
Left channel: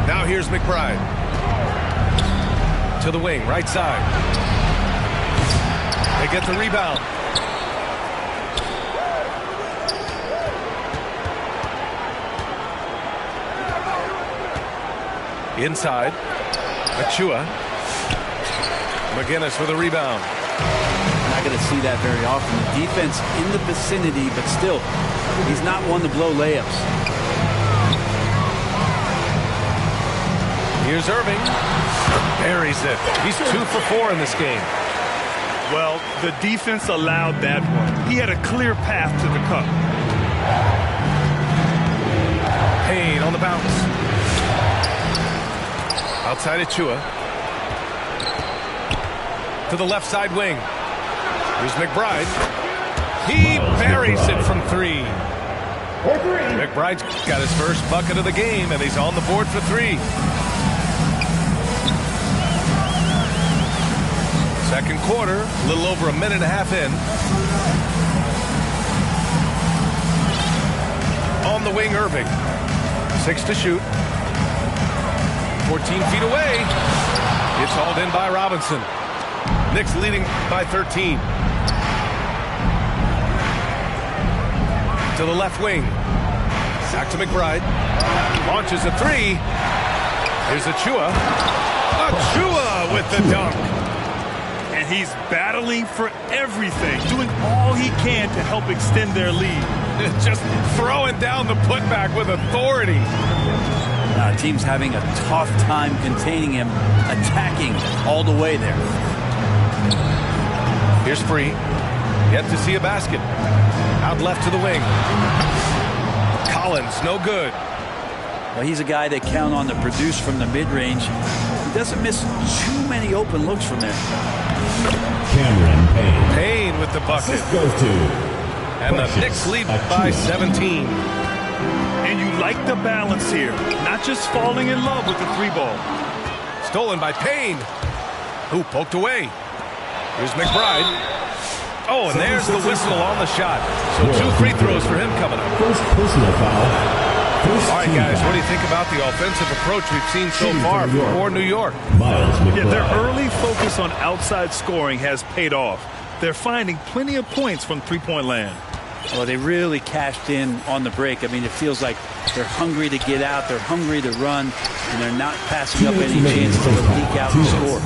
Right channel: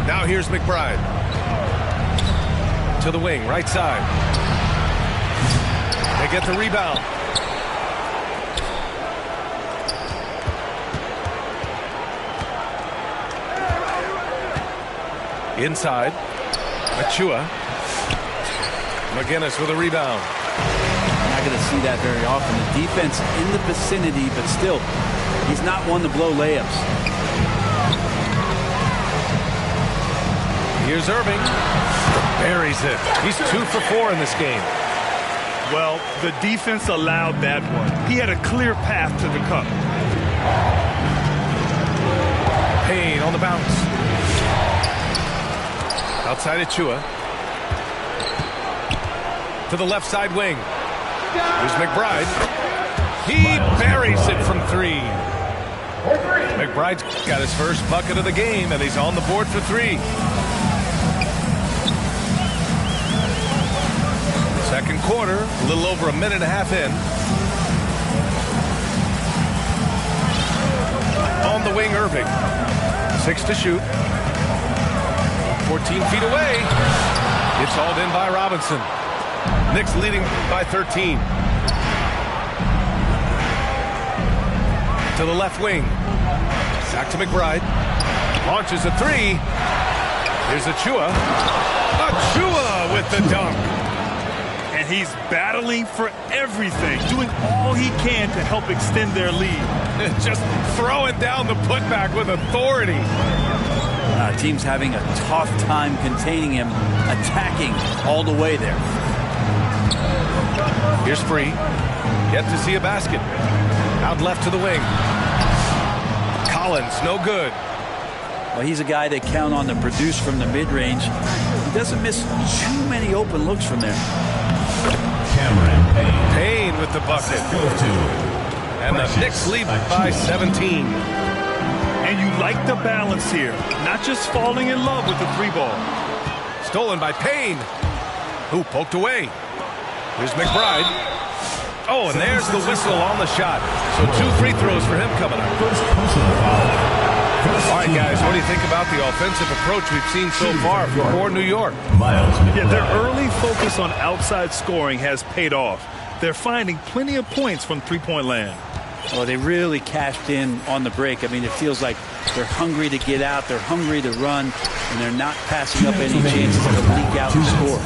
Now here's McBride. To the wing, right side. They get the rebound. Inside. Achua. McGinnis with a rebound. Not going to see that very often. The defense in the vicinity, but still, he's not one to blow layups. Here's Irving. Buries it. He's 2 for 4 in this game. Well, the defense allowed that one. He had a clear path to the cup. Payne on the bounce. Outside Achua. To the left side wing. Here's McBride. He buries it from 3. McBride's got his first bucket of the game, and he's on the board for 3. Second quarter, a little over a minute and a half in. On the wing, Irving. 6 to shoot. 14 feet away. It's hauled in by Robinson. Knicks leading by 13. To the left wing. Back to McBride. Launches a 3. Here's Achua. Achua with the dunk. And he's battling for everything, doing all he can to help extend their lead. Just throwing down the putback with authority. Team's having a tough time containing him, attacking all the way there. Here's Free. Yet to see a basket. Out left to the wing. Collins, no good. Well, he's a guy they count on to produce from the mid-range. He doesn't miss too many open looks from there. Cameron Payne. Payne with the bucket. Goes to and the Knicks lead by 17. And you like the balance here. Not just falling in love with the 3-ball. Stolen by Payne, who poked away. Here's McBride. Oh, and there's the whistle on the shot. So 2 free throws for him coming up. First personal foul. All right, guys, what do you think about the offensive approach we've seen so far for New York? Yeah, their early focus on outside scoring has paid off. They're finding plenty of points from three-point land. Well, they really cashed in on the break. I mean, it feels like they're hungry to get out, they're hungry to run, and they're not passing up any chances to leak out and score.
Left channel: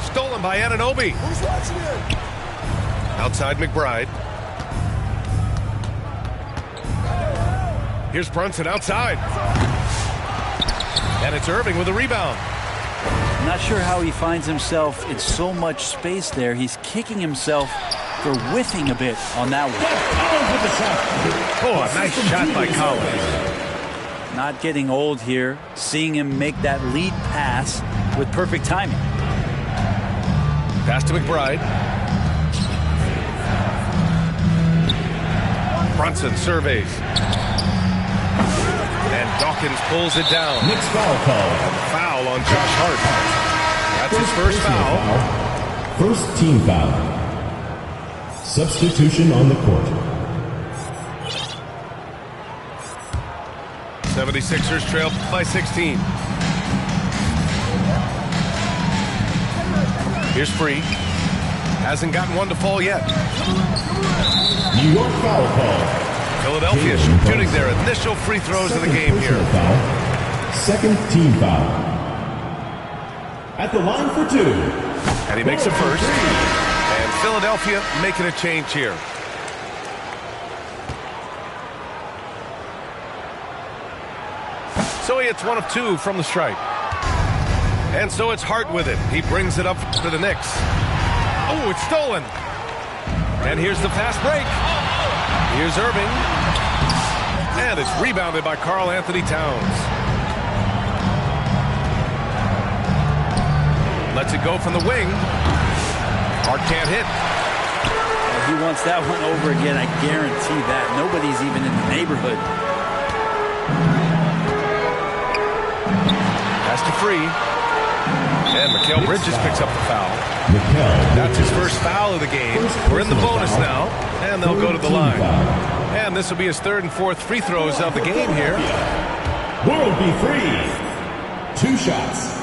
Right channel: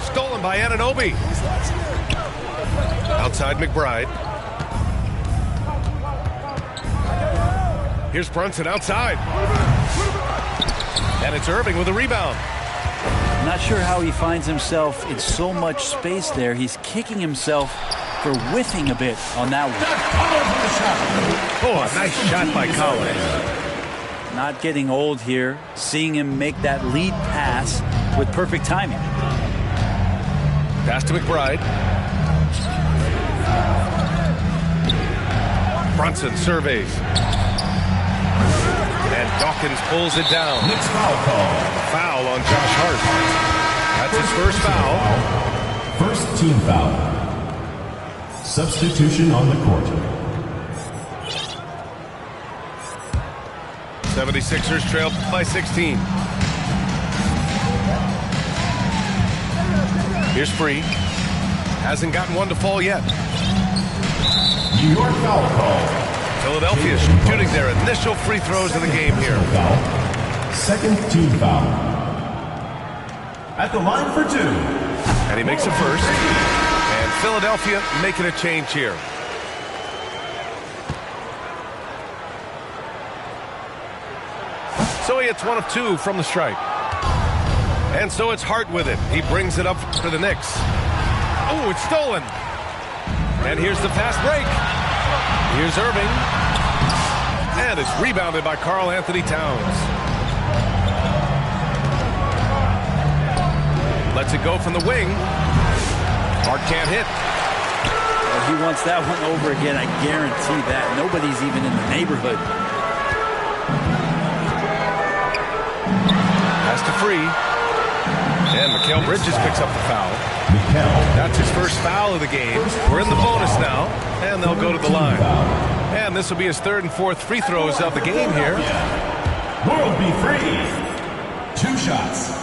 Stolen by Anunoby. Outside McBride. Here's Brunson outside. And it's Irving with a rebound. I'm not sure how he finds himself in so much space there. He's kicking himself for whiffing a bit on that one. Oh, a nice shot by Collins. Not getting old here. Seeing him make that lead pass with perfect timing. Pass to McBride. Brunson surveys. And Dawkins pulls it down. Next foul call. And the foul on Josh Hart. That's his first foul. First team foul. Substitution on the court. 76ers trail by 16. Here's Free. Hasn't gotten one to fall yet. New York foul call. Philadelphia shooting their initial free throws of the game here. Foul. Second team foul. At the line for 2. And he makes a first. And Philadelphia making a change here. So he hits 1 of 2 from the stripe. And so it's Hart with it. He brings it up for the Knicks. Oh, it's stolen. And here's the fast break. Here's Irving. And it's rebounded by Karl Anthony Towns. Lets it go from the wing. Hart can't hit. Well, he wants that one over again, I guarantee that. Nobody's even in the neighborhood. Pass to Free. And Mikal Bridges picks up the foul. That's his first foul of the game. We're in the bonus now, and they'll go to the line. And this will be his 3rd and 4th free throws of the game here. World be free. 2 shots.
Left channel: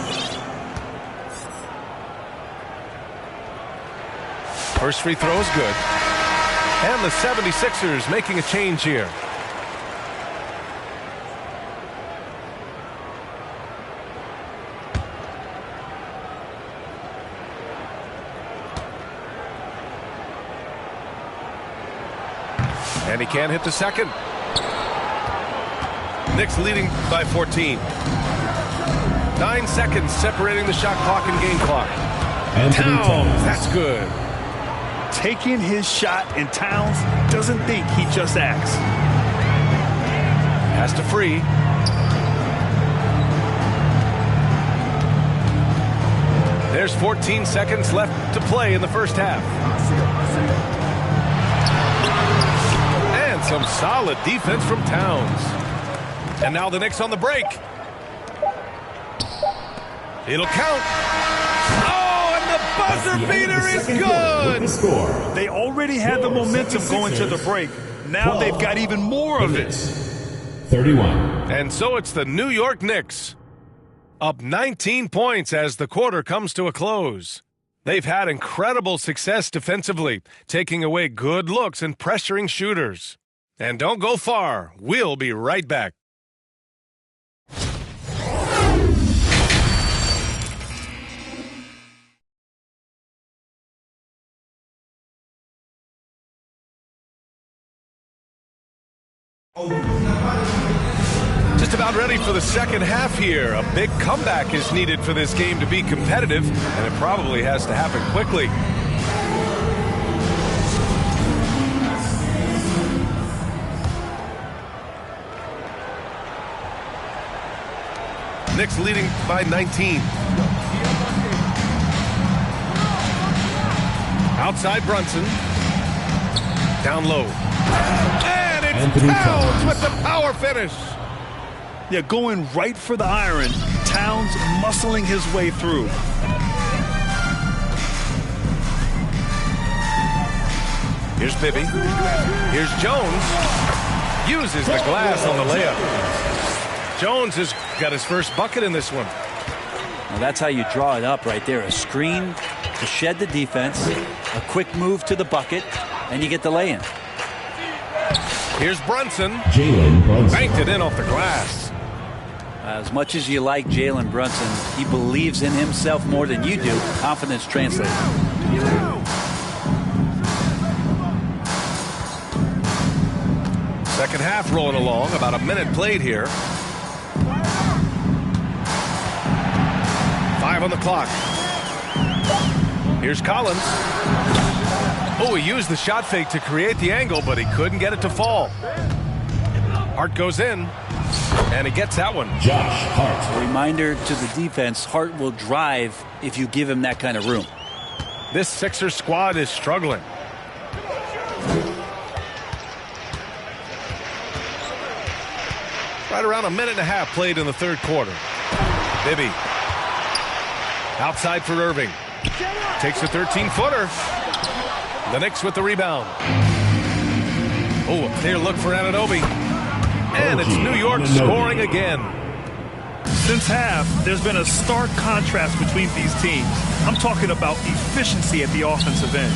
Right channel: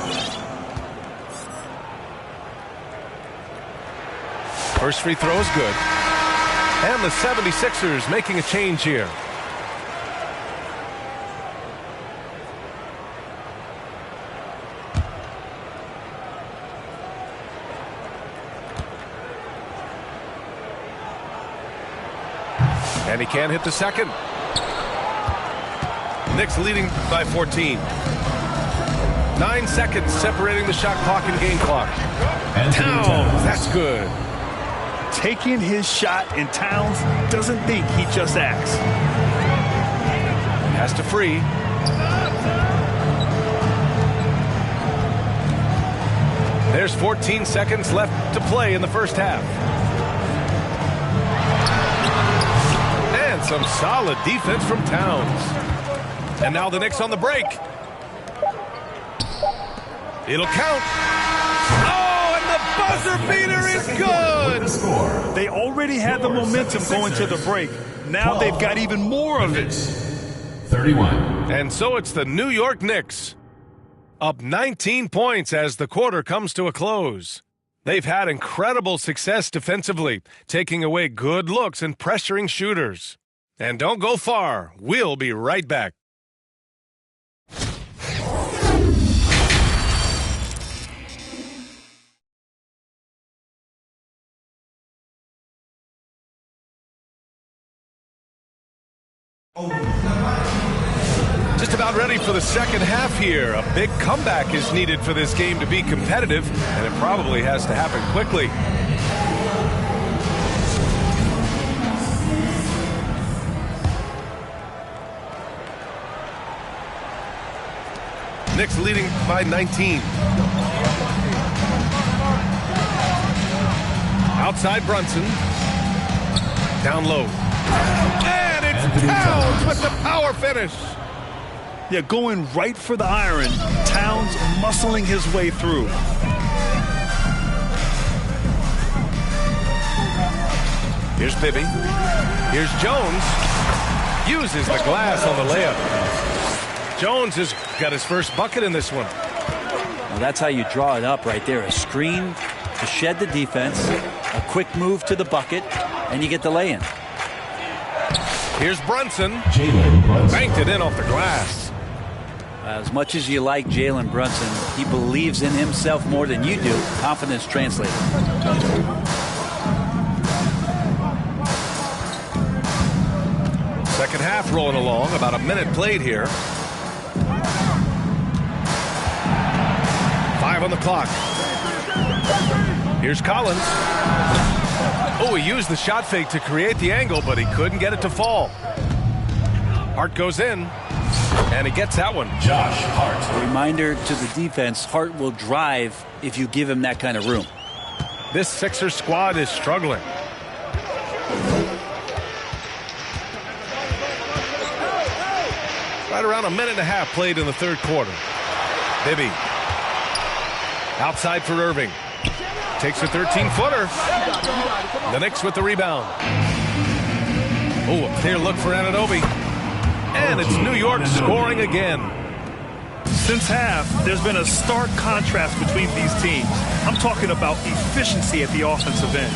First free throw is good. And the 76ers making a change here. And he can't hit the second. Knicks leading by 14. 9 seconds separating the shot clock and game clock. Towns, that's good. Taking his shot, and Towns doesn't think, he just acts. Has to Free. There's 14 seconds left to play in the first half. And some solid defense from Towns. And now the Knicks on the break. It'll count. Oh, and the buzzer beater is good. They already had the momentum going to the break. Now they've got even more of it. 31. And so it's the New York Knicks, up 19 points as the quarter comes to a close. They've had incredible success defensively, taking away good looks and pressuring shooters. And don't go far. We'll be right back. Just about ready for the second half here. A big comeback is needed for this game to be competitive, and it probably has to happen quickly. Knicks leading by 19. Outside Brunson. Down low. And it's Towns with the power finish. Yeah, going right for the iron. Towns muscling his way through. Here's Bibby. Here's Jones. Uses the glass on the layup. Jones has got his first bucket in this one. Well, that's how you draw it up right there. A screen to shed the defense, a quick move to the bucket, and you get the lay-in. Here's Brunson. Jalen Brunson. Banked it in off the glass. As much as you like Jalen Brunson, he believes in himself more than you do. Confidence translated. Second half rolling along. About a minute played here. 5 on the clock. Here's Collins. Oh, he used the shot fake to create the angle, but he couldn't get it to fall. Hart goes in, and he gets that one. Josh Hart. A reminder to the defense, Hart will drive if you give him that kind of room. This Sixers squad is struggling. Right around a minute and a half played in the third quarter. Bibby. Outside for Irving. Takes a 13-footer. The Knicks with the rebound. Oh, a clear look for Anunoby. And it's New York scoring again. Since half, there's been a stark contrast between these teams. I'm talking about efficiency at the offensive end.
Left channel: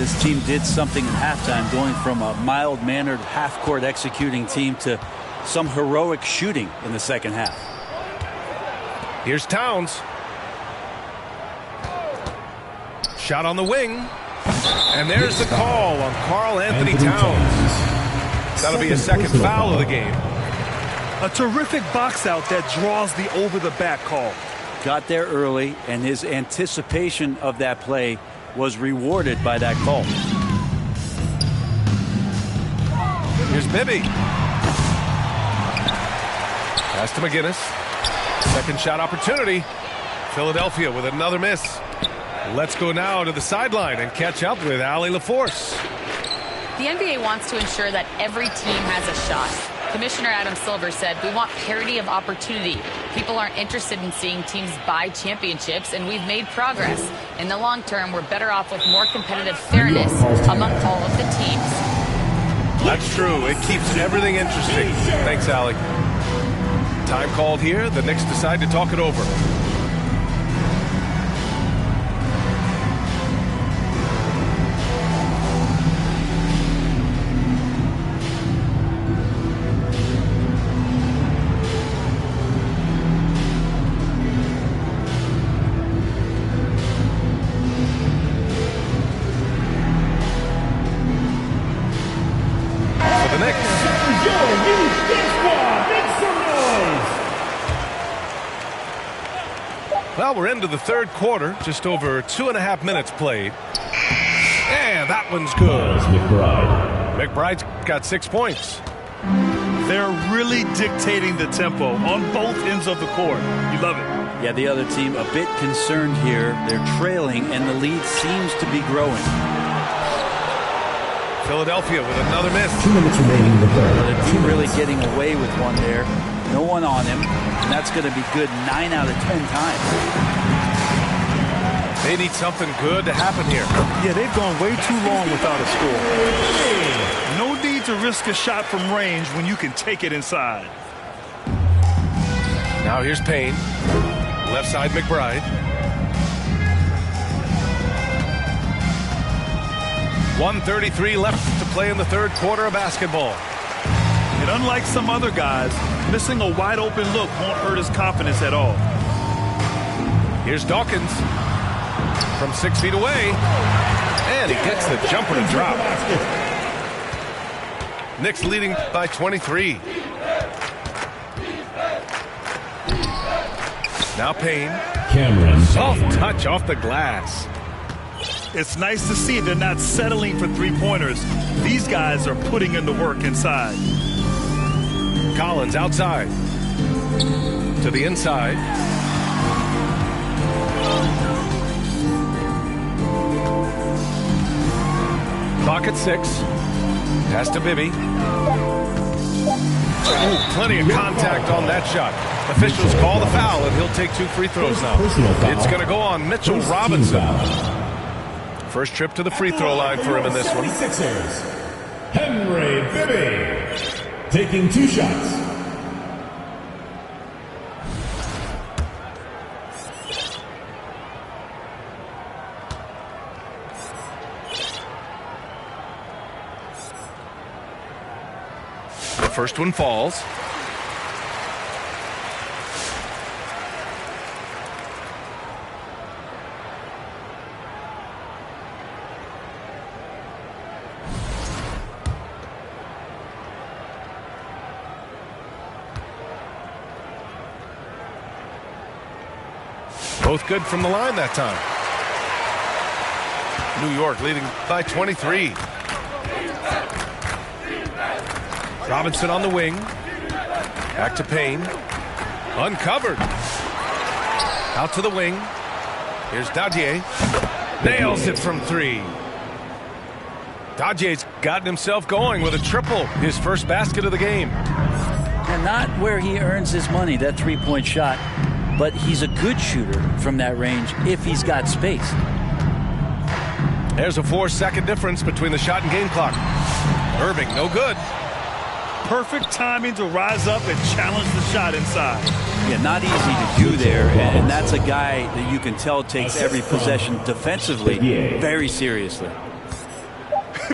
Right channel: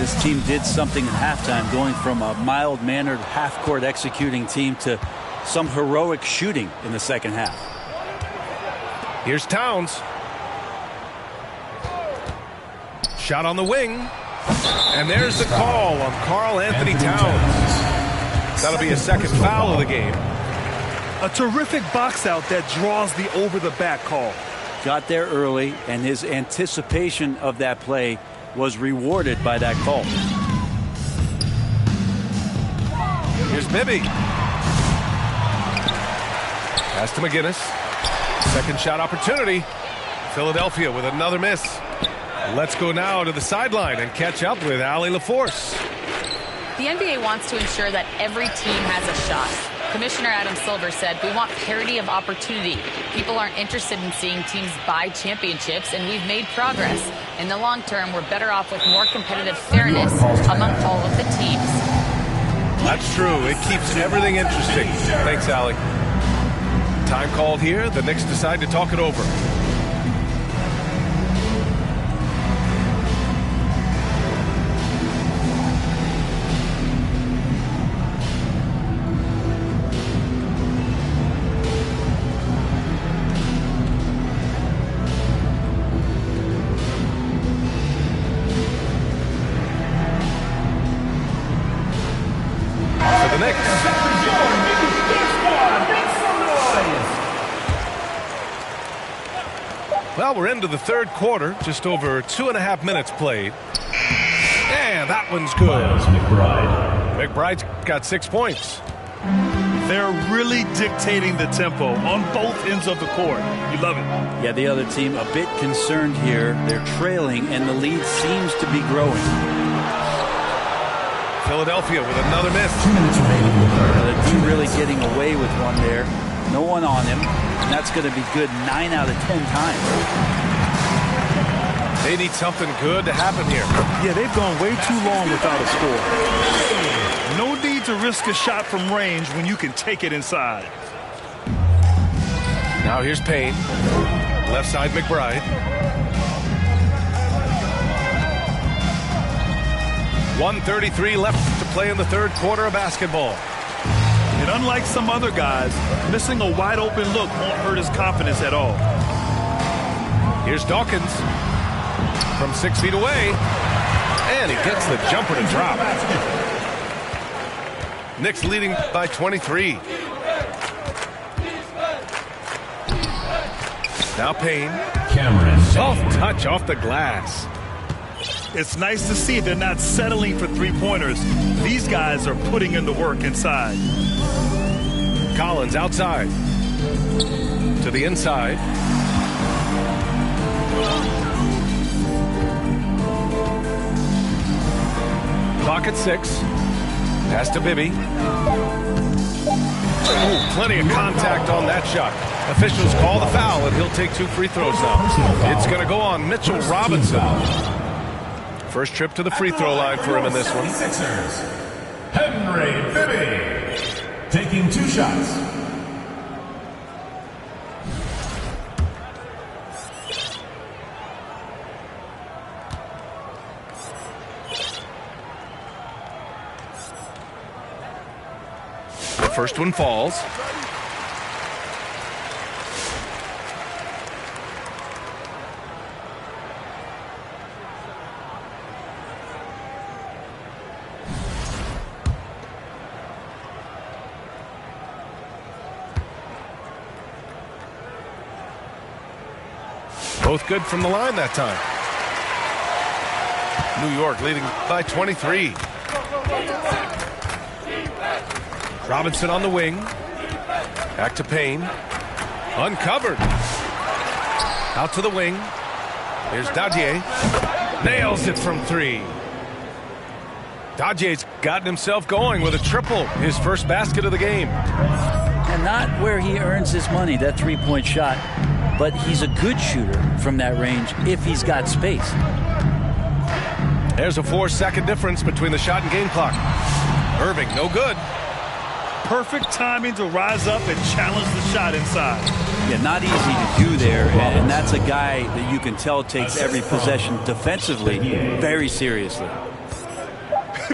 This team did something at halftime, going from a mild-mannered half-court executing team to some heroic shooting in the second half. Here's Towns. Shot on the wing. And there's the call on Karl Anthony Towns. That'll be a second foul of the game. A terrific box out that draws the over-the-back call. Got there early, and his anticipation of that play was rewarded by that call. Here's Bibby. Pass to McGinnis. Second shot opportunity. Philadelphia with another miss. Let's go now to the sideline and catch up with Allie LaForce. The NBA wants to ensure that every team has a shot. Commissioner Adam Silver said, "We want parity of opportunity. People aren't interested in seeing teams buy championships, and we've made progress. In the long term, we're better off with more competitive fairness among all of the teams." That's true. It keeps everything interesting. Thanks, Allie. Time called here. The Knicks decide to talk it over. The Knicks. Well, we're into the third quarter. Just over 2.5 minutes played. And that one's good. McBride's got 6 points. They're really dictating the tempo on both ends of the court. You love it. Yeah, the other team a bit concerned here. They're trailing, and the lead seems to be growing. Philadelphia with another miss. 2 minutes remaining in the third. The team really getting away with one there. No one on him, and that's going to be good 9 out of 10 times. They need something good to happen here. Yeah, they've gone way too long without a score. No need to risk a shot from range when you can take it inside. Now here's Payne. Left side McBride. 1:33 left to play in the third quarter of basketball. And unlike some other guys, missing a wide open look won't hurt his confidence at all. Here's Dawkins from 6 feet away. And he gets the jumper to drop. Knicks leading by 23. Now Payne. Cameron. Soft touch off the glass. It's nice to see they're not settling for three-pointers. These guys are putting in the work inside. Collins outside. To the inside. Clock at 6. Pass to Bibby. Ooh, plenty of contact on that shot. Officials call the foul, and he'll take 2 free throws now. It's going to go on Mitchell Robinson. First trip to the free throw line for him in this one. Henry Bibby taking 2 shots. The first one falls. Both good from the line that time. New York leading by 23. Robinson on the wing. Back to Payne. Uncovered. Out to the wing. Here's Dadier. Nails it from 3. Dadier's gotten himself going with a triple. His first basket of the game. And not where he earns his money, that three-point shot. But he's a good shooter from that range if he's got space. There's a 4-second difference between the shot and game clock. Irving, no good. Perfect timing to rise up and challenge the shot inside. Yeah, not easy to do there, and that's a guy that you can tell takes every possession defensively very seriously.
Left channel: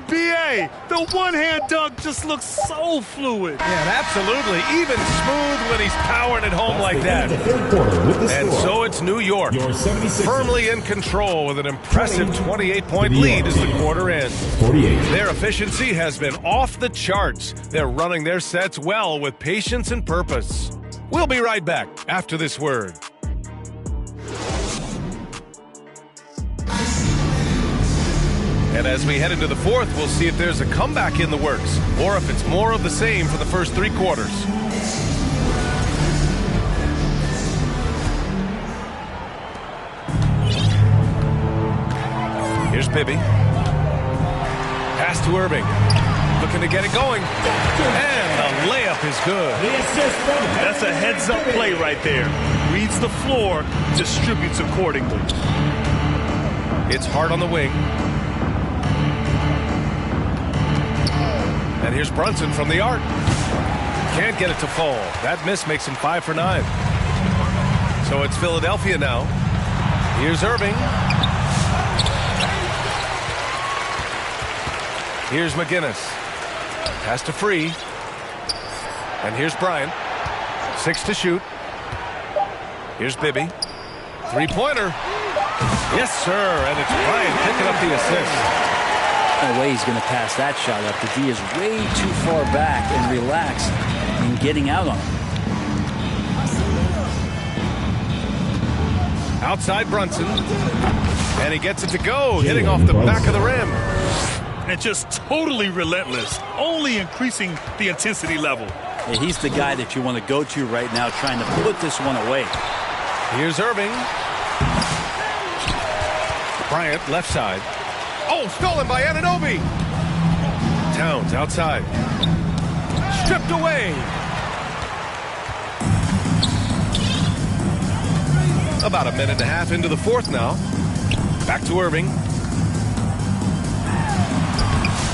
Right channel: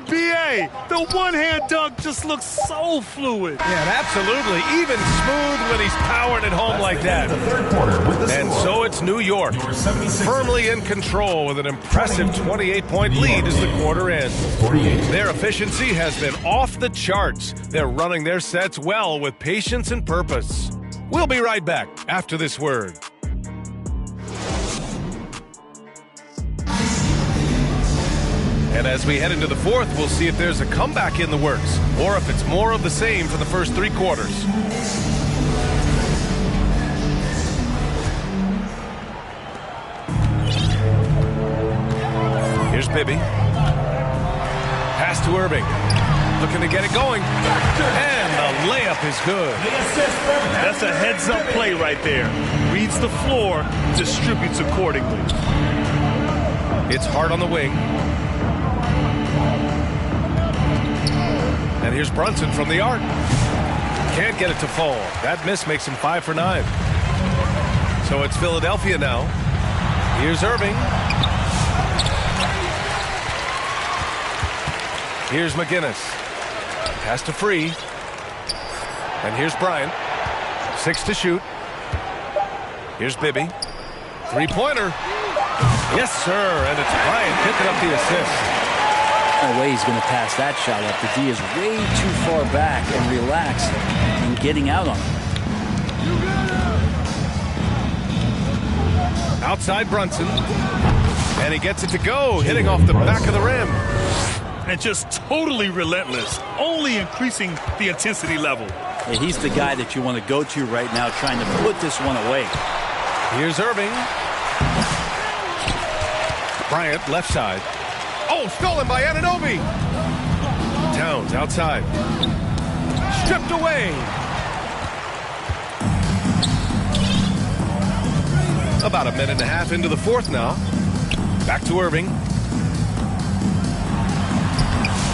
B.A., the one-hand dunk just looks so fluid. Yeah, absolutely. Even smooth when he's powering it home like that. And so it's New York, firmly in control with an impressive 28-point lead as the quarter ends. Their efficiency has been off the charts. They're running their sets well with patience and purpose. We'll be right back after this word. And as we head into the fourth, we'll see if there's a comeback in the works or if it's more of the same for the first 3 quarters. Here's Bibby. Pass to Irving. Looking to get it going. And the layup is good. That's a heads-up play right there. Reads the floor, distributes accordingly. It's Hart on the wing. And here's Brunson from the arc. Can't get it to fall. That miss makes him 5 for 9. So it's Philadelphia now. Here's Irving. Here's McGinnis. Pass to Free. And here's Bryant. 6 to shoot. Here's Bibby. 3-pointer. Yes, sir. And it's Bryant picking up the assist. No way he's going to pass that shot up. The D is way too far back and relaxed in getting out on him. Outside Brunson. And he gets it to go, hitting off the back of the rim. And just totally relentless, only increasing the intensity level. Hey, he's the guy that you want to go to right now, trying to put this one away. Here's Irving. Bryant, left side. Oh, stolen by Anunoby. Towns outside. Stripped away. About a minute and a half into the fourth now. Back to Irving.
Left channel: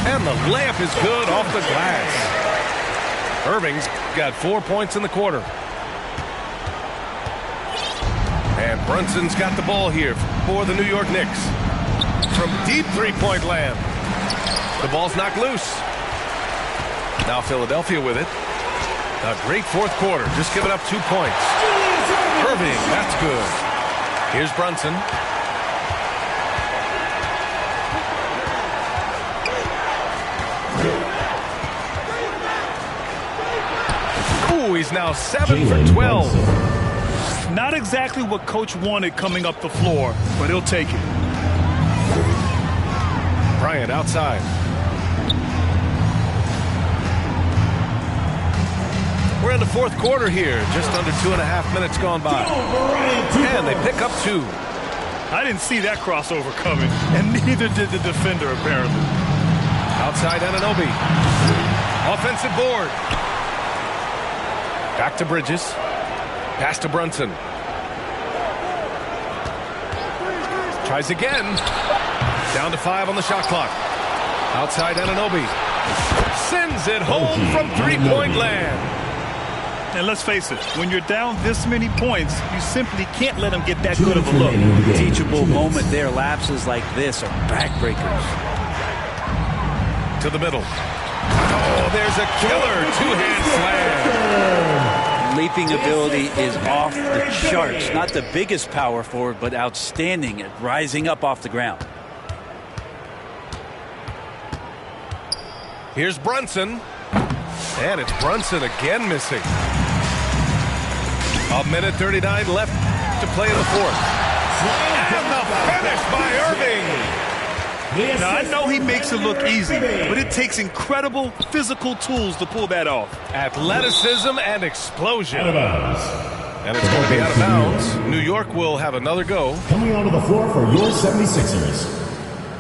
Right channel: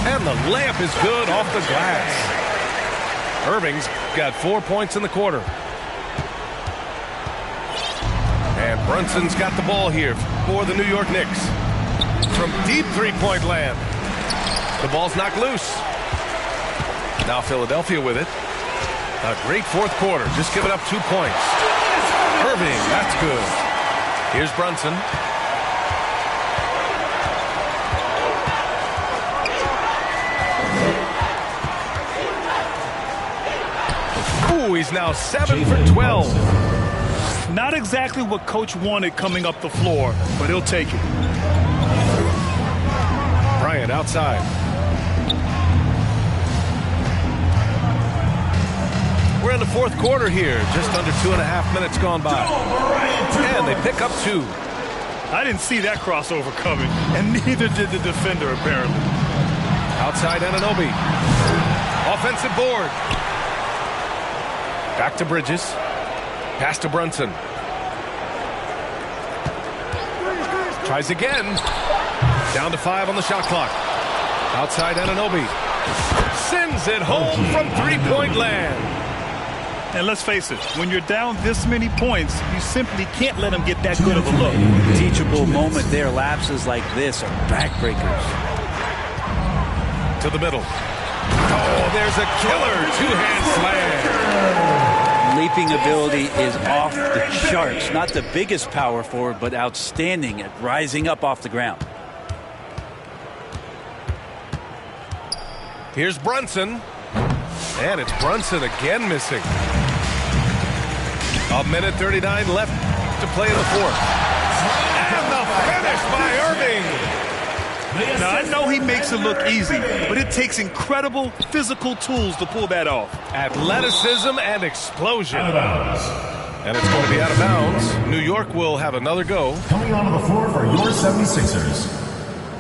And the layup is good off the glass. Irving's got 4 points in the quarter. And Brunson's got the ball here for the New York Knicks. From deep three-point land. The ball's knocked loose. Now Philadelphia with it. A great fourth quarter. Just giving up 2 points. Irving, that's good. Here's Brunson. Ooh, he's now 7 for 12. Not exactly what coach wanted coming up the floor, but he'll take it. Bryant outside. We're in the fourth quarter here. Just under 2.5 minutes gone by. And they pick up 2. I didn't see that crossover coming, and neither did the defender, apparently. Outside Anunoby. Offensive board. Back to Bridges. Pass to Brunson. Tries again. Down to 5 on the shot clock. Outside Anunoby. Sends it home from three-point land. And let's face it, when you're down this many points, you simply can't let them get that good of a look. Teachable moment there. Lapses like this are backbreakers. To the middle. Oh, there's a killer two-hand slam. Leaping ability is off the charts. Not the biggest power forward, but outstanding at rising up off the ground. Here's Brunson. And it's Brunson again missing. 1:39 left to play in the fourth. finish by Irving. Now, I know he makes it look easy, but it takes incredible physical tools to pull that off. Athleticism and explosion. Out of bounds. And it's going to be out of bounds. New York will have another go. Coming onto the floor for your 76ers,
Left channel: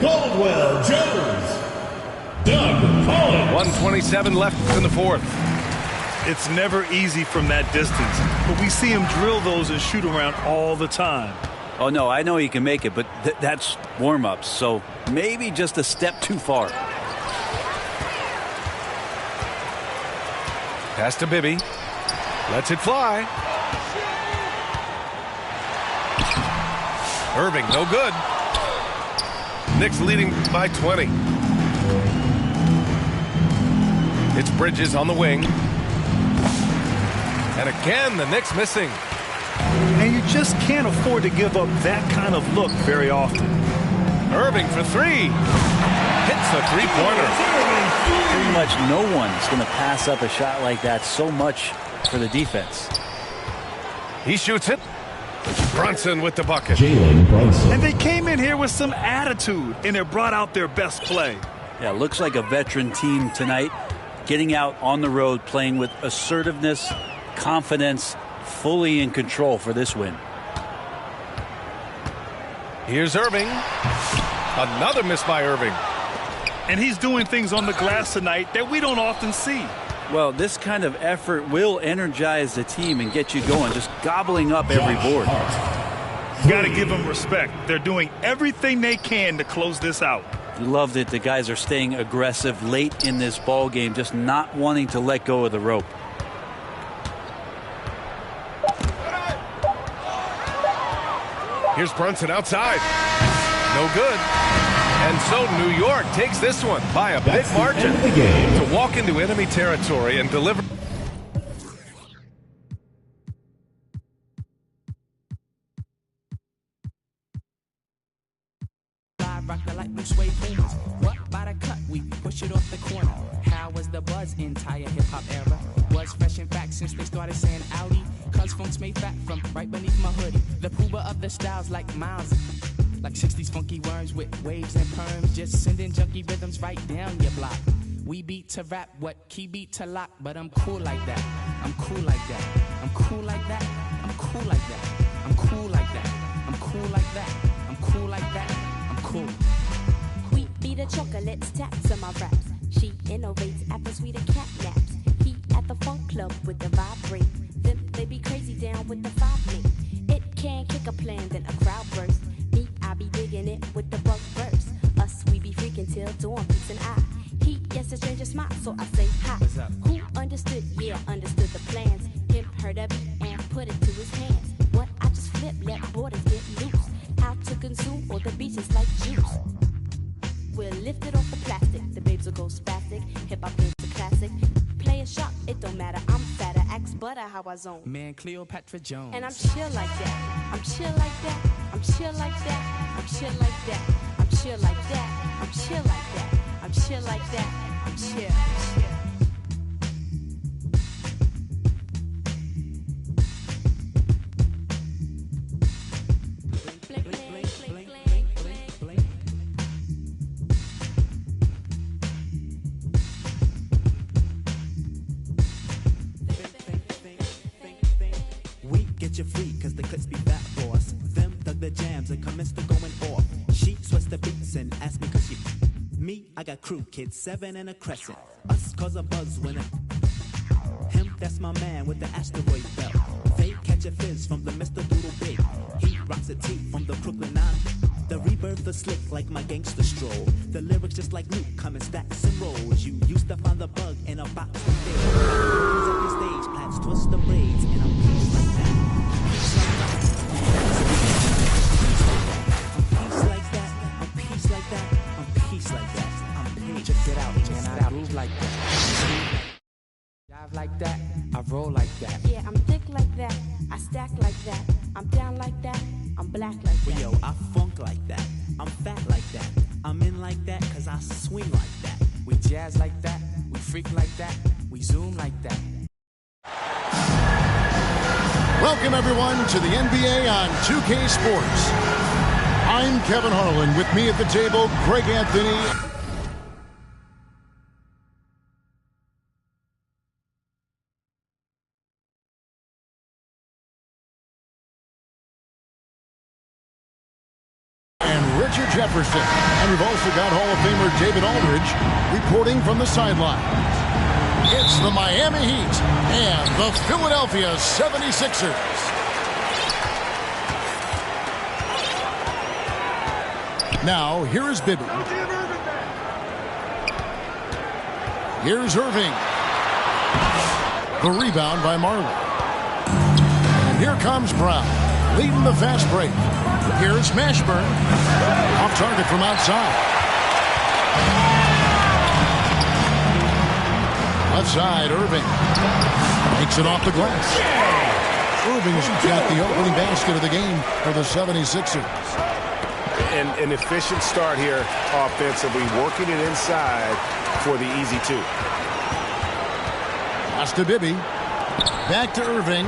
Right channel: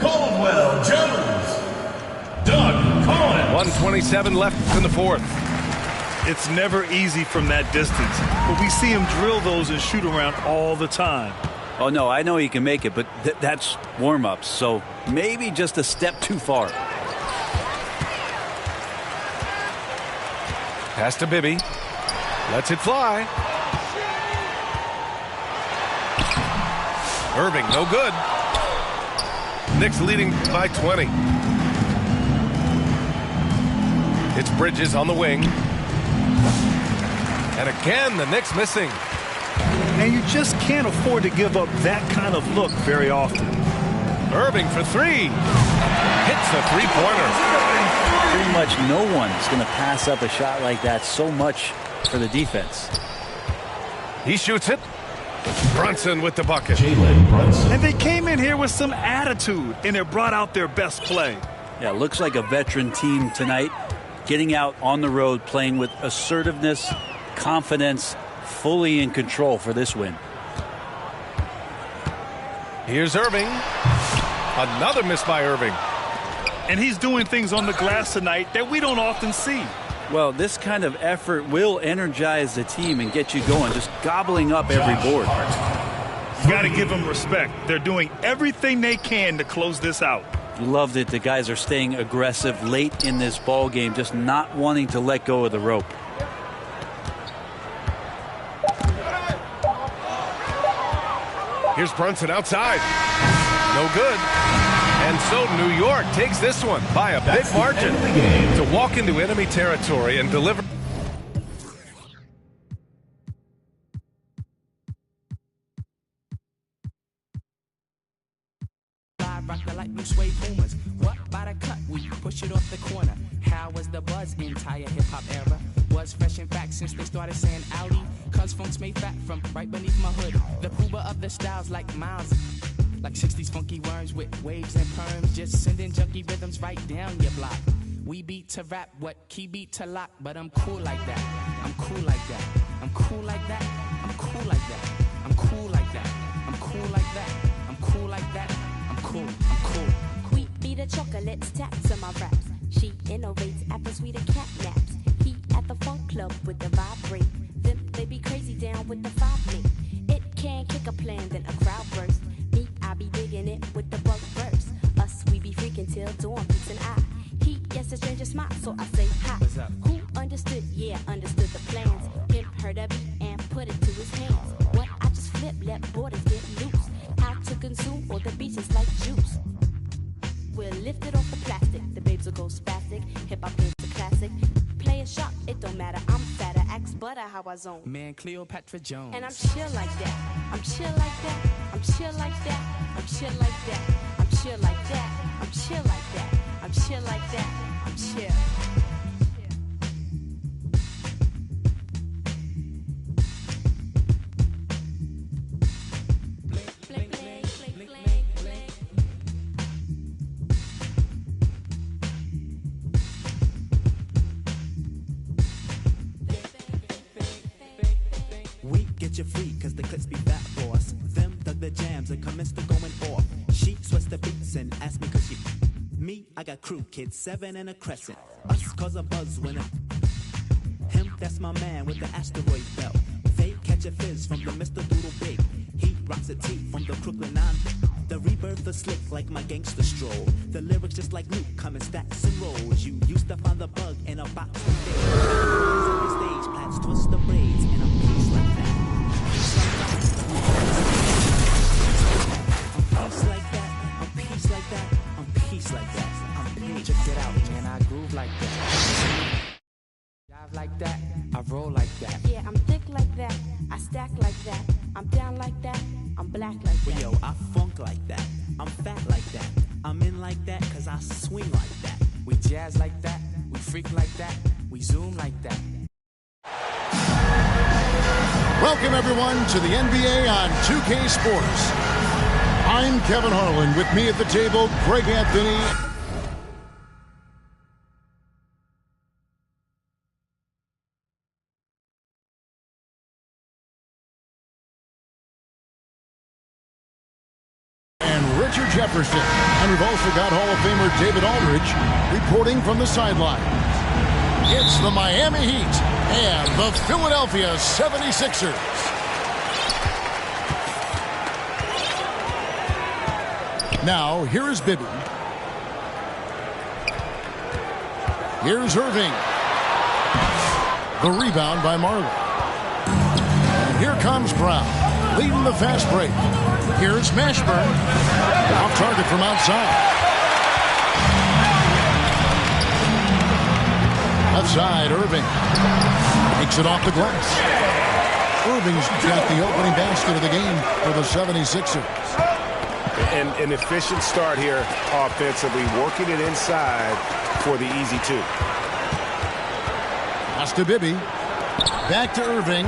Caldwell Jones, Doug Collins. 1:27 left in the fourth. It's never easy from that distance, but we see him drill those and shoot around all the time. Oh, no, I know he can make it, but that's warm-ups, so maybe just a step too far. Pass to Bibby. Lets it fly. Irving, no good. Knicks leading by 20. It's Bridges on the wing. And again, the Knicks missing. And you just can't afford to give up that kind of look very often. Irving for three. Hits a three-pointer. Pretty much no one's going to pass up a shot like that so much for the defense. He shoots it. Brunson with the bucket. Jalen Brunson. And they came in here with some attitude, and they brought out their best play. Yeah, looks like a veteran team tonight, getting out on the road, playing with assertiveness, confidence, fully in control for this win. Here's Irving. Another miss by Irving. And he's doing things on the glass tonight that we don't often see. Well, this kind of effort will energize the team and get you going, just gobbling up every board. You got to give them respect. They're doing everything they can to close this out. You love that the guys are staying aggressive late in this ball game, just not wanting to let go of the rope. Here's Brunson outside. No good. And so New York takes this one by a big margin to walk into enemy territory and deliver. Rock the light blue suede boomers. What by the cut? We push it off the corner. How was the buzz entire hip hop era? Was fresh in fact since they started saying Audi. Cuz funks made fat from right beneath my hood. The pooba of the styles like Miles. Like 60s funky worms with waves and perms. Just sending junky rhythms right down your block. We beat to rap, what key beat to lock. But I'm cool like that. I'm cool like that. I'm cool like that. I'm cool like that. I'm cool like that. I'm cool like that. I'm cool like that. I'm cool. I'm cool. We be the chocolates tapped to my raps. She innovates after sweeter cat naps. He at the funk club with the vibrate. Them they be crazy down with the 5 me. It can kick a plan, then a crowd burst. Me, I be digging it with the bug burst. Us, we be freaking till dawn beats an eye. He gets a stranger smile, so I say hi. Who understood? Yeah, understood the plans. Him heard of it and put it to his hands. What I just flip, let borders get loose. How to consume all the beaches like juice. We'll lift it off the plastic. The babes will go spastic. Hip hop game's a classic. Play a shot, it don't matter. I'm fatter, axe butter, how I zone. Man, Cleopatra Jones. And I'm chill like that. I'm chill like that. I'm chill like that. I'm chill like that. I'm chill like that. I'm chill like that. I'm chill like that. I'm chill. You free, cause the clips be fat for us. Them dug the jams and commenced to going off. She sweats the beats and asked me cause she. Me, I got crew kids, 7 and a crescent. Us cause a buzz when him, that's my man with the asteroid belt. They catch a fizz from the Mr. Doodle Big. He rocks a tee from the Crooklyn 9. The rebirth is slick like my gangster stroll. The lyrics just like Luke come in stacks and rolls. You used to find the bug in a box of days. Every stage, plats twist the braids, and I'm peace like that. Check it out, man, I groove like that. Dive like that, I roll like that. Yeah, I'm thick like that, I stack like that. I'm down like that, I'm black like that. Yo, I funk like that, I'm fat like that. I'm in like that, cause I swing like that. We jazz like that, we freak like that, we zoom like that. Welcome, everyone, to the NBA on 2K Sports. I'm Kevin Harlan. With me at the table, Greg Anthony. And Richard Jefferson. And we've also got Hall of Famer David Aldridge reporting from the sidelines. It's the Miami Heat and the Philadelphia 76ers. Now, here is Bibby. Here's Irving. The rebound by Marley. And here comes Brown, leading the fast break. Here's Mashburn. Off target from outside. Left side, Irving. Takes it off the glass. Irving's got the opening basket of the game for the 76ers. An efficient start here offensively, working it inside for the easy two. Pass to Bibby. Back to Irving.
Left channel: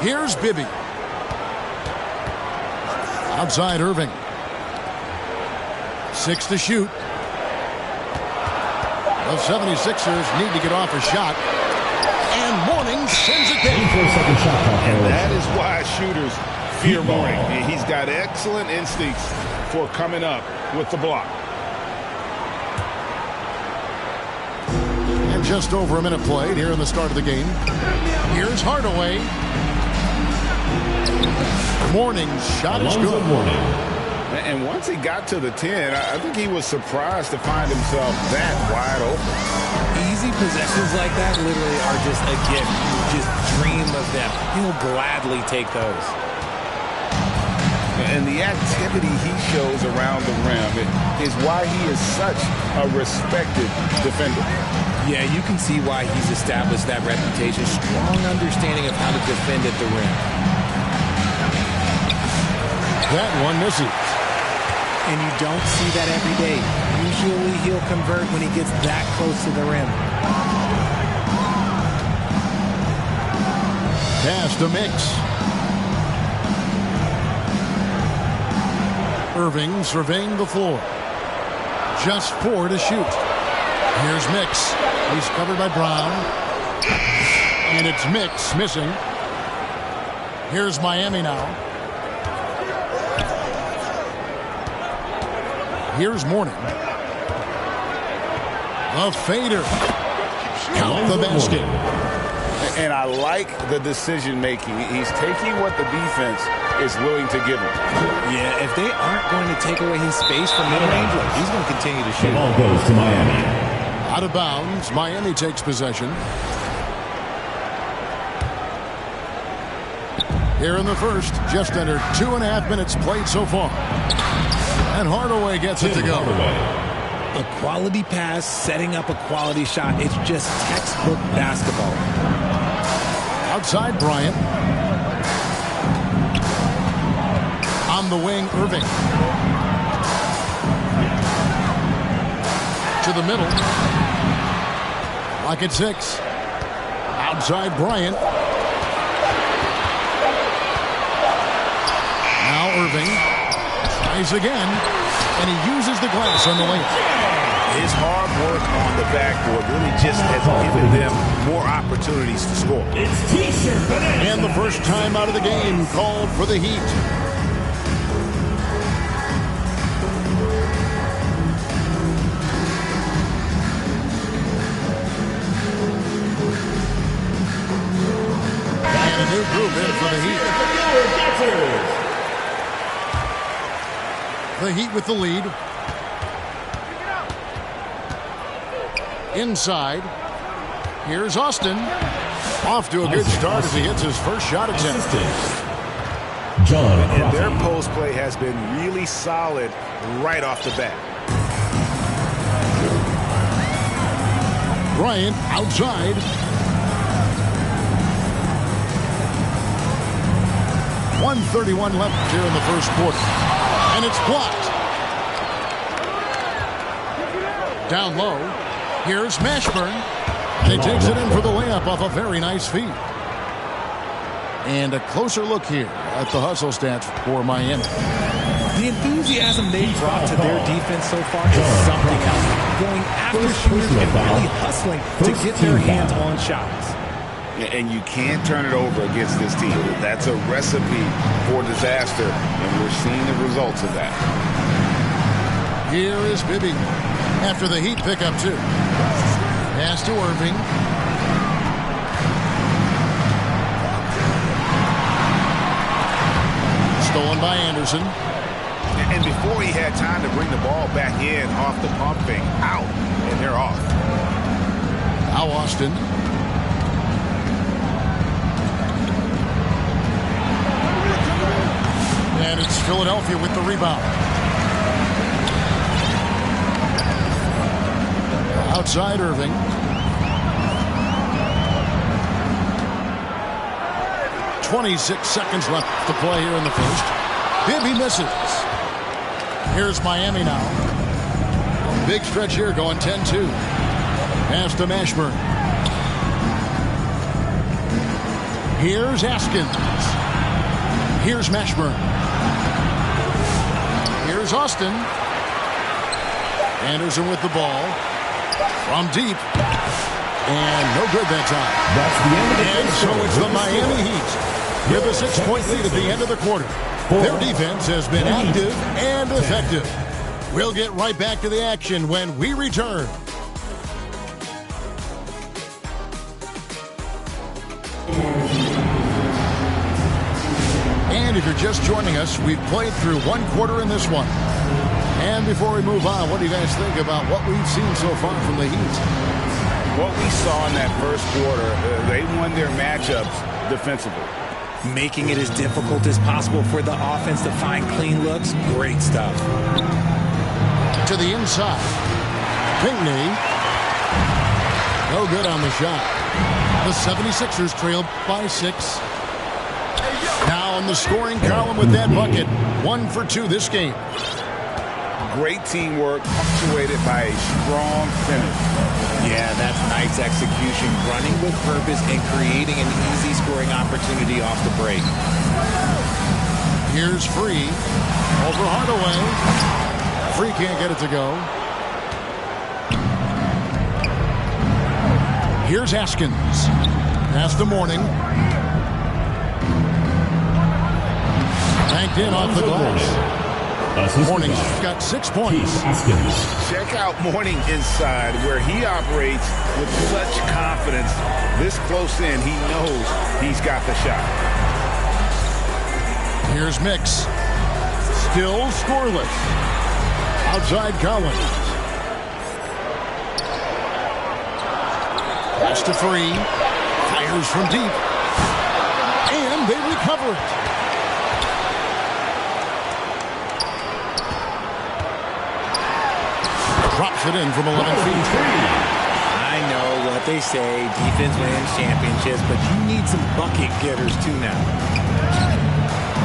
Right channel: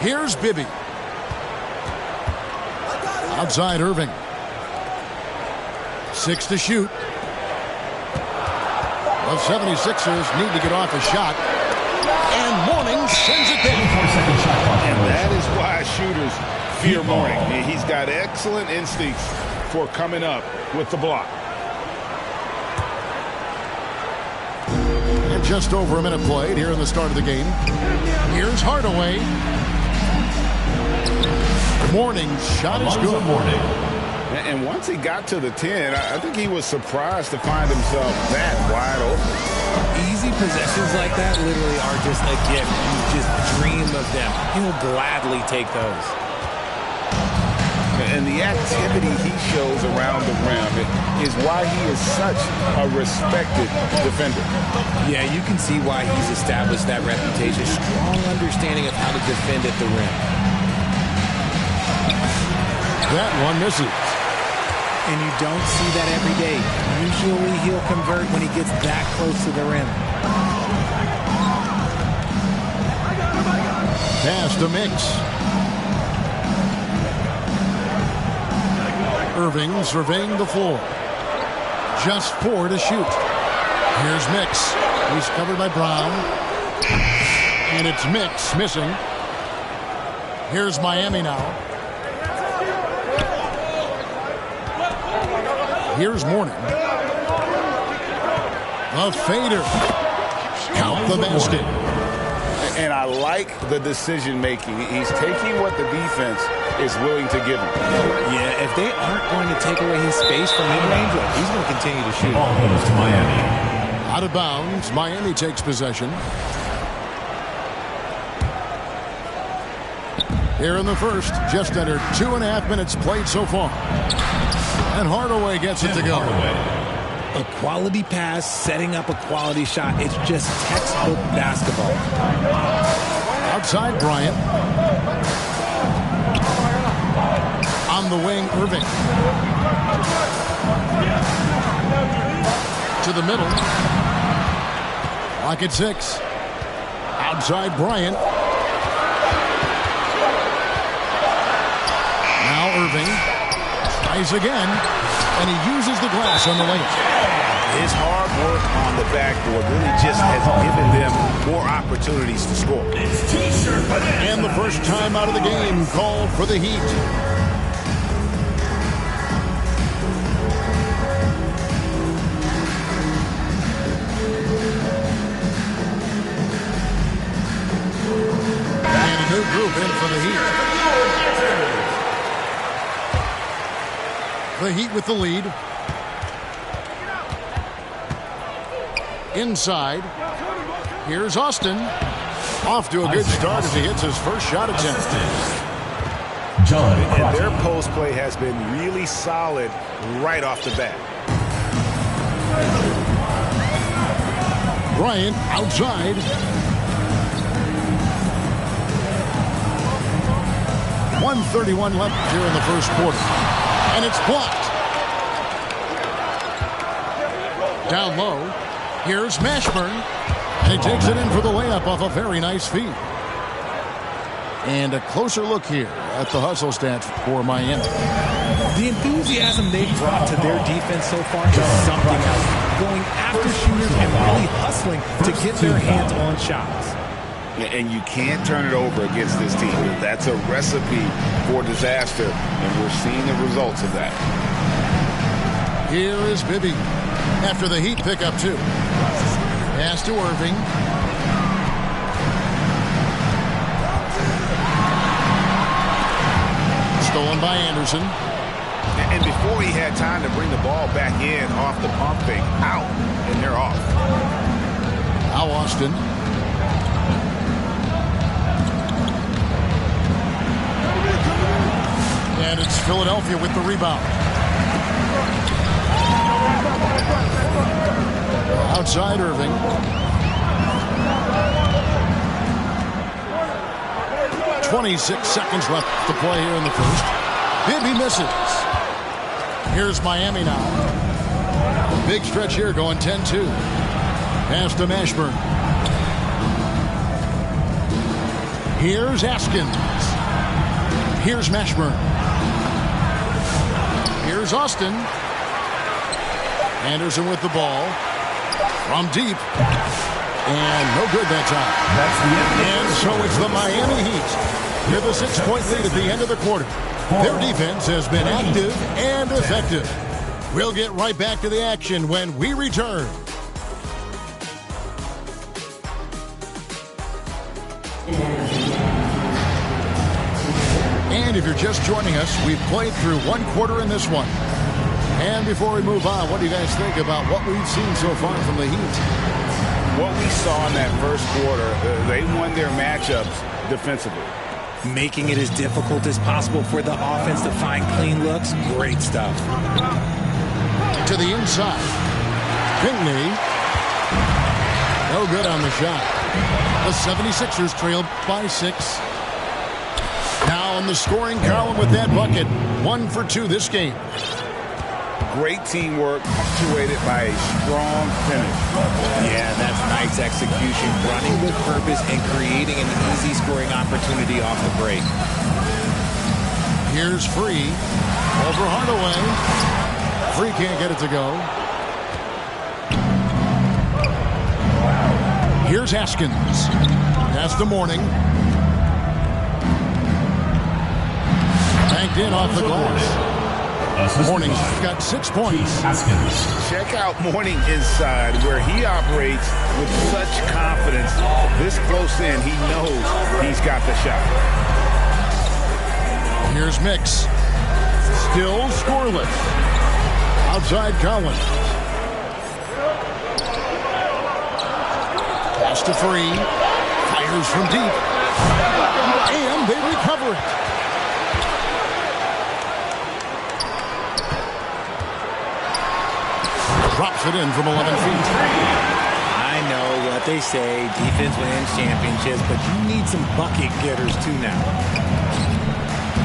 Here's Bibby. Outside Irving. 6 to shoot. The 76ers need to get off a shot. And Mourning sends it down. And that is why shooters fear Mourning. He's got excellent instincts for coming up with the block. And just over a minute played here in the start of the game. Here's Hardaway. Mourning's shot is good. And once he got to the 10, I think he was surprised to find himself that wide open. Easy possessions like that literally are just a gift. You just dream of them. He'll gladly take those. And the activity he shows around the rim is why he is such a respected defender. Yeah, you can see why he's established that reputation. Strong understanding of how to defend at the rim. That one misses. And you don't see that every day. Usually he'll convert when he gets that close to the rim. Pass to Mix. Irving surveying the floor. Just 4 to shoot. Here's Mix. He's covered by Brown. And it's Mix missing. Here's Miami now. Here's Mourning. The fader. Count the basket. And I like the decision making. He's taking what the defense is willing to give him. Yeah, if they aren't going to take away his space from mid-range, he's going to continue to shoot. The ball goes to Miami. Out of bounds. Miami takes possession. Here in the first, just under 2.5 minutes played so far. And Hardaway gets it to go. A quality pass, setting up a quality shot. It's just textbook basketball. Outside Bryant. On the wing, Irving. To the middle. Lock at 6. Outside Bryant. Now Irving. Tries again. And he uses the glass on the layup. His hard work on the backboard really just has given them more opportunities to score. And the first time out of the game called for the Heat. And a new group in for the Heat. The Heat with the lead. Inside. Here's Austin. Off to a good start as he hits his first shot attempt. And their post play has been really solid right off the bat. Bryant outside. .131 left here in the first quarter. And it's blocked. Down low. Here's Mashburn. And he takes it in for the layup off a very nice feed. And a closer look here at the hustle stats for Miami. The enthusiasm they've brought to their defense so far is something else. Going after shooters and really hustling to get their hands on shots. And you can't turn it over against this team. That's a recipe for disaster, and we're seeing the results of that. Here is Bibby after the Heat pick up 2. Pass to Irving. Stolen by Anderson. And before he had time to bring the ball back in off the pump fake, out, and they're off. Now Austin. And it's Philadelphia with the rebound. Outside Irving. .26 seconds left to play here in the first. Bibby misses. Here's Miami now. Big stretch here going 10-2. Pass to Mashburn. Here's Askins. Here's Mashburn. Here's Austin. Anderson with the ball. From deep. And no good that time. That's the end of the And so it's the Miami Heat with a 6-point lead at the end of the quarter. Their defense has been active and effective. We'll get right back to the action when we return. And if you're just joining us, we've played through one quarter in this one. And before we move on, what do you guys think about what we've seen so far from the Heat? What we saw in that first quarter, they won their matchups defensively. Making it as difficult as possible for the offense to find clean looks. Great stuff. To the inside. Pinckney. No good on the shot. The 76ers trailed by 6. Now in the scoring column with that bucket. 1 for 2 this game. Great teamwork, punctuated by a strong finish. Yeah, that's nice execution, running with purpose and creating an easy scoring opportunity off the break. Here's Free. Over Hardaway. Free can't get it to go. Here's Askins. Pass to Morning. Banked in off the glass. Morning's got 6 points. Check out Morning inside, where he operates with such confidence. This close in, he knows he's got the shot. Here's Mix. Still scoreless. Outside Collins. Pass to Free. Fires from deep. And they recover it. Drops it in from 11 feet. I know what they say, defense wins championships, but you need some bucket getters too now.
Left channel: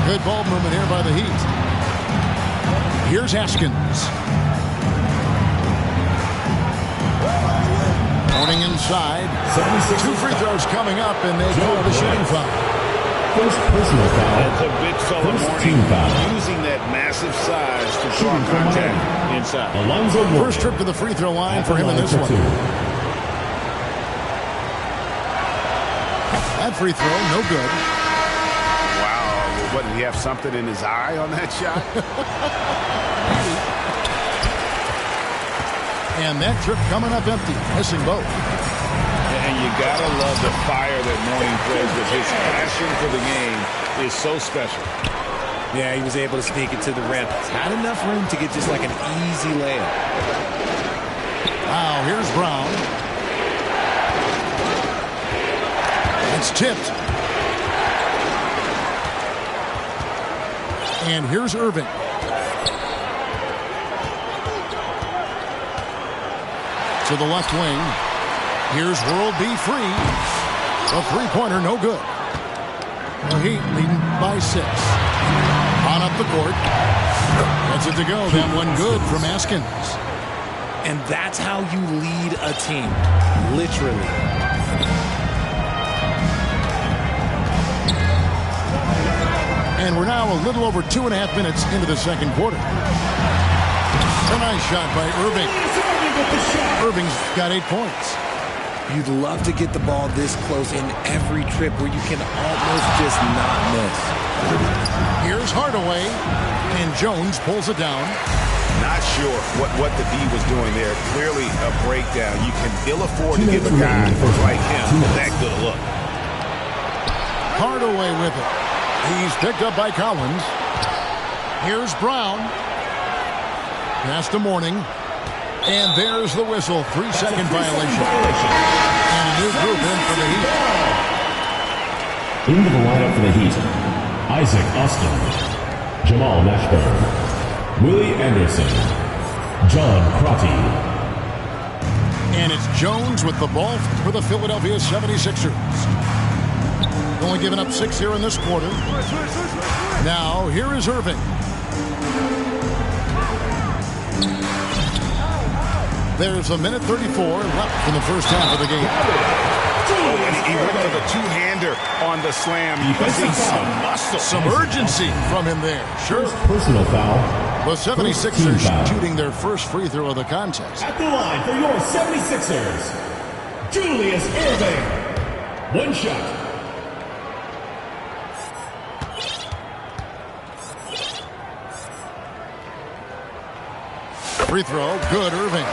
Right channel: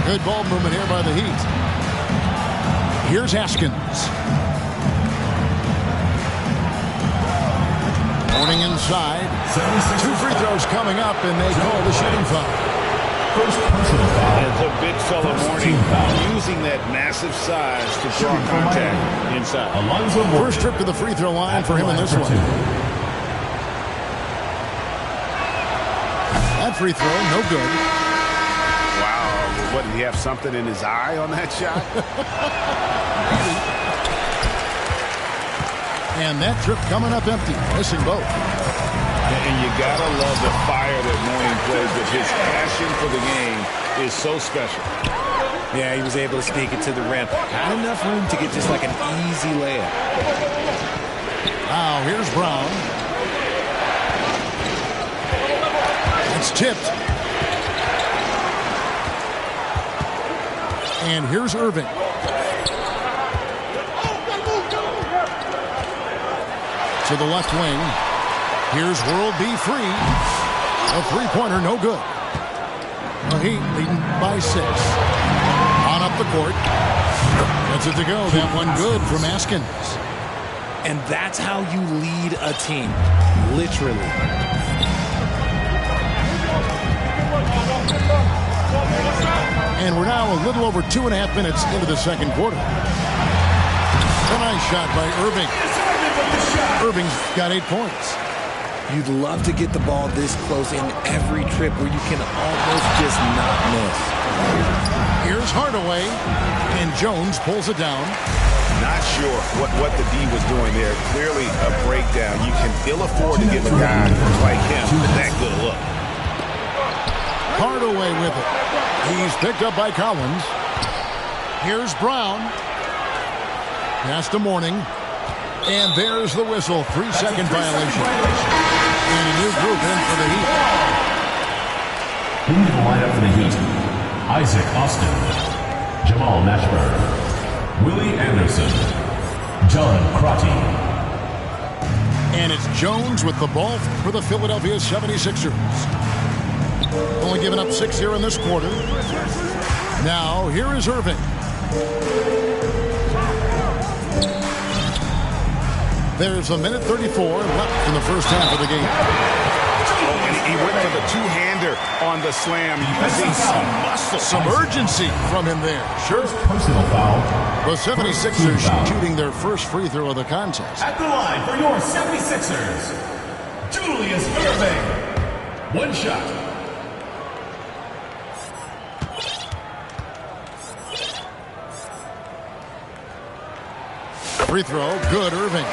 Good ball movement here by the Heat. Here's Askins. Morning inside. 2 free throws coming up, and they call the shooting foul. First personal foul. It's a big fella Morning using that massive size to draw contact inside. First trip to the free throw line for him in this one. That free throw, no good. Wow, what, did he have something in his eye on that shot? Maybe. And that trip coming up empty, missing both. And you gotta love the fire that Morning plays with. His passion for the game is so special. Yeah, he was able to sneak it to the rim. Had enough room to get just like an easy layup. Now here's Brown. It's tipped. And here's Irving. To the left wing. Here's World B Free. A three-pointer, no good. The Heat leading by 6. On up the court. Gets it to go. That one good from Askins. And that's how you lead a team. Literally. And we're now a little over 2.5 minutes into the second quarter. A nice shot by Irving. Irving's got 8 points. You'd love to get the ball this close in every trip where you can almost just not miss. Here's Hardaway, and Jones pulls it down. Not sure what the D was doing there. Clearly a breakdown. You can ill afford to give a guy like him that good a look. Hardaway with it. He's picked up by Collins. Here's Brown. Pass to Mourning. And there's the whistle. 3-second violation. And a new group in for the Heat. Into the lineup for the Heat: Isaac Austin, Jamal Mashburn, Willie Anderson, John Crotty. And it's Jones with the ball for the Philadelphia 76ers. Only giving up 6 here in this quarter. Now, here is Irving. There's 1:34 left in the first half of the game. Oh, and he went for the two-hander on the slam. You can see some muscle. Some urgency from him there. Sure. Personal foul. The 76ers shooting their first free throw of the contest. At the line for your 76ers, Julius Irving. One shot. Free throw, good, Irving.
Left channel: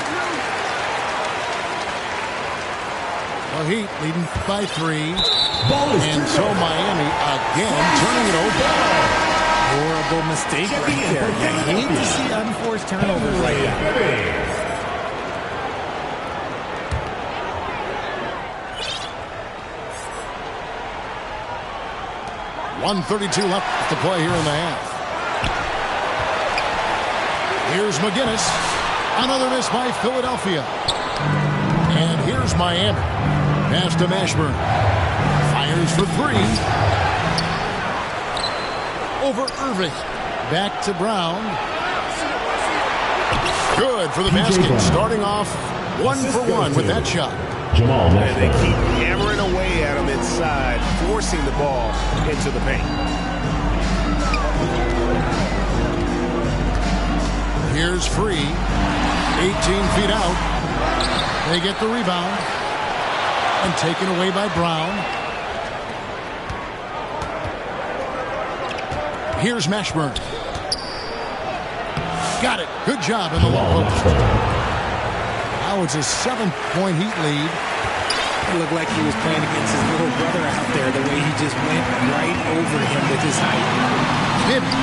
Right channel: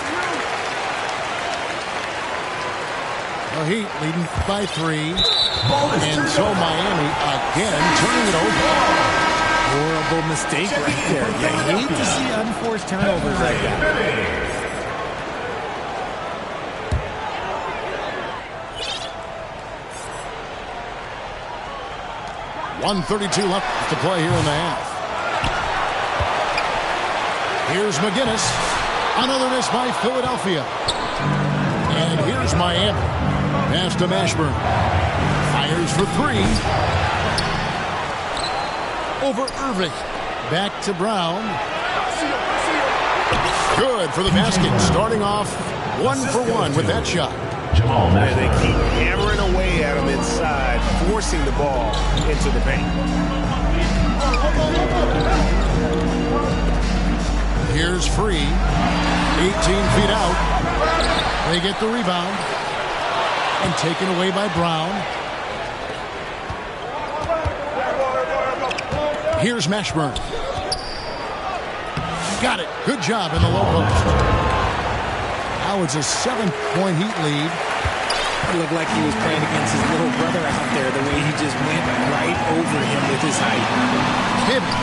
The Heat leading by 3. And so Miami again turning it over. Horrible mistake right there. You hate to see unforced turnovers like that. 1:32 left to play here in the half. Here's McGinnis. Another miss by Philadelphia. And here's Miami. Pass to Mashburn. Fires for 3. Over Irving. Back to Brown. Good for the basket. Starting off 1 for 1 with that shot. Jamal Mashburn. They keep hammering away at him inside, forcing the ball into the paint. Here's Free. 18 feet out. They get the rebound. And taken away by Brown. Here's Mashburn. Got it. Good job in the low post. Now it's a 7-point Heat lead. It looked like he was playing against his little brother out there, the way he just went right over him with his height. Pivot.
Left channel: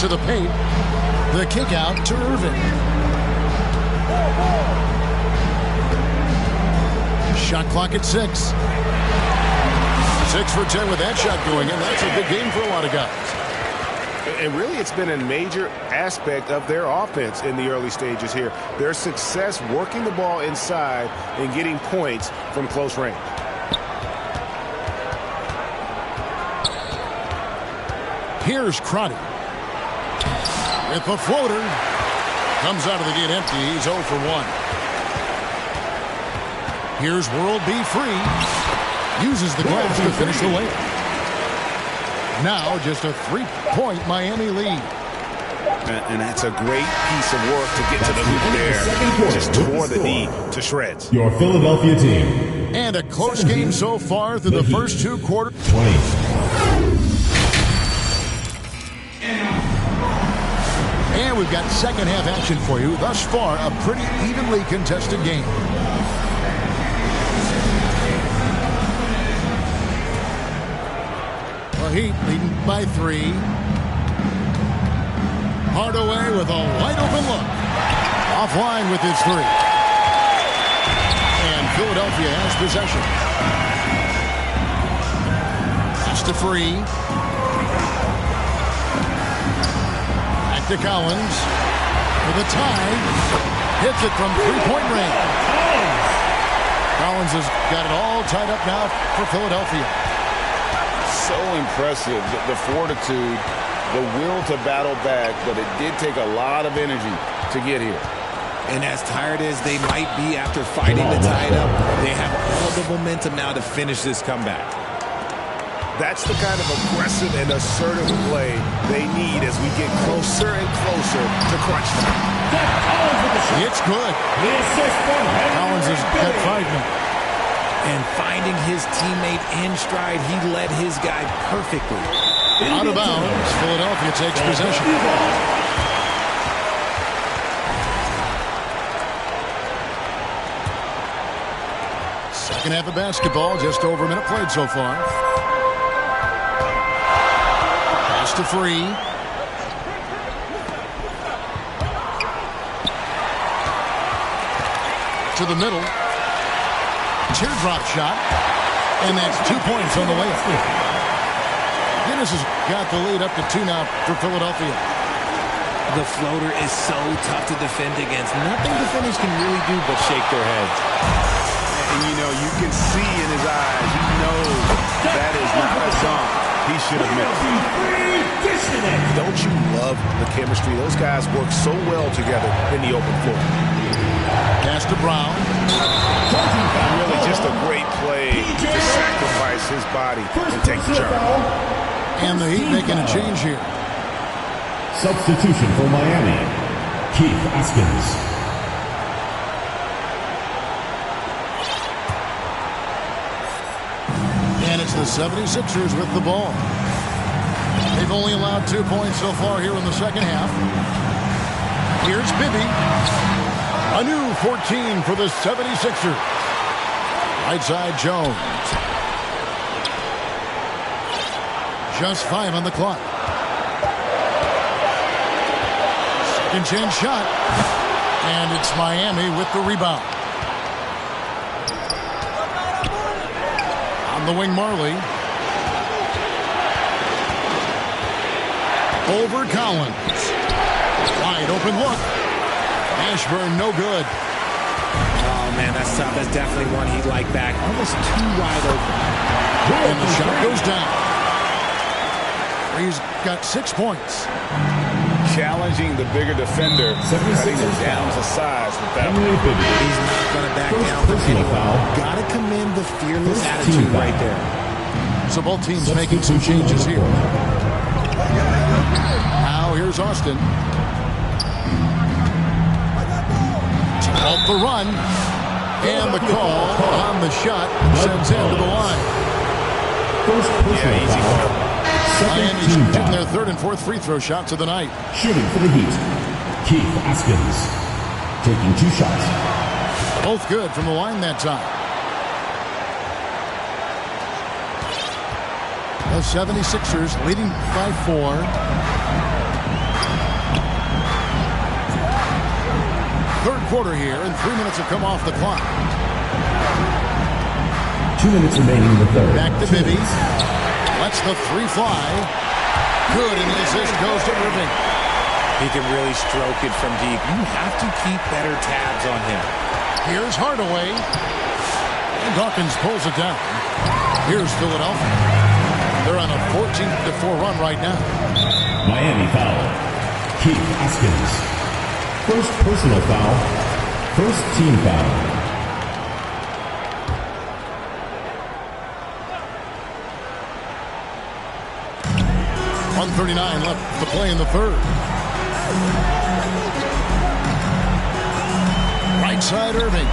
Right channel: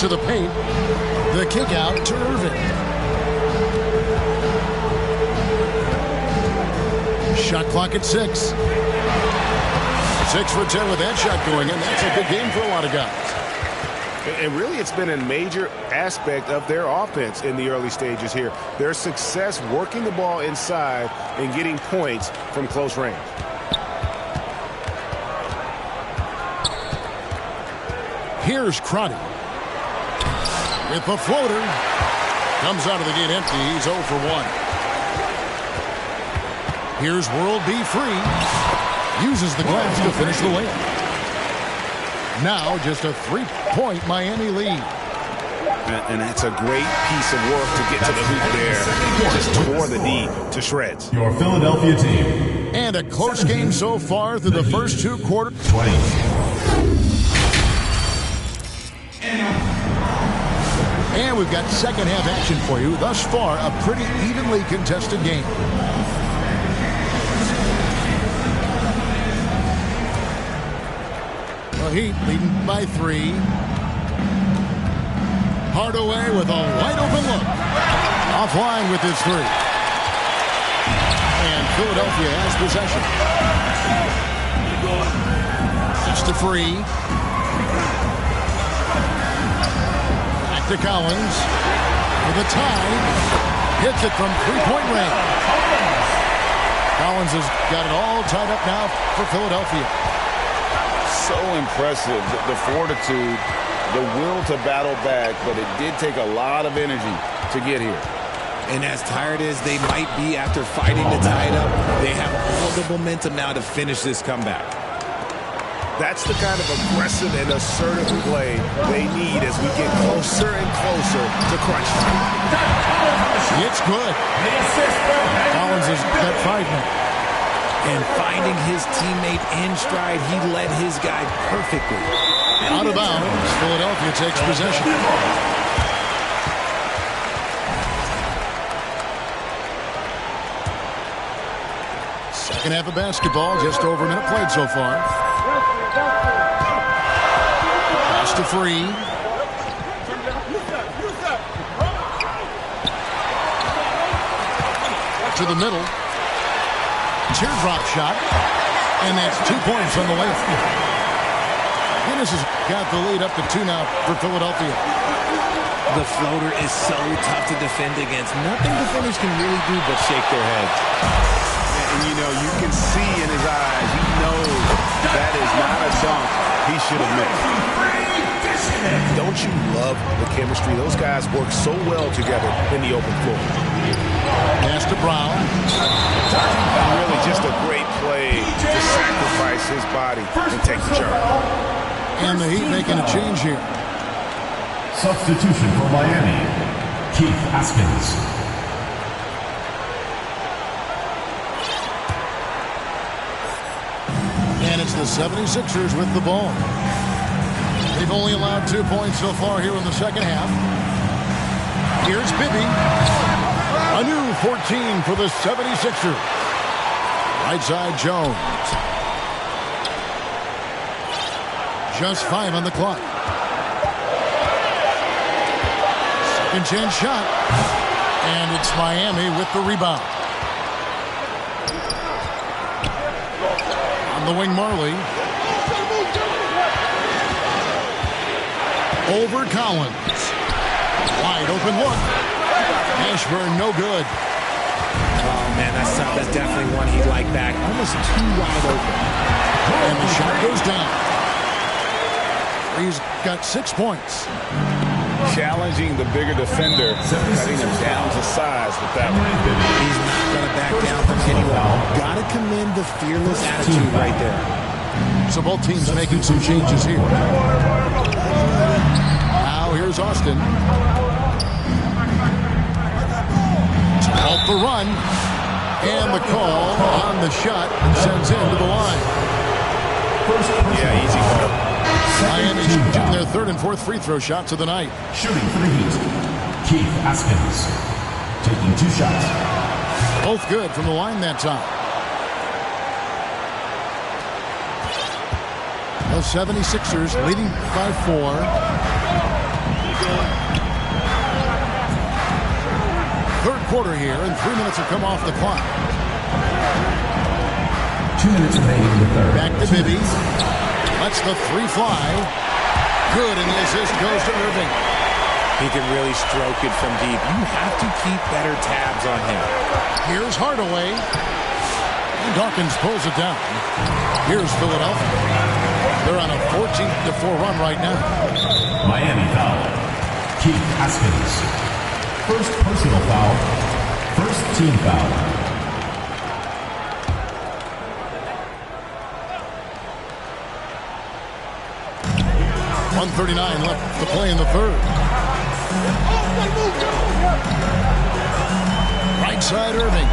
To the paint. The kick out to Irving. Shot clock at 6. 6 for 10 with that shot going in. That's a good game for a lot of guys. And really, it's been a major aspect of their offense in the early stages here. Their success working the ball inside and getting points from close range. Here's Crotty. With the floater. Comes out of the gate empty. He's 0 for 1. Here's World B. Free. Uses the glass to finish the layup. Now just a 3-point Miami lead. And that's a great piece of work to get to the hoop there. Just tore the D to shreds. Your Philadelphia team. And a close game so far through the first 2 quarters. 20. And we've got second half action for you. Thus far, a pretty evenly contested game. The Heat leading by 3. Hardaway with a wide open look. Offline with his 3. And Philadelphia has possession. Pass to Free. Back to Collins. With a tie. Hits it from 3-point range. Collins has got it all tied up now for Philadelphia. So impressive, the fortitude, the will to battle back, but it did take a lot of energy to get here. And as tired as they might be after fighting to tie it up, they have all the momentum now to finish this comeback. That's the kind of aggressive and assertive play they need as we get closer and closer to crunch time. It's good. Collins has got 5 now. And finding his teammate in stride, he led his guy perfectly. Out of bounds, Philadelphia takes possession. Second half of basketball, just over a minute played so far. Pass to Free. To the middle. Teardrop shot. And that's 2 points on the layup. Guinness has got the lead up to 2 now for Philadelphia. The floater is so tough to defend against. Nothing defenders can really do but shake their heads. And, you know, you can see in his eyes, he knows that is not a dunk he should have missed. Don't you love the chemistry? Those guys work so well together in the open floor. Pass to Brown. Really just a great play to sacrifice his body and take the charge. And the Heat making a change here. Substitution for Miami, Keith Askins. And it's the 76ers with the ball. They've only allowed 2 points so far here in the second half. Here's Bibby. A new 14 for the 76ers. Right side Jones. Just 5 on the clock. Second chance shot. And it's Miami with the rebound. On the wing, Marley. Over Collins. Wide open look. Ashburn, no good. Oh, man, that's tough. That's definitely one he'd like back. Almost too wide open. And the shot goes down. He's got 6 points. Challenging the bigger defender, cutting him down to size with that one. He's not going to back down from anyone. Got to commend the fearless attitude right there. So both teams making some changes here. Now here's Austin. To halt the run. And the call on the shot that sends him to the line. Yeah, easy call. Miami shooting their 3rd and 4th free throw shots of the night. Shooting for the Heat, Keith Askins. Taking 2 shots. Both good from the line that time. The 76ers leading by 4. Third quarter here, and 3 minutes have come off the clock. 2 minutes remaining in the third. Back to Bibby. Lets the 3 fly. Good, and the assist goes to Irving. He can really stroke it from deep. You have to keep better tabs on him. Here's Hardaway. And Dawkins pulls it down. Here's Philadelphia. They're on a 14-4 run right now. Miami foul. Keith Askins. First personal foul. First team foul. 1:39 left to play in the third. Right side Irving.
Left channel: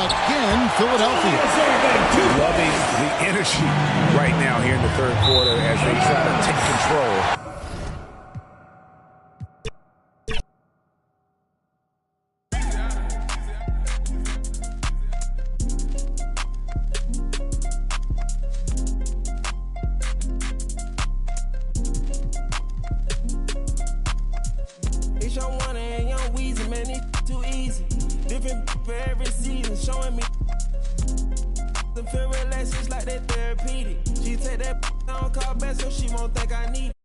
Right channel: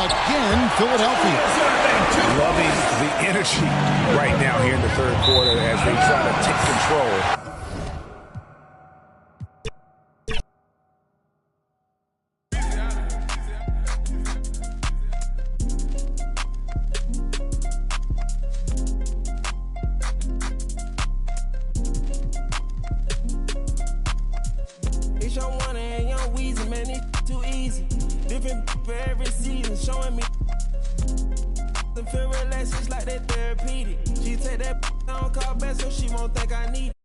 Again, Philadelphia. Loving the energy right now here in the third quarter as they try to take control. Feel relaxed, it's like that therapeutic. She take that, I don't call back, so she won't think I need it.